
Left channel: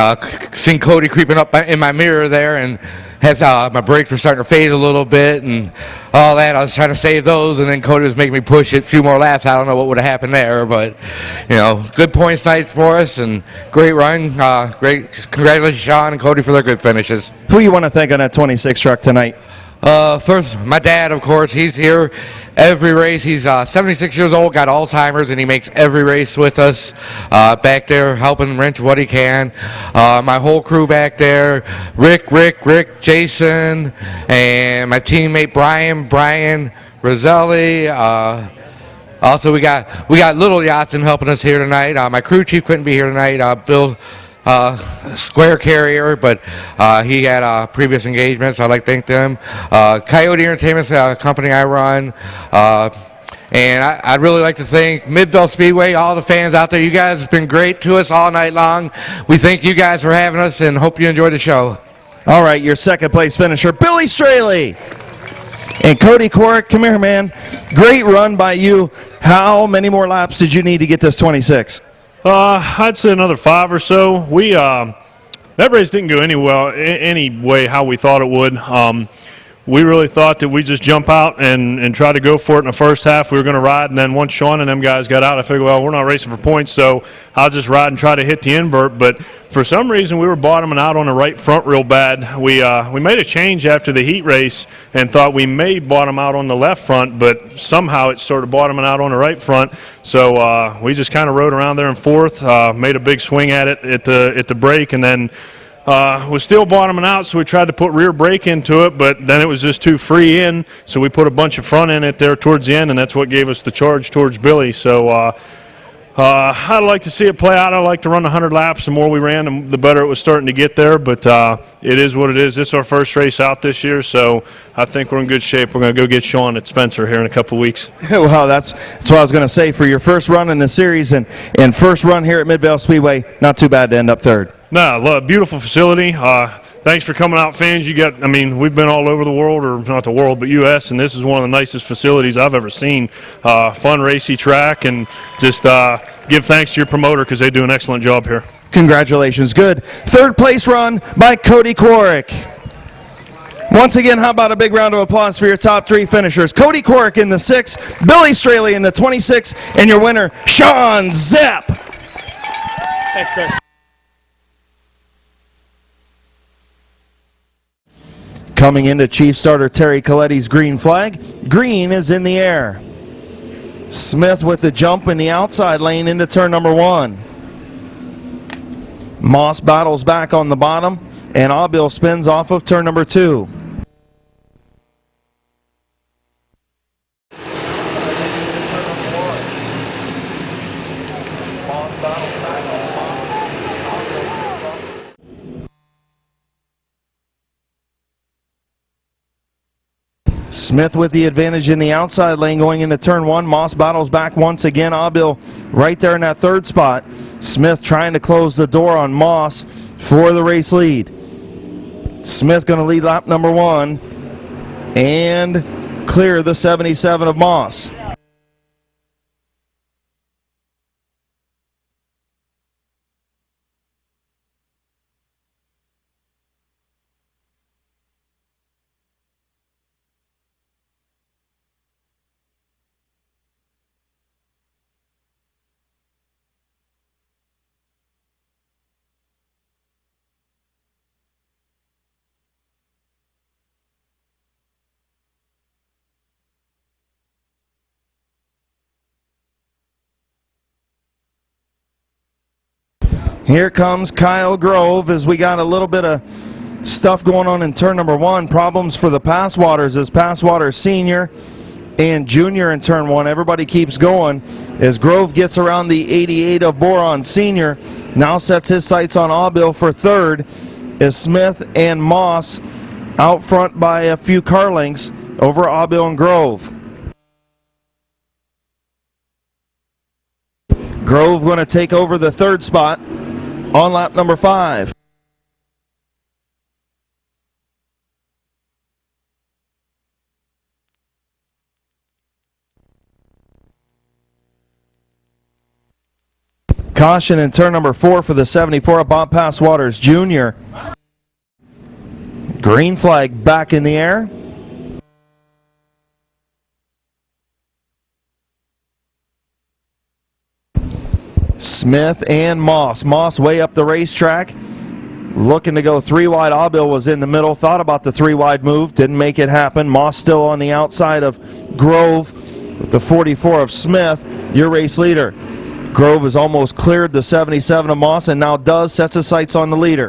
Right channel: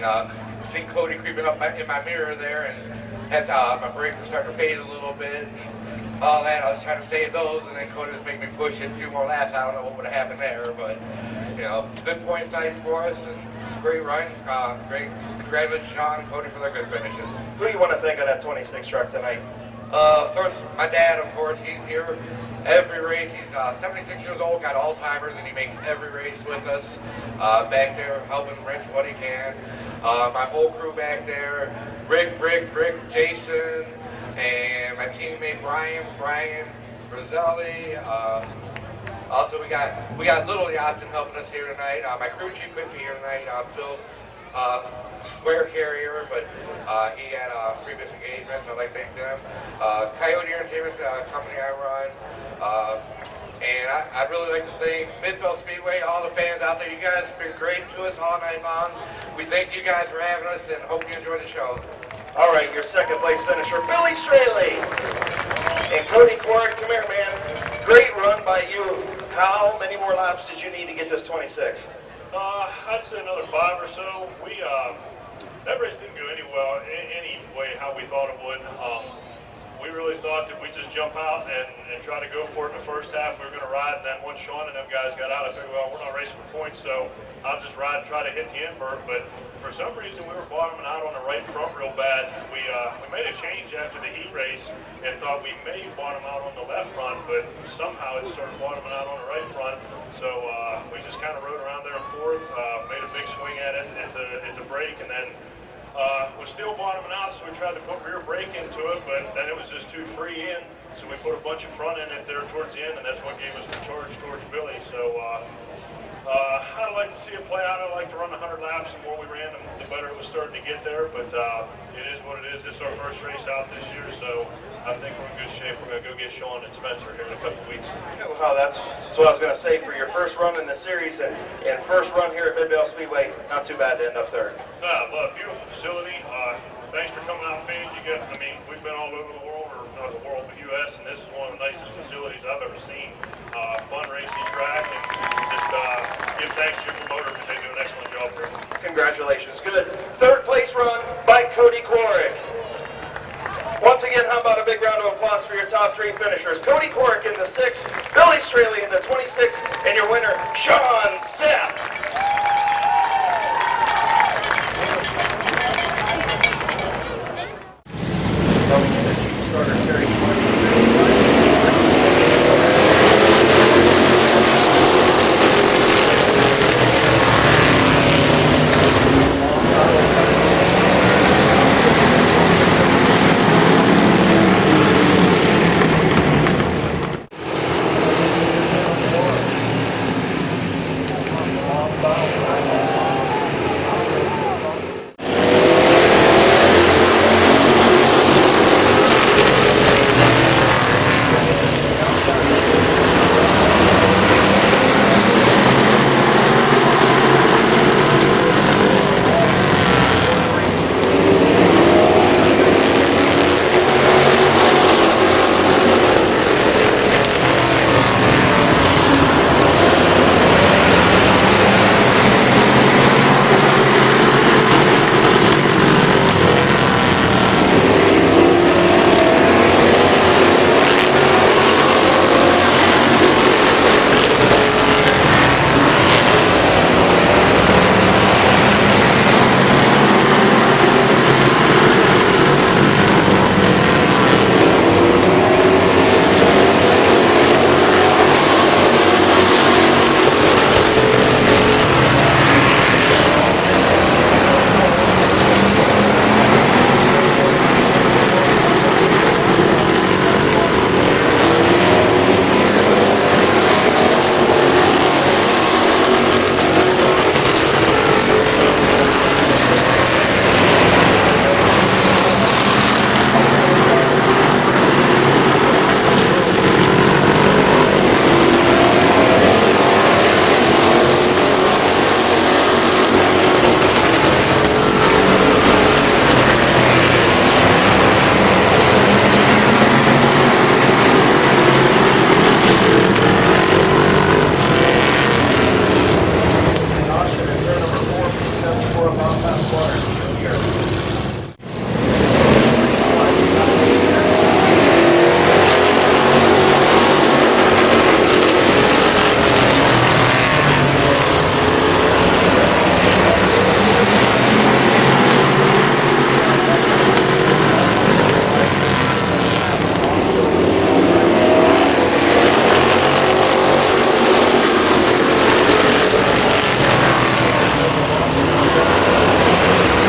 seeing Cody creeping up in my mirror there, and has my brakes were starting to fade a little bit, and all that. I was trying to save those, and then Cody was making me push it a few more laps. I don't know what would have happened there, but good points night for us, and great run. Great, congratulations, Sean and Cody, for their good finishes. Who you want to thank on that 26 truck tonight? First, my dad, of course. He's here every race. He's 76 years old, got Alzheimer's, and he makes every race with us back there, helping wrench what he can. My whole crew back there, Rick, Jason, and my teammate Brian Roselli. Also, we got Little Yachtin helping us here tonight. My crew chief couldn't be here tonight, Bill Square Carrier, but he had previous engagements, so I'd like to thank them. Coyote Entertainment's company I run. And I'd really like to thank Midvale Speedway, all the fans out there. You guys have been great to us all night long. We thank you guys for having us and hope you enjoy the show. All right, your second place finisher, Billy Straley. And Cody Quirk, come here, man. Great run by you. How many more laps did you need to get this 26? I'd say another 5 or so. That race didn't go any way how we thought it would. We really thought that we just jump out and try to go for it in the first half. We were going to ride, and then once Sean and them guys got out, I figured, well, we're not racing for points, so I'll just ride and try to hit the invert. But for some reason, we were bottoming out on the right front real bad. We made a change after the heat race and thought we may bottom out on the left front, but somehow it started bottoming out on the right front. So we just kind of rode around there in fourth, made a big swing at it at the break, and then was still bottoming out, so we tried to put rear brake into it, but then it was just too free in, so we put a bunch of front in it there towards the end, and that's what gave us the charge towards Billy. So I'd like to see it play out. I'd like to run 100 laps. The more we ran, the better it was starting to get there, but it is what it is. This is our first race out this year, so I think we're in good shape. We're going to go get Sean at Spencer here in a couple weeks. Well, that's what I was going to say. For your first run in the series and first run here at Midvale Speedway, not too bad to end up third. No, beautiful facility. Thanks for coming out, fans. We've been all over the world, or not the world, but U.S., and this is one of the nicest facilities I've ever seen. Fun, racy track, and just give thanks to your promoter because they do an excellent job here. Congratulations. Good. Third place run by Cody Quirk. Once again, how about a big round of applause for your top three finishers? Cody Quirk in the 6, Billy Straley in the 26, and your winner, Sean Zepp. Thanks, Chris. Coming into Chief Starter Terry Coletti's green flag. Green is in the air. Smith with the jump in the outside lane into turn number 1. Moss battles back on the bottom, and Avil spins off of turn number 2. Smith with the advantage in the outside lane going into turn 1. Moss battles back once again. Avil right there in that third spot. Smith trying to close the door on Moss for the race lead. Smith going to lead lap number 1 and clear the 77 of Moss. Here comes Kyle Grove as we got a little bit of stuff going on in turn number 1. Problems for the Passwaters as Passwater Senior and Junior in turn 1. Everybody keeps going as Grove gets around the 88 of Boron Senior Now sets his sights on Aubil for third. Is Smith and Moss out front by a few car lengths over Aubil and Grove. Grove going to take over the third spot on lap number 5. Caution in turn number 4 for the 74 of Bob Pass Waters Jr. Green flag back in the air. Smith and Moss. Moss way up the racetrack. Looking to go 3 wide. Aubil was in the middle. Thought about the 3 wide move. Didn't make it happen. Moss still on the outside of Grove. The 44 of Smith, your race leader. Grove has almost cleared the 77 of Moss and now does sets his sights on the leader.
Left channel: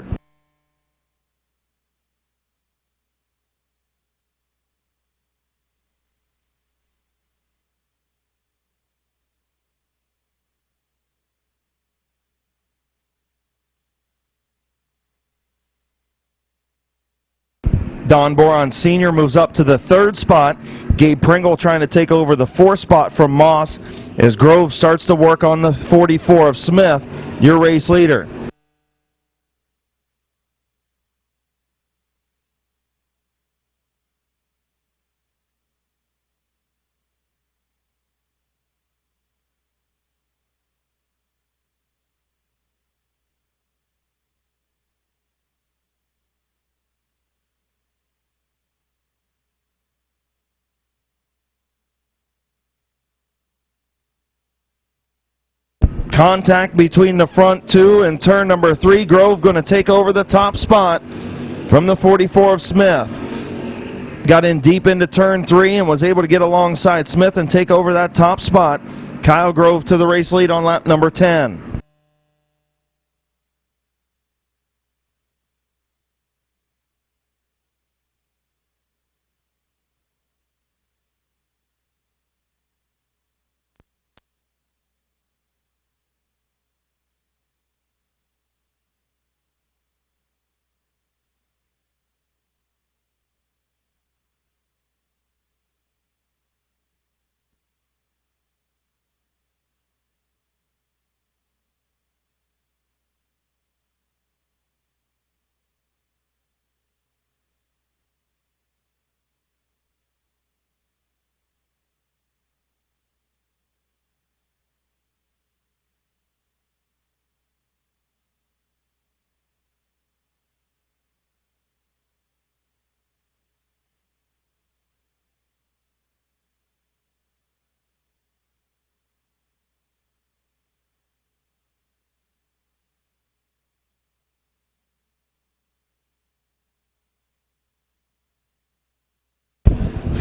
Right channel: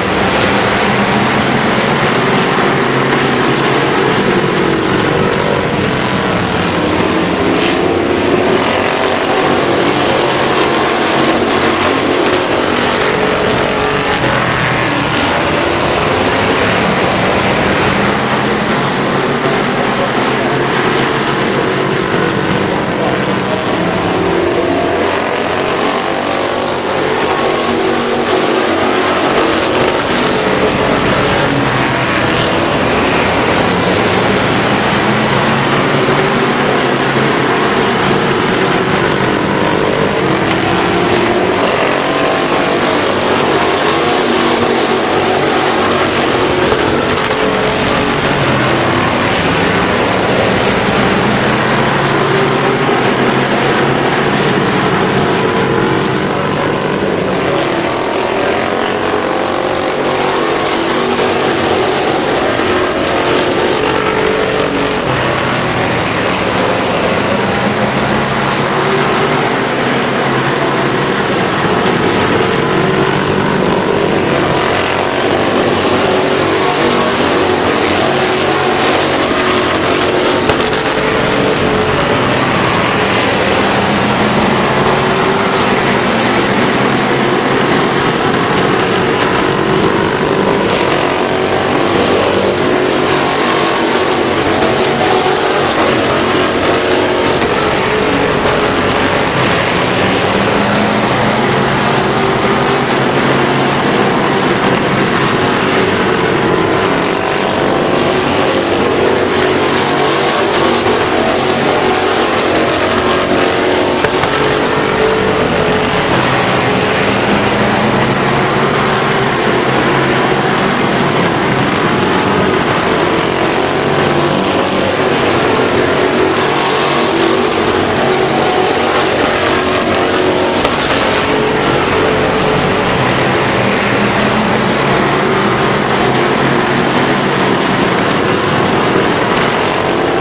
Don Boron Sr. moves up to the 3rd spot. Gabe Pringle trying to take over the 4th spot from Moss as Grove starts to work on the 44 of Smith, your race leader. Contact between the front 2 and turn number 3. Grove going to take over the top spot from the 44 of Smith. Got in deep into turn 3 and was able to get alongside Smith and take over that top spot. Kyle Grove to the race lead on lap number 10.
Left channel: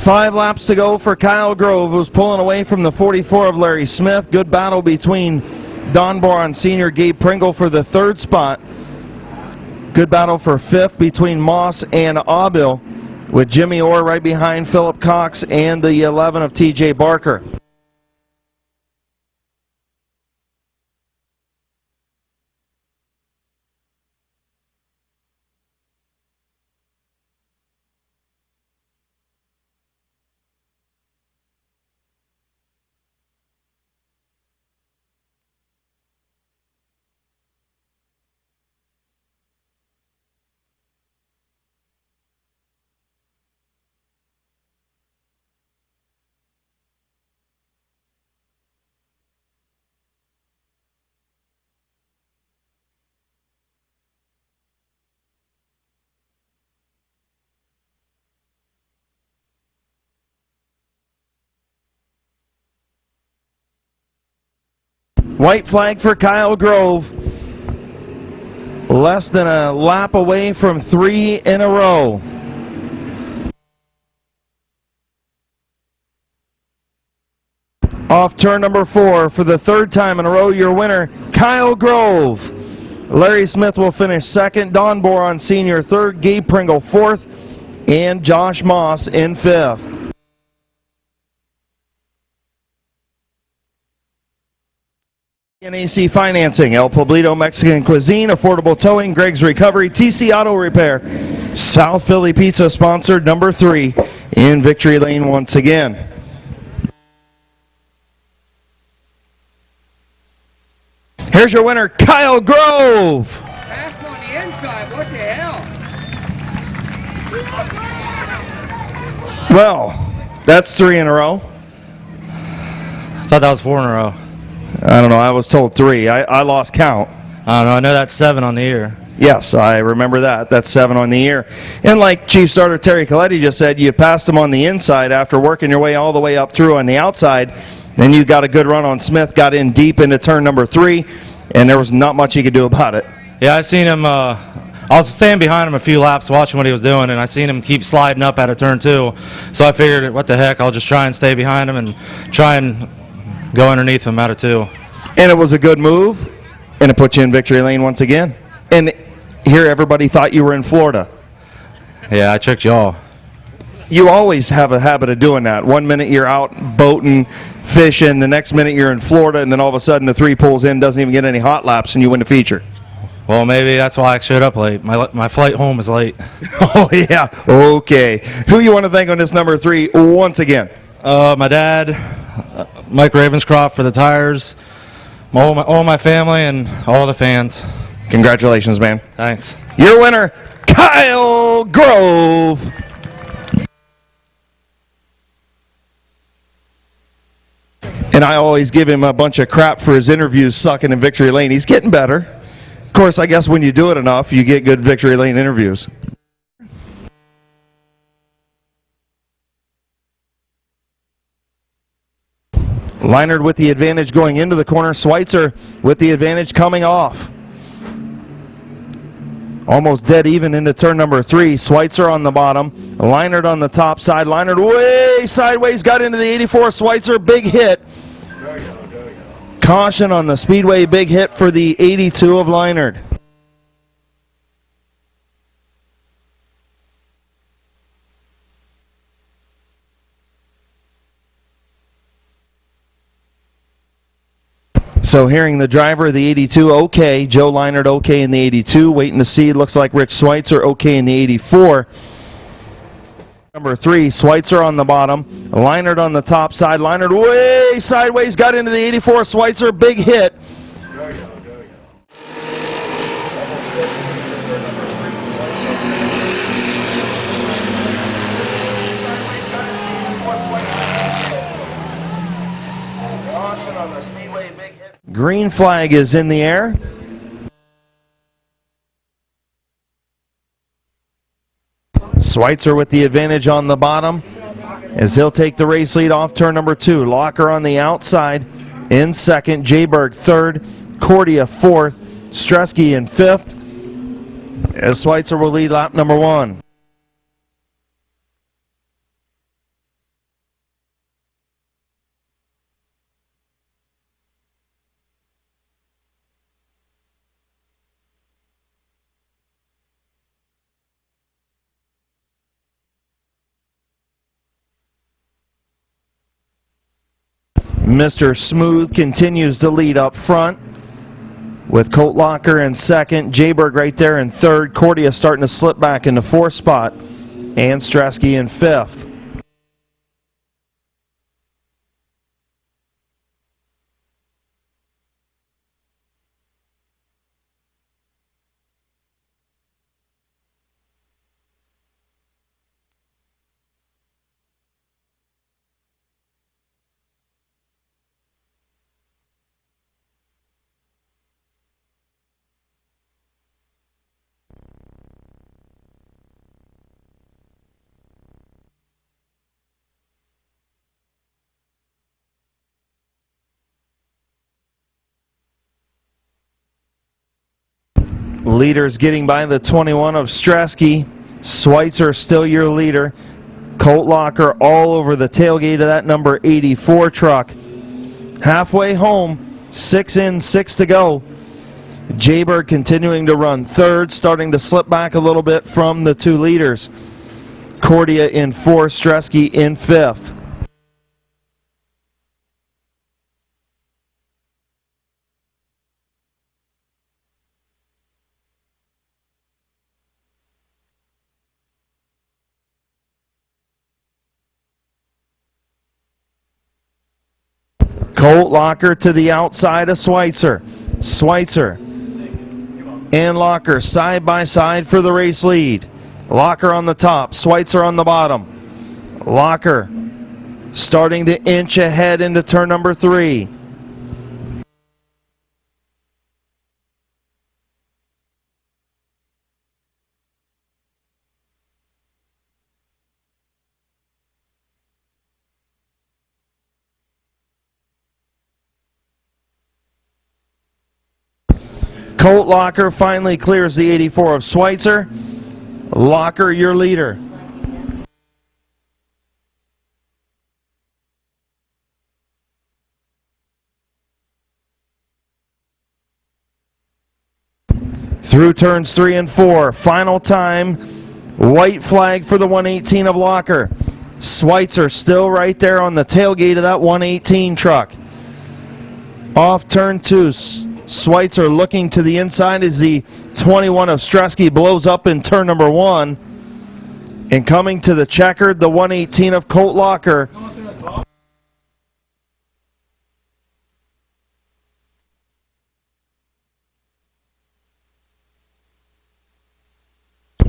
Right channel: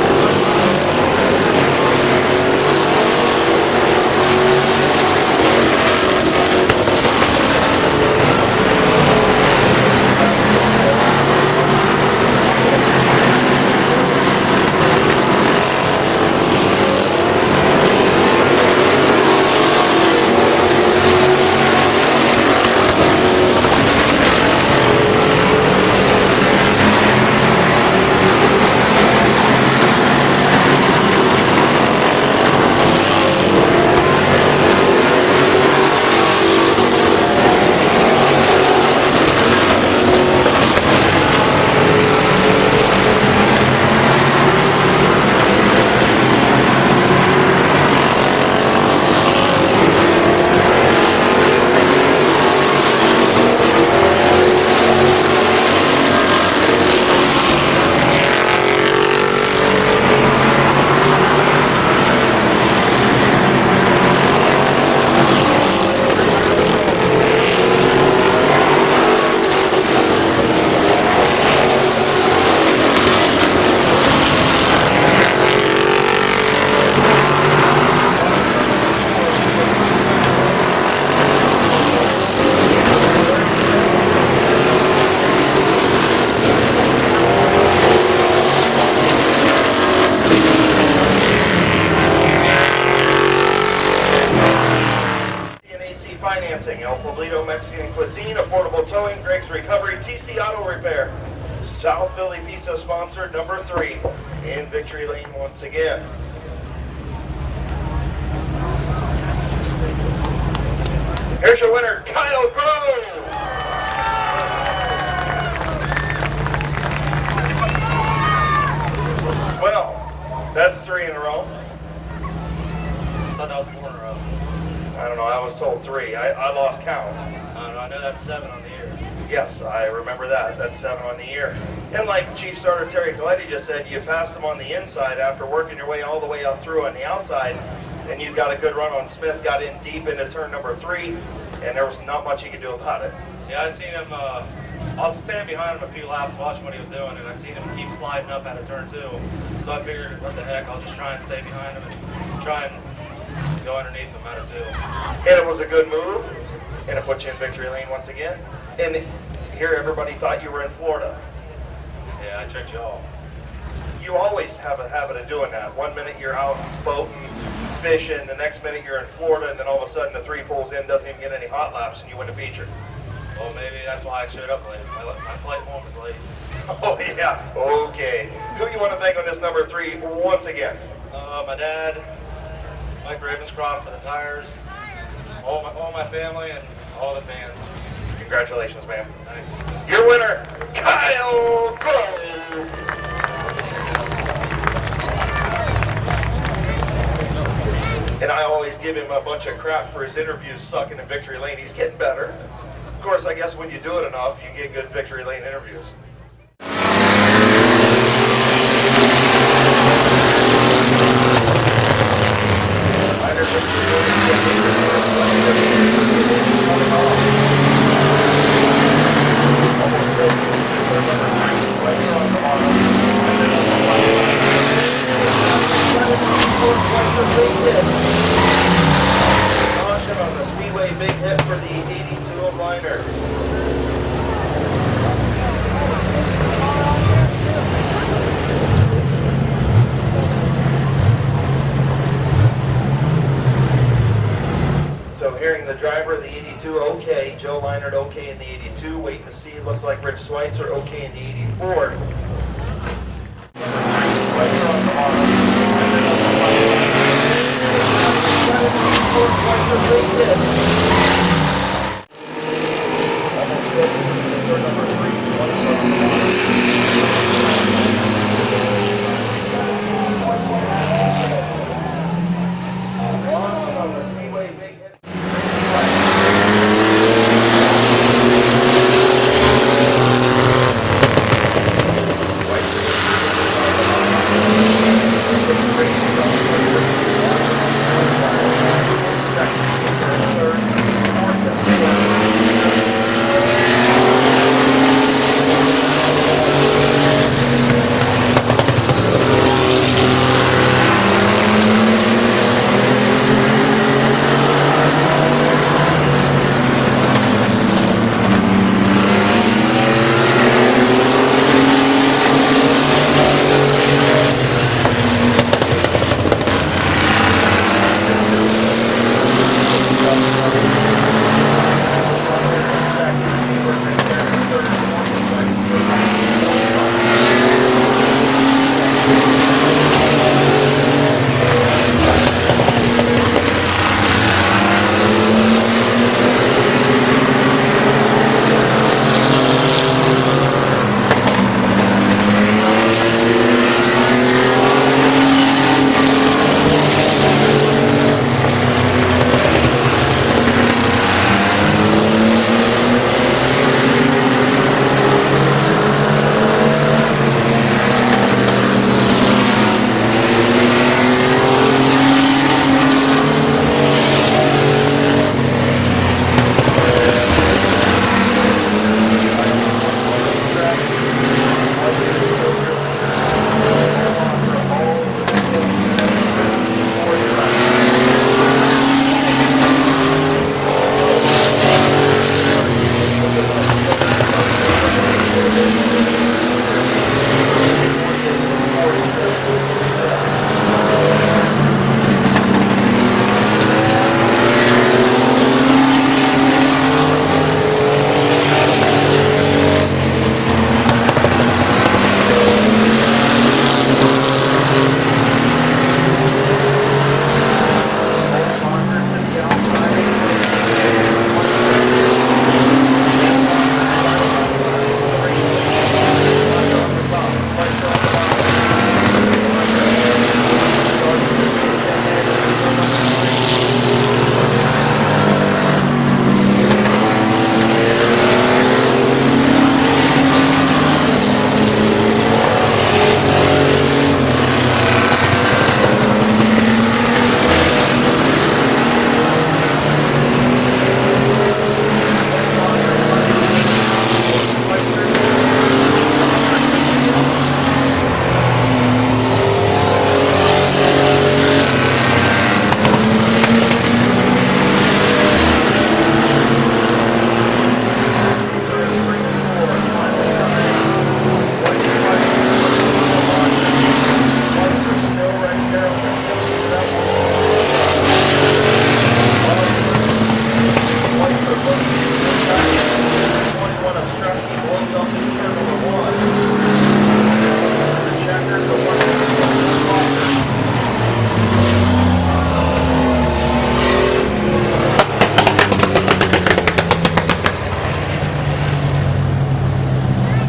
Five laps to go for Kyle Grove, who's pulling away from the 44 of Larry Smith. Good battle between Don Boron Sr. Gabe Pringle for the 3rd spot. Good battle for 5th between Moss and Aubil, with Jimmy Orr right behind Philip Cox and the 11 of TJ Barker. White flag for Kyle Grove. Less than a lap away from 3 in a row. Off turn number 4 for the 3rd time in a row, your winner, Kyle Grove. Larry Smith will finish 2nd, Don Boron Sr. 3rd, Gabe Pringle 4th, and Josh Moss in 5th. AC Financing, El Poblito Mexican Cuisine, Affordable Towing, Greg's Recovery, TC Auto Repair, South Philly Pizza sponsored number 3 in victory lane once again. Here's your winner, Kyle Grove. Well, that's 3 in a row. I thought that was 4 in a row. I don't know. I was told 3. I lost count. I don't know. I know that's 7 on the year. Yes, I remember that. That's 7 on the year. And like Chief Starter Terry Coletti just said, you passed him on the inside after working your way all the way up through on the outside. Then you got a good run on Smith, got in deep into turn number 3, and there was not much he could do about it. Yeah, I seen him. I was standing behind him a few laps watching what he was doing, and I seen him keep sliding up out of turn 2. So I figured, what the heck, I'll just try and stay behind him and try and go underneath him out of 2. And it was a good move, and it put you in victory lane once again. And here everybody thought you were in Florida. Yeah, I tricked y'all. You always have a habit of doing that. 1 minute you're out boating, fishing, the next minute you're in Florida, and then all of a sudden the 3 pulls in, doesn't even get any hot laps, and you win the feature. Well, maybe that's why I showed up late. My flight home is late. Oh, yeah. Okay. Who you want to thank on this number 3 once again? My dad, Mike Ravenscroft for the tires, all my family, and all the fans. Congratulations, man. Thanks. Your winner, Kyle Grove. And I always give him a bunch of crap for his interviews sucking in victory lane. He's getting better. Of course, I guess when you do it enough, you get good victory lane interviews. Leinert with the advantage going into the corner. Schweitzer with the advantage coming off. Almost dead even into turn number 3. Schweitzer on the bottom. Leinert on the top side. Leinert way sideways, got into the 84. Schweitzer, big hit. Caution on the speedway, big hit for the 82 of Leinert. So hearing the driver of the 82, okay. Joe Leinert, okay in the 82. Waiting to see, looks like Rich Schweitzer, okay in the 84. Number 3, Schweitzer on the bottom. Leinert on the top side. Leinert way sideways, got into the 84. Schweitzer, big hit. Green flag is in the air. Schweitzer with the advantage on the bottom as he'll take the race lead off turn number 2. Locker on the outside in second. Jayberg third. Cordia fourth. Stresky in fifth. As Schweitzer will lead lap number 1. Mr. Smooth continues to lead up front with Colt Locker in second, Jayberg right there in third, Cordia starting to slip back in the 4th spot, and Stresky in 5th. Leaders getting by the 21 of Stresky. Schweitzer still your leader. Colt Locker all over the tailgate of that number 84 truck. Halfway home, 6 in, 6 to go. Jayberg continuing to run third, starting to slip back a little bit from the 2 leaders. Cordia in 4th, Stresky in 5th. Colt Locker to the outside of Schweitzer. Schweitzer and Locker side by side for the race lead. Locker on the top, Schweitzer on the bottom. Locker starting to inch ahead into turn number 3. Colt Locker finally clears the 84 of Schweitzer. Locker, your leader. Through turns 3 and 4, final time, white flag for the 118 of Locker. Schweitzer still right there on the tailgate of that 118 truck. Off turn 2, Schweitzer looking to the inside as the 21 of Stresky blows up in turn number 1. And coming to the checkered, the 118 of Colt Locker.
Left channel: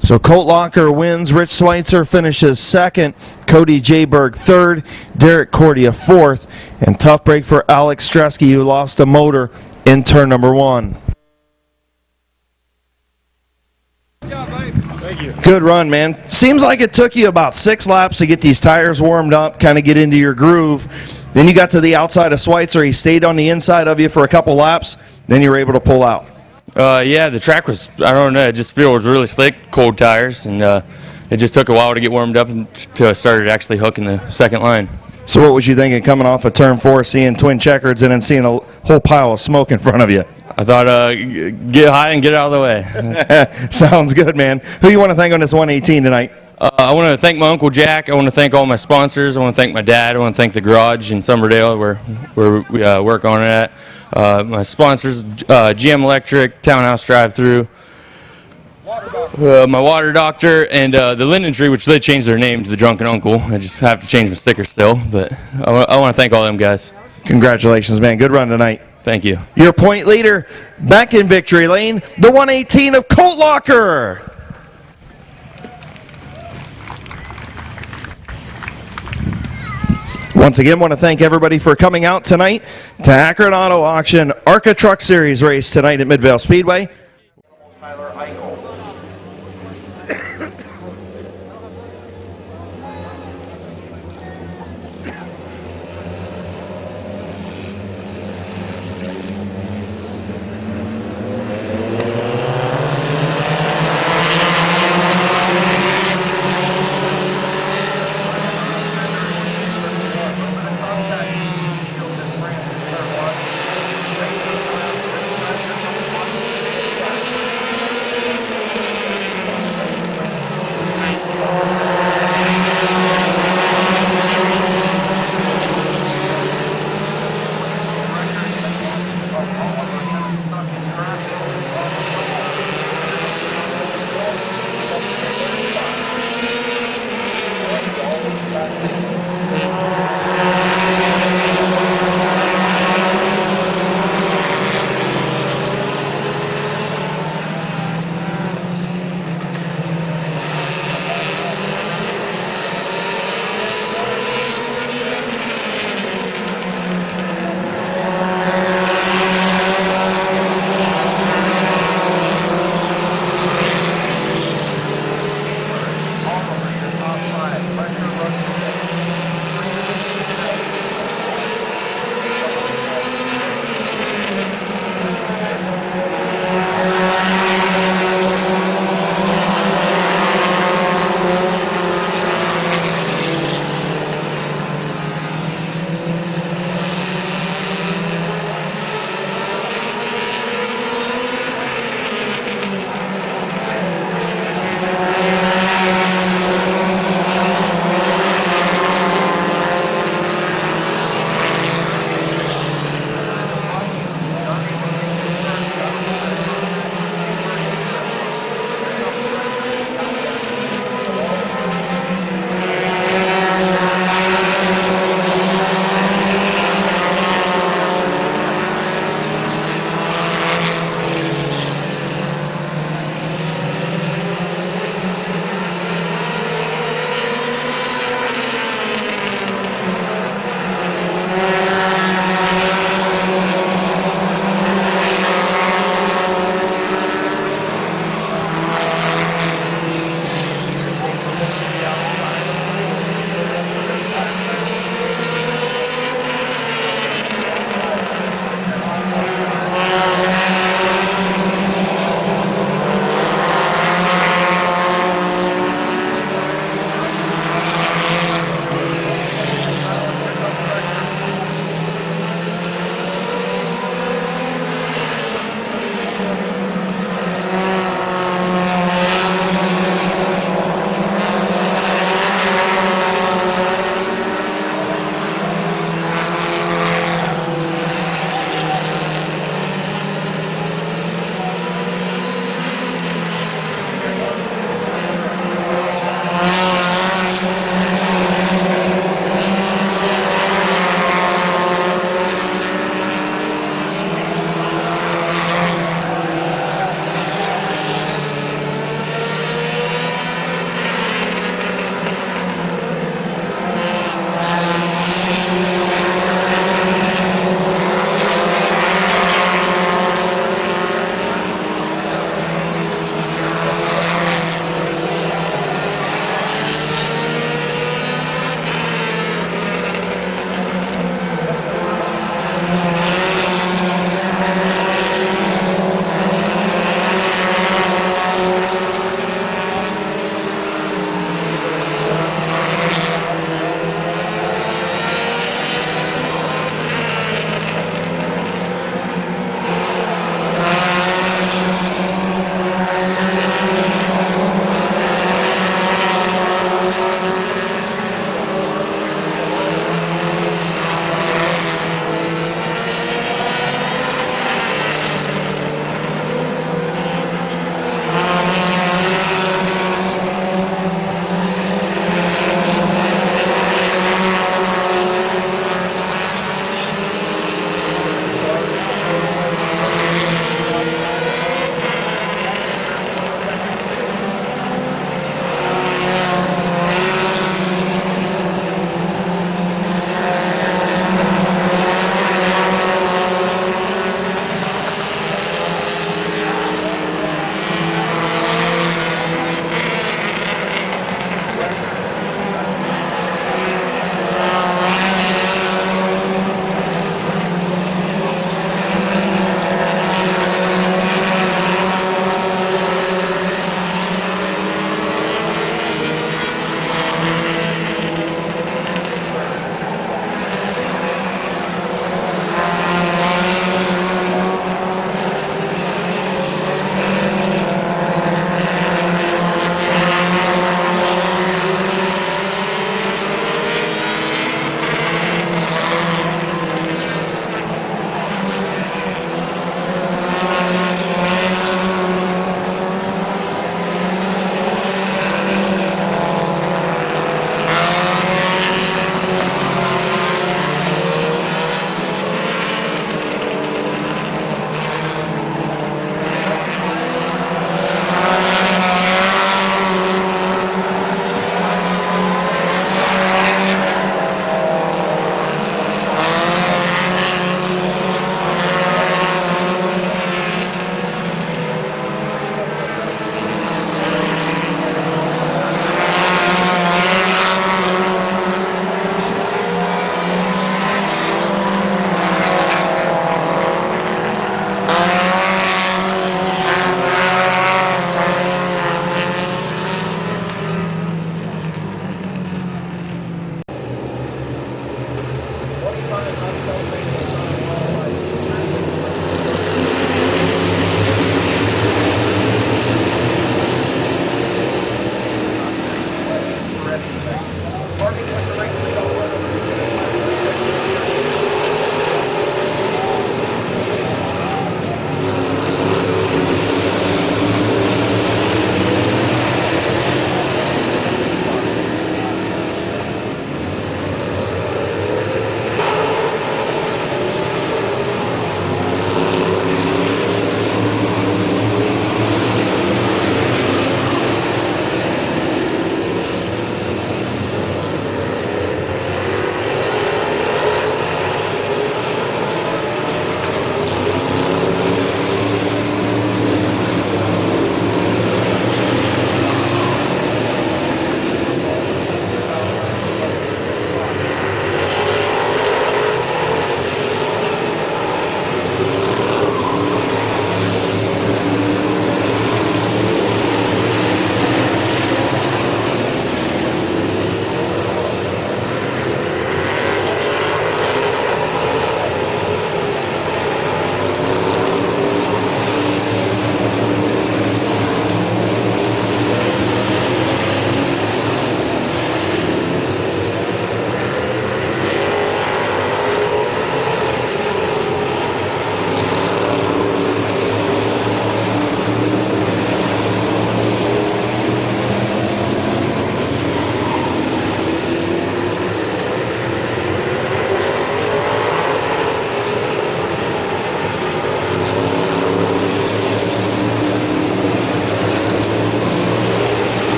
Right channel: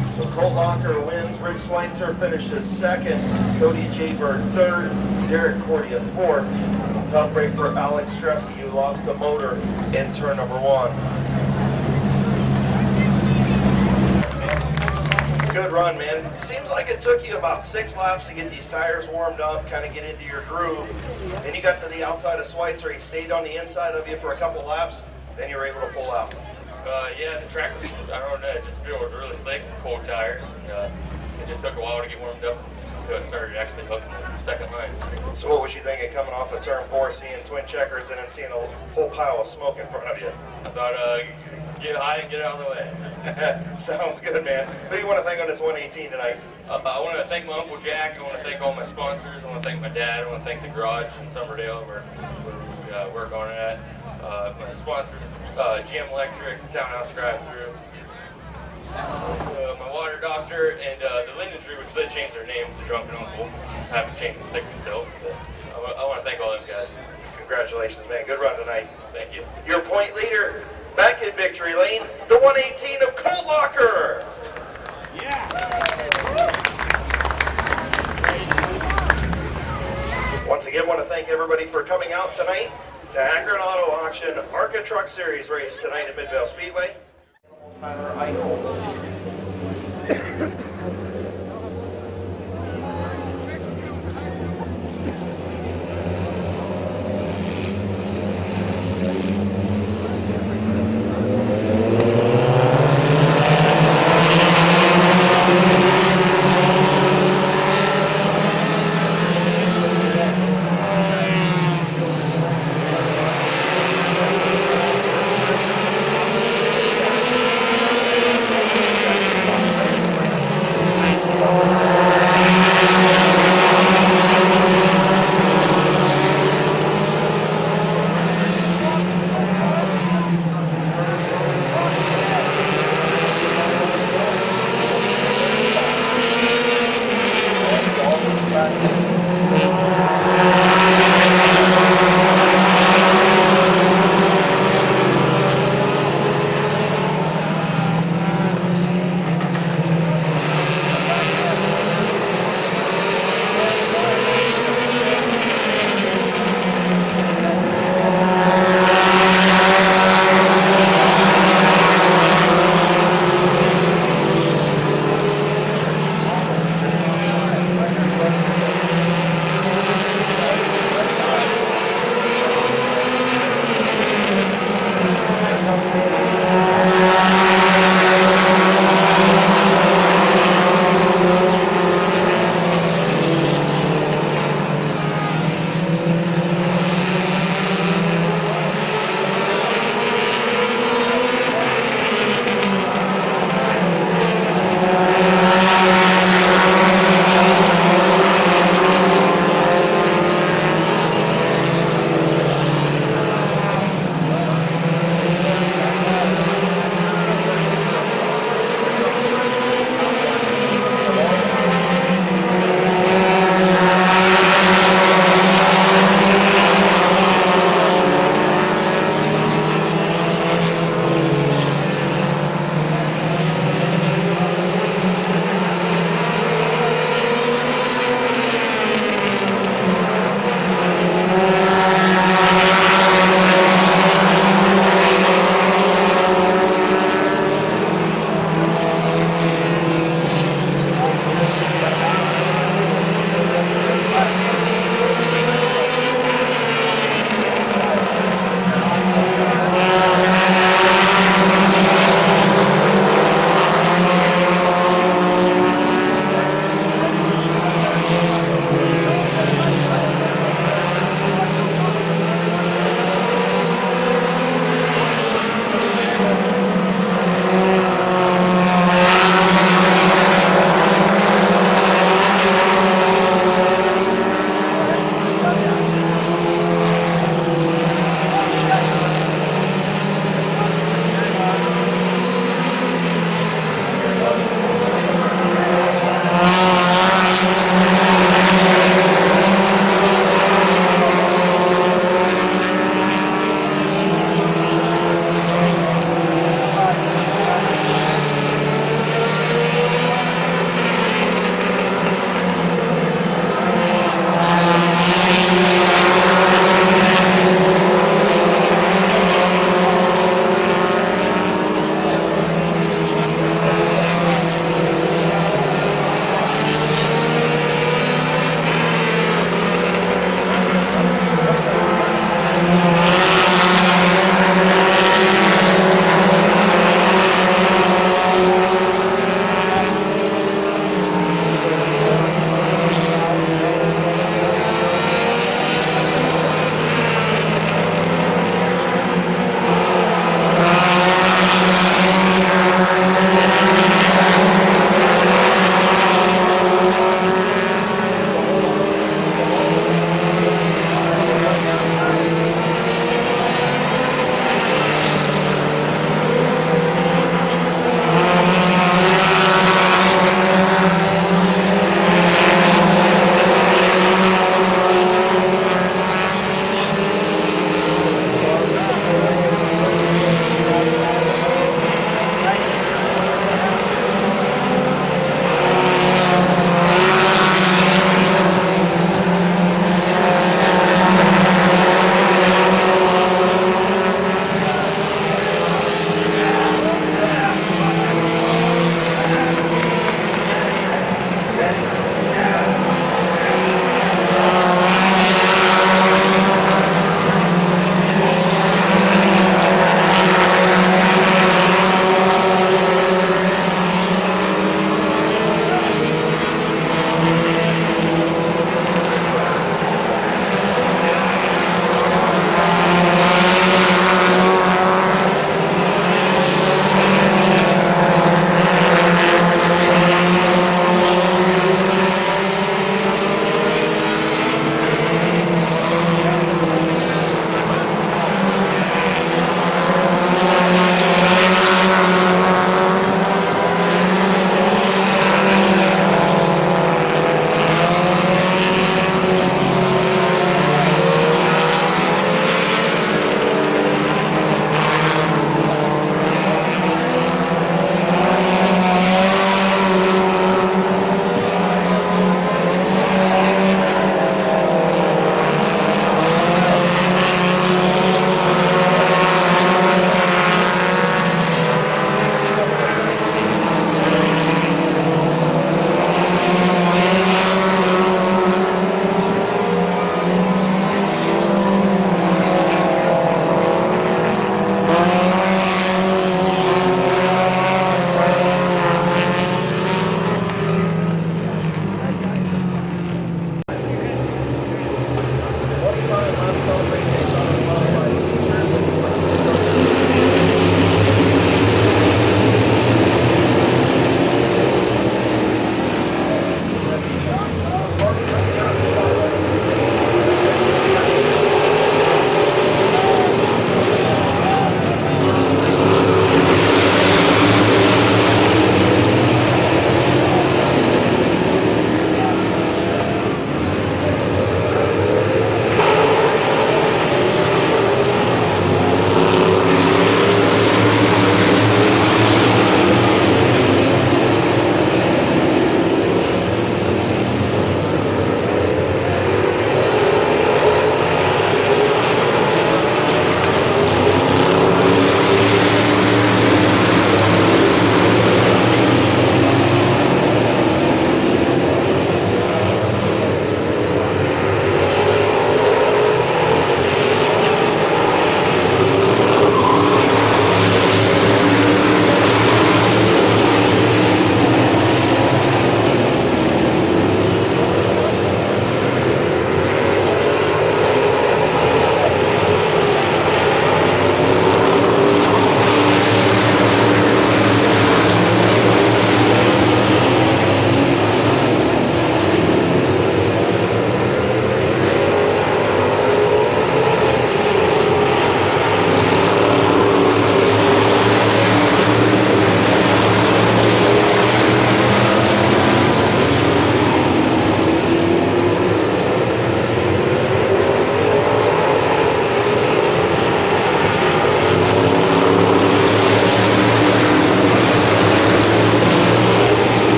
So Colt Locker wins, Rich Schweitzer finishes second, Cody J. Berg third, Derek Cordia fourth, and tough break for Alex Stresky, who lost a motor in turn number 1. Good run, man. Seems like it took you about 6 laps to get these tires warmed up, kind of get into your groove. Then you got to the outside of Schweitzer. He stayed on the inside of you for a couple laps. Then you were able to pull out. Yeah, the track was, I don't know, it just feel it was really slick, cold tires, and it just took a while to get warmed up until I started actually hooking the second line. So what was you thinking coming off of turn 4, seeing twin checkers and then seeing a whole pile of smoke in front of you? I thought, get high and get out of the way. Sounds good, man. Who you want to thank on this 118 tonight? I want to thank my Uncle Jack. I want to thank all my sponsors. I want to thank my dad. I want to thank the garage in Summerdale where we work on it at. My sponsors, GM Electric, Townhouse Drive-Thru, my water doctor, and the Linden Tree, which they changed their name to the Drunken Uncle. I just have to change my sticker still, but I want to thank all them guys. Congratulations, man. Good run tonight. Thank you. Your point leader, back in victory lane, the 118 of Colt Locker. Once again, want to thank everybody for coming out tonight to Akron Auto Auction ARCA Truck Series race tonight at Midvale Speedway. Tyler Eichel.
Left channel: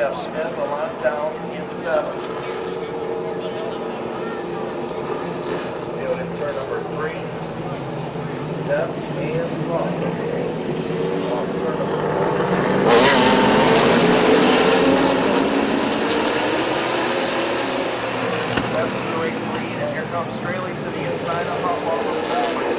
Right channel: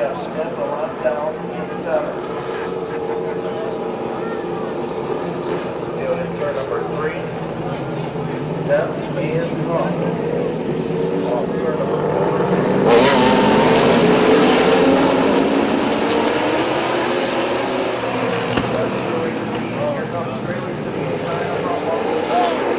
Jeff Smith, a lap down in 7. He'll hit turn number 3. 7 and off turn number 4. That's the race lead, and here comes Straley to the inside of how long the ball is.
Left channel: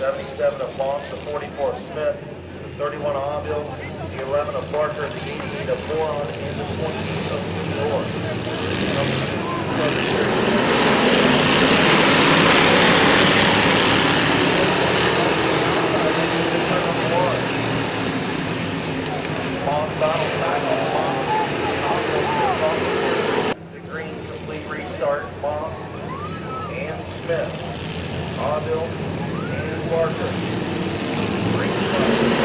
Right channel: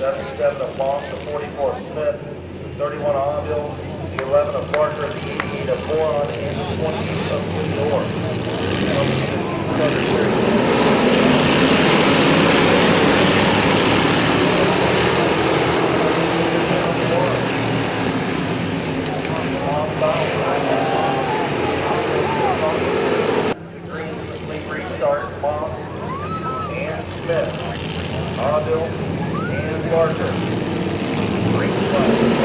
77 of Moss, the 44 of Smith, the 31 of Aville, the 11 of Barker, the 88 of Boron, and the 20 of Fedor. It's a green complete restart, Moss and Smith, Aville and Barker. Green flag.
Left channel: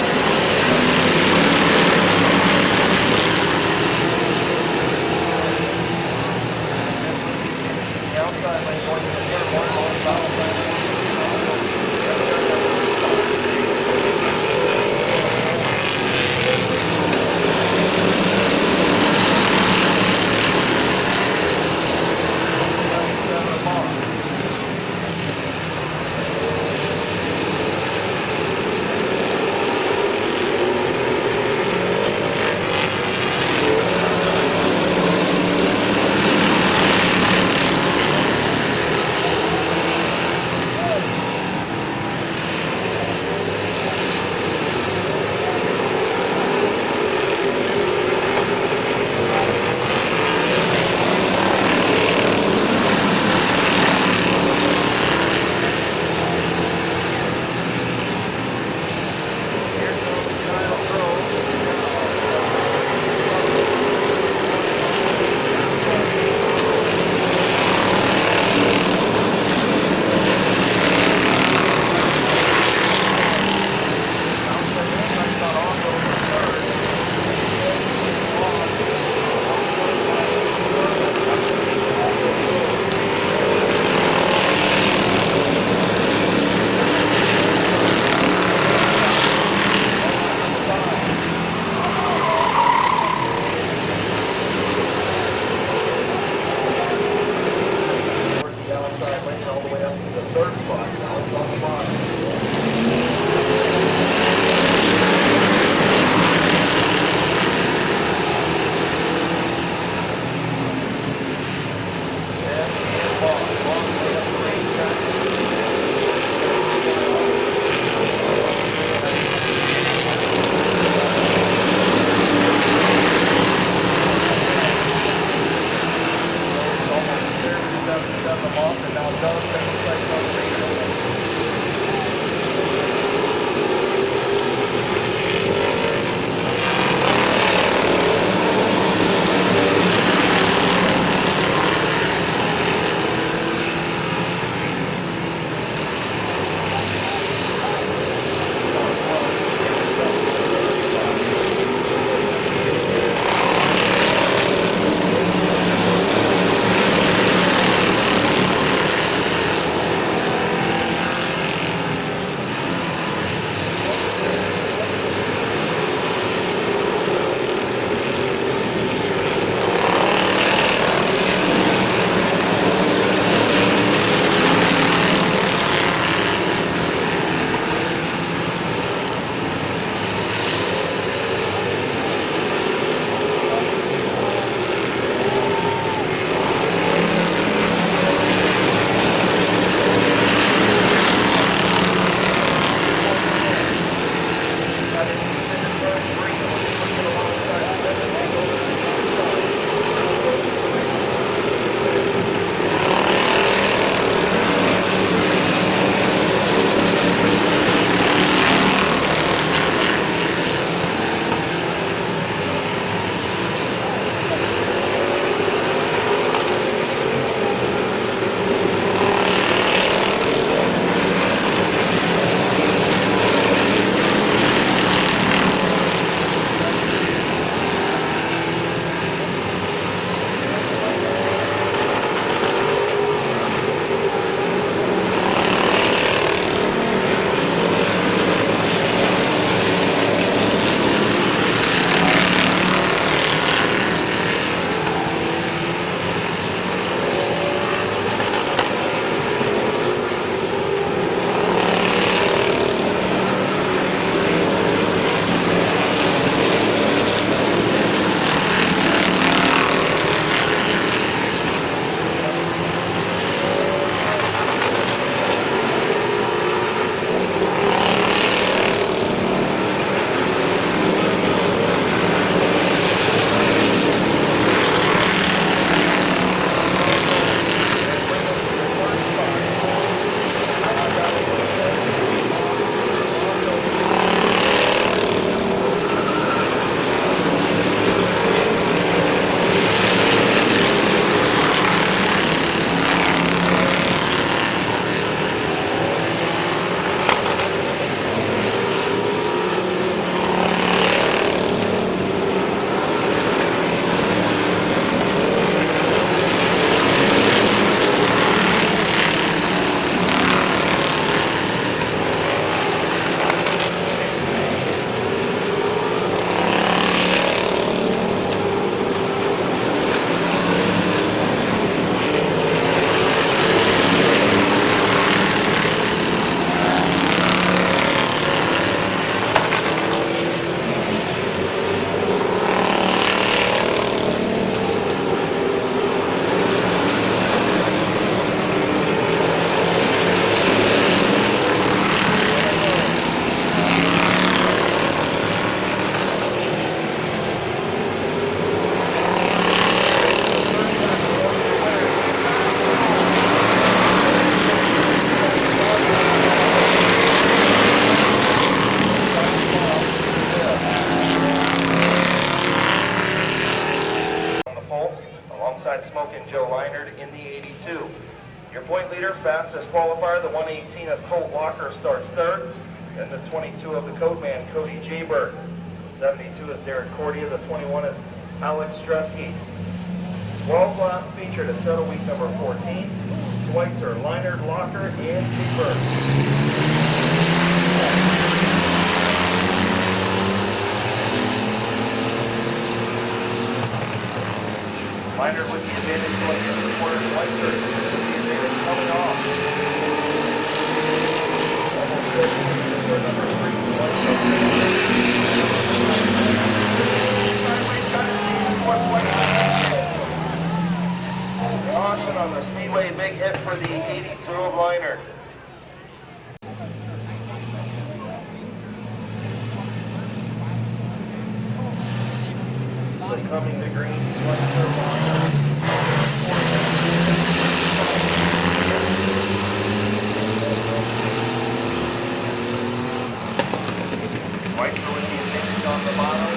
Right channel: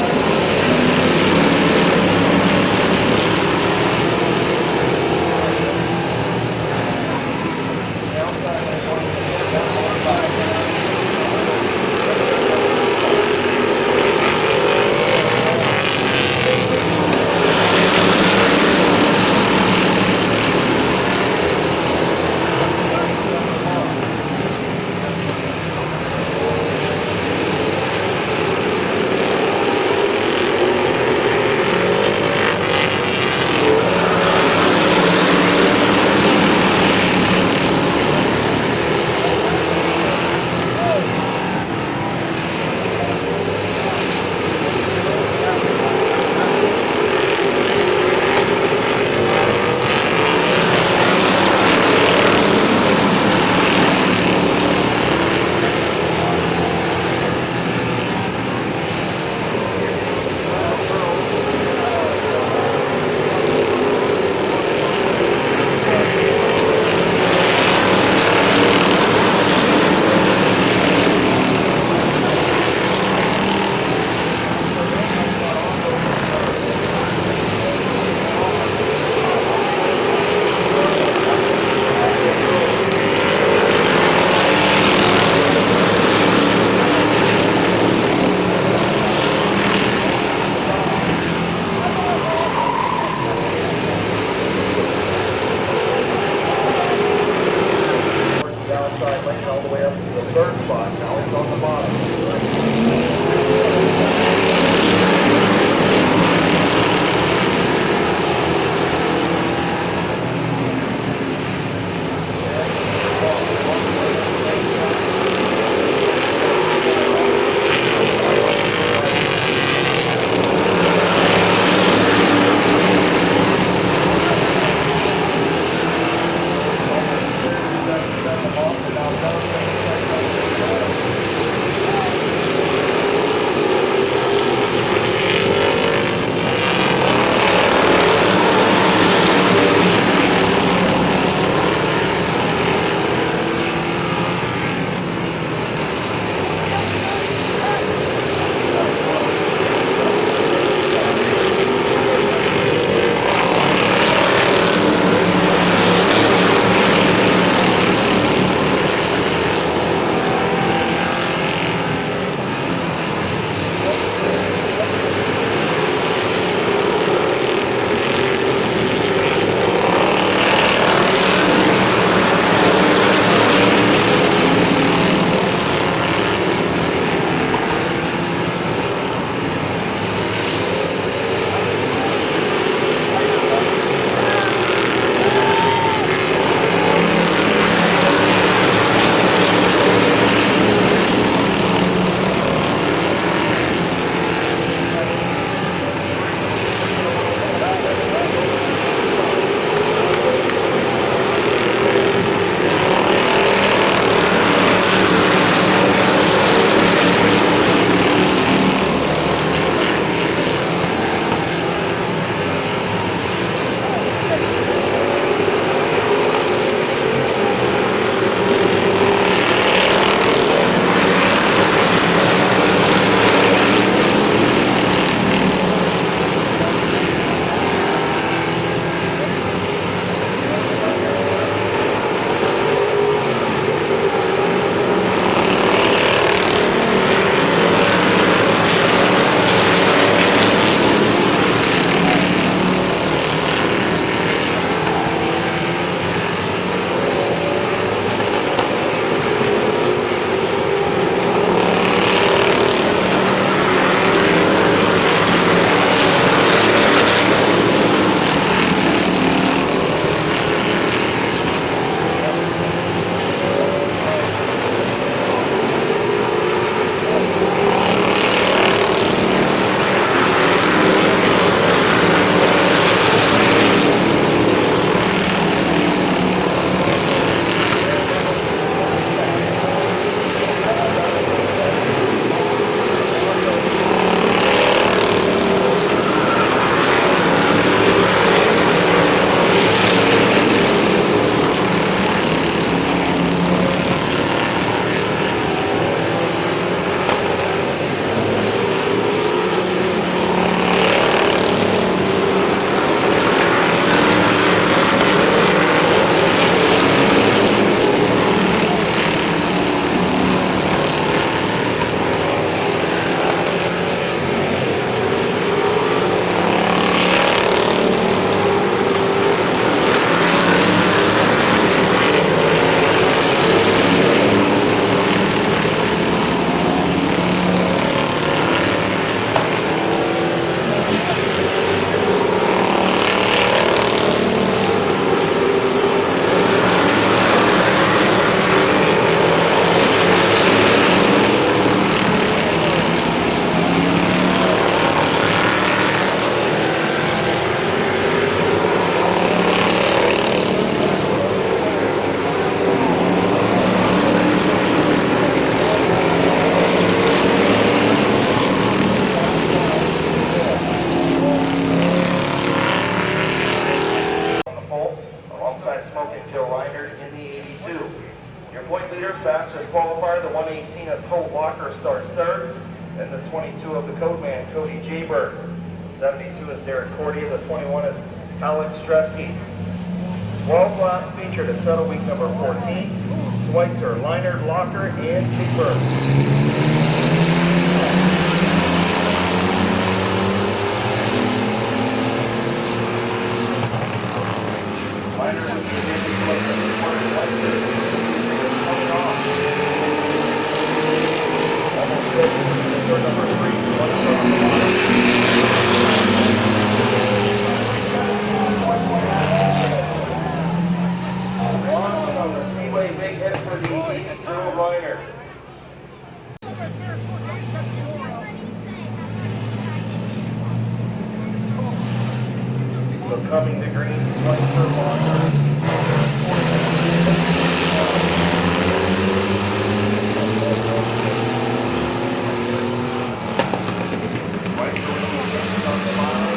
qualifier, the 118 of Colt Walker starts third, and the 22 of the code man, Cody Jaybird. The 72 is Derek Cordia, the 21 is Alex Stresky. 12 lap feature to settle week number 14, Schweitzer, Leinert, Locker, and Jaybird. Leinert with the advantage place of the quarter, Schweitzer coming off. Almost good. Turn number 3, Watson on the speedway, big hit for the 82 of Leinert. So coming to green, Schweitzer, Walker. Schweitzer with the advantage on the bottom.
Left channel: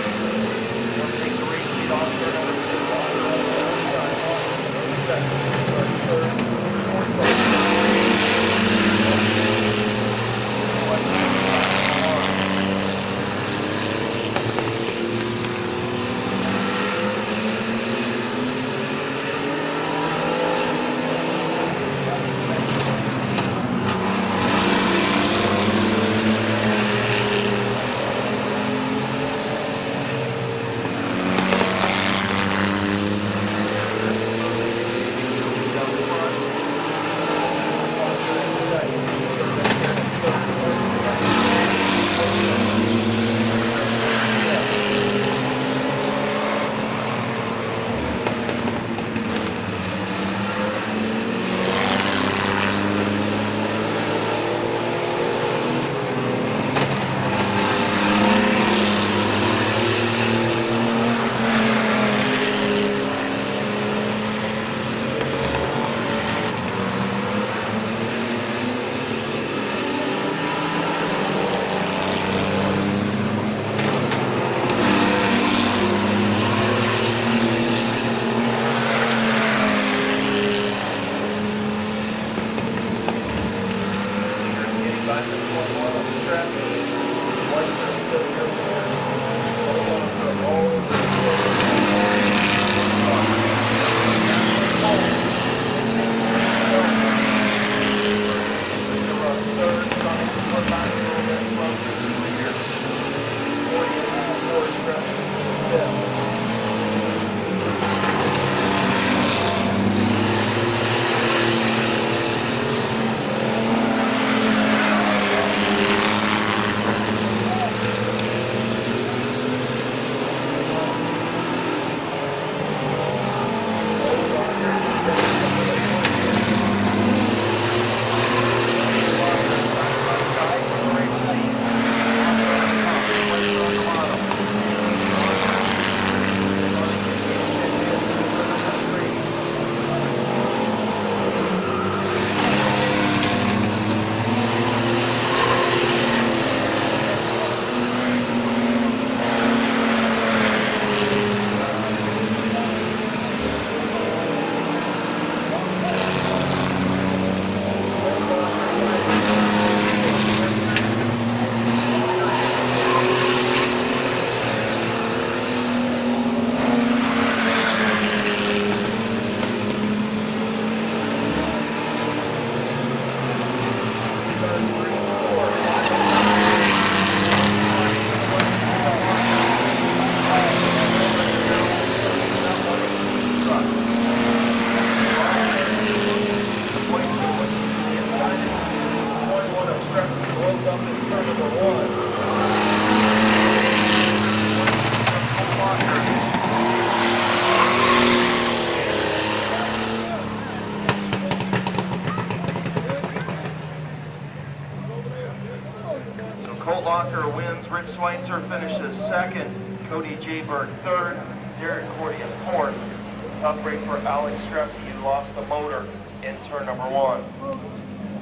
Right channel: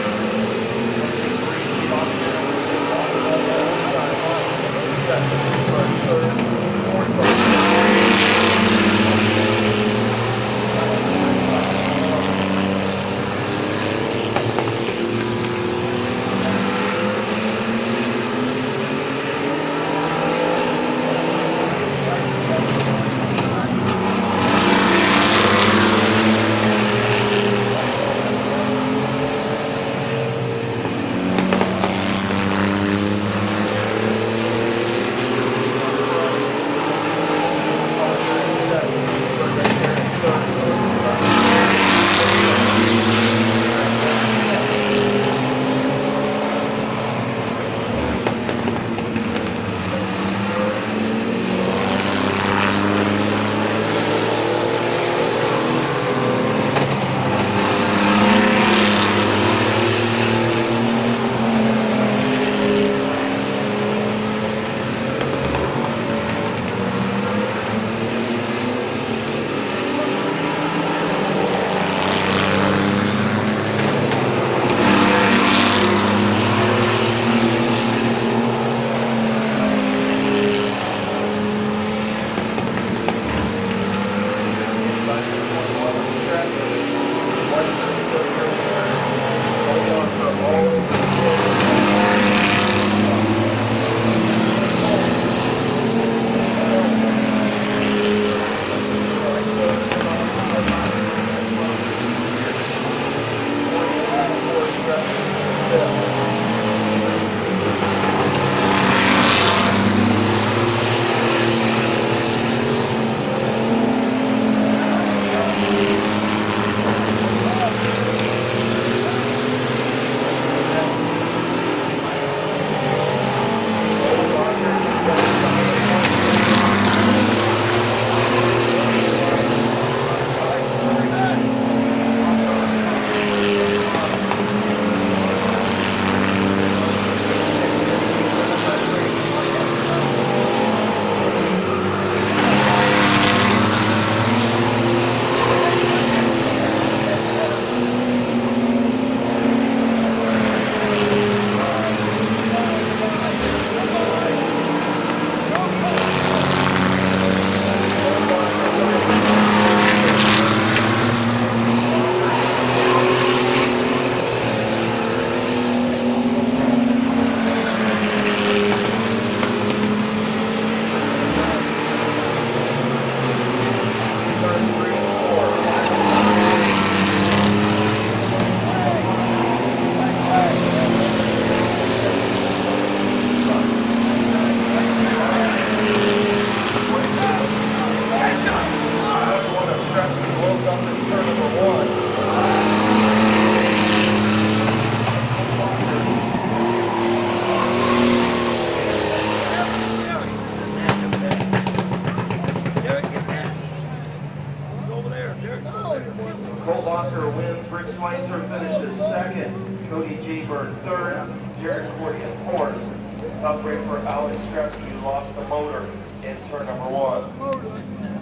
He'll take 3 feet off there. Schweitzer finishes second, Cody Jaybird third, Derek Cordia fourth. Tough break for Alex Stresky, who lost the motor in turn number 1.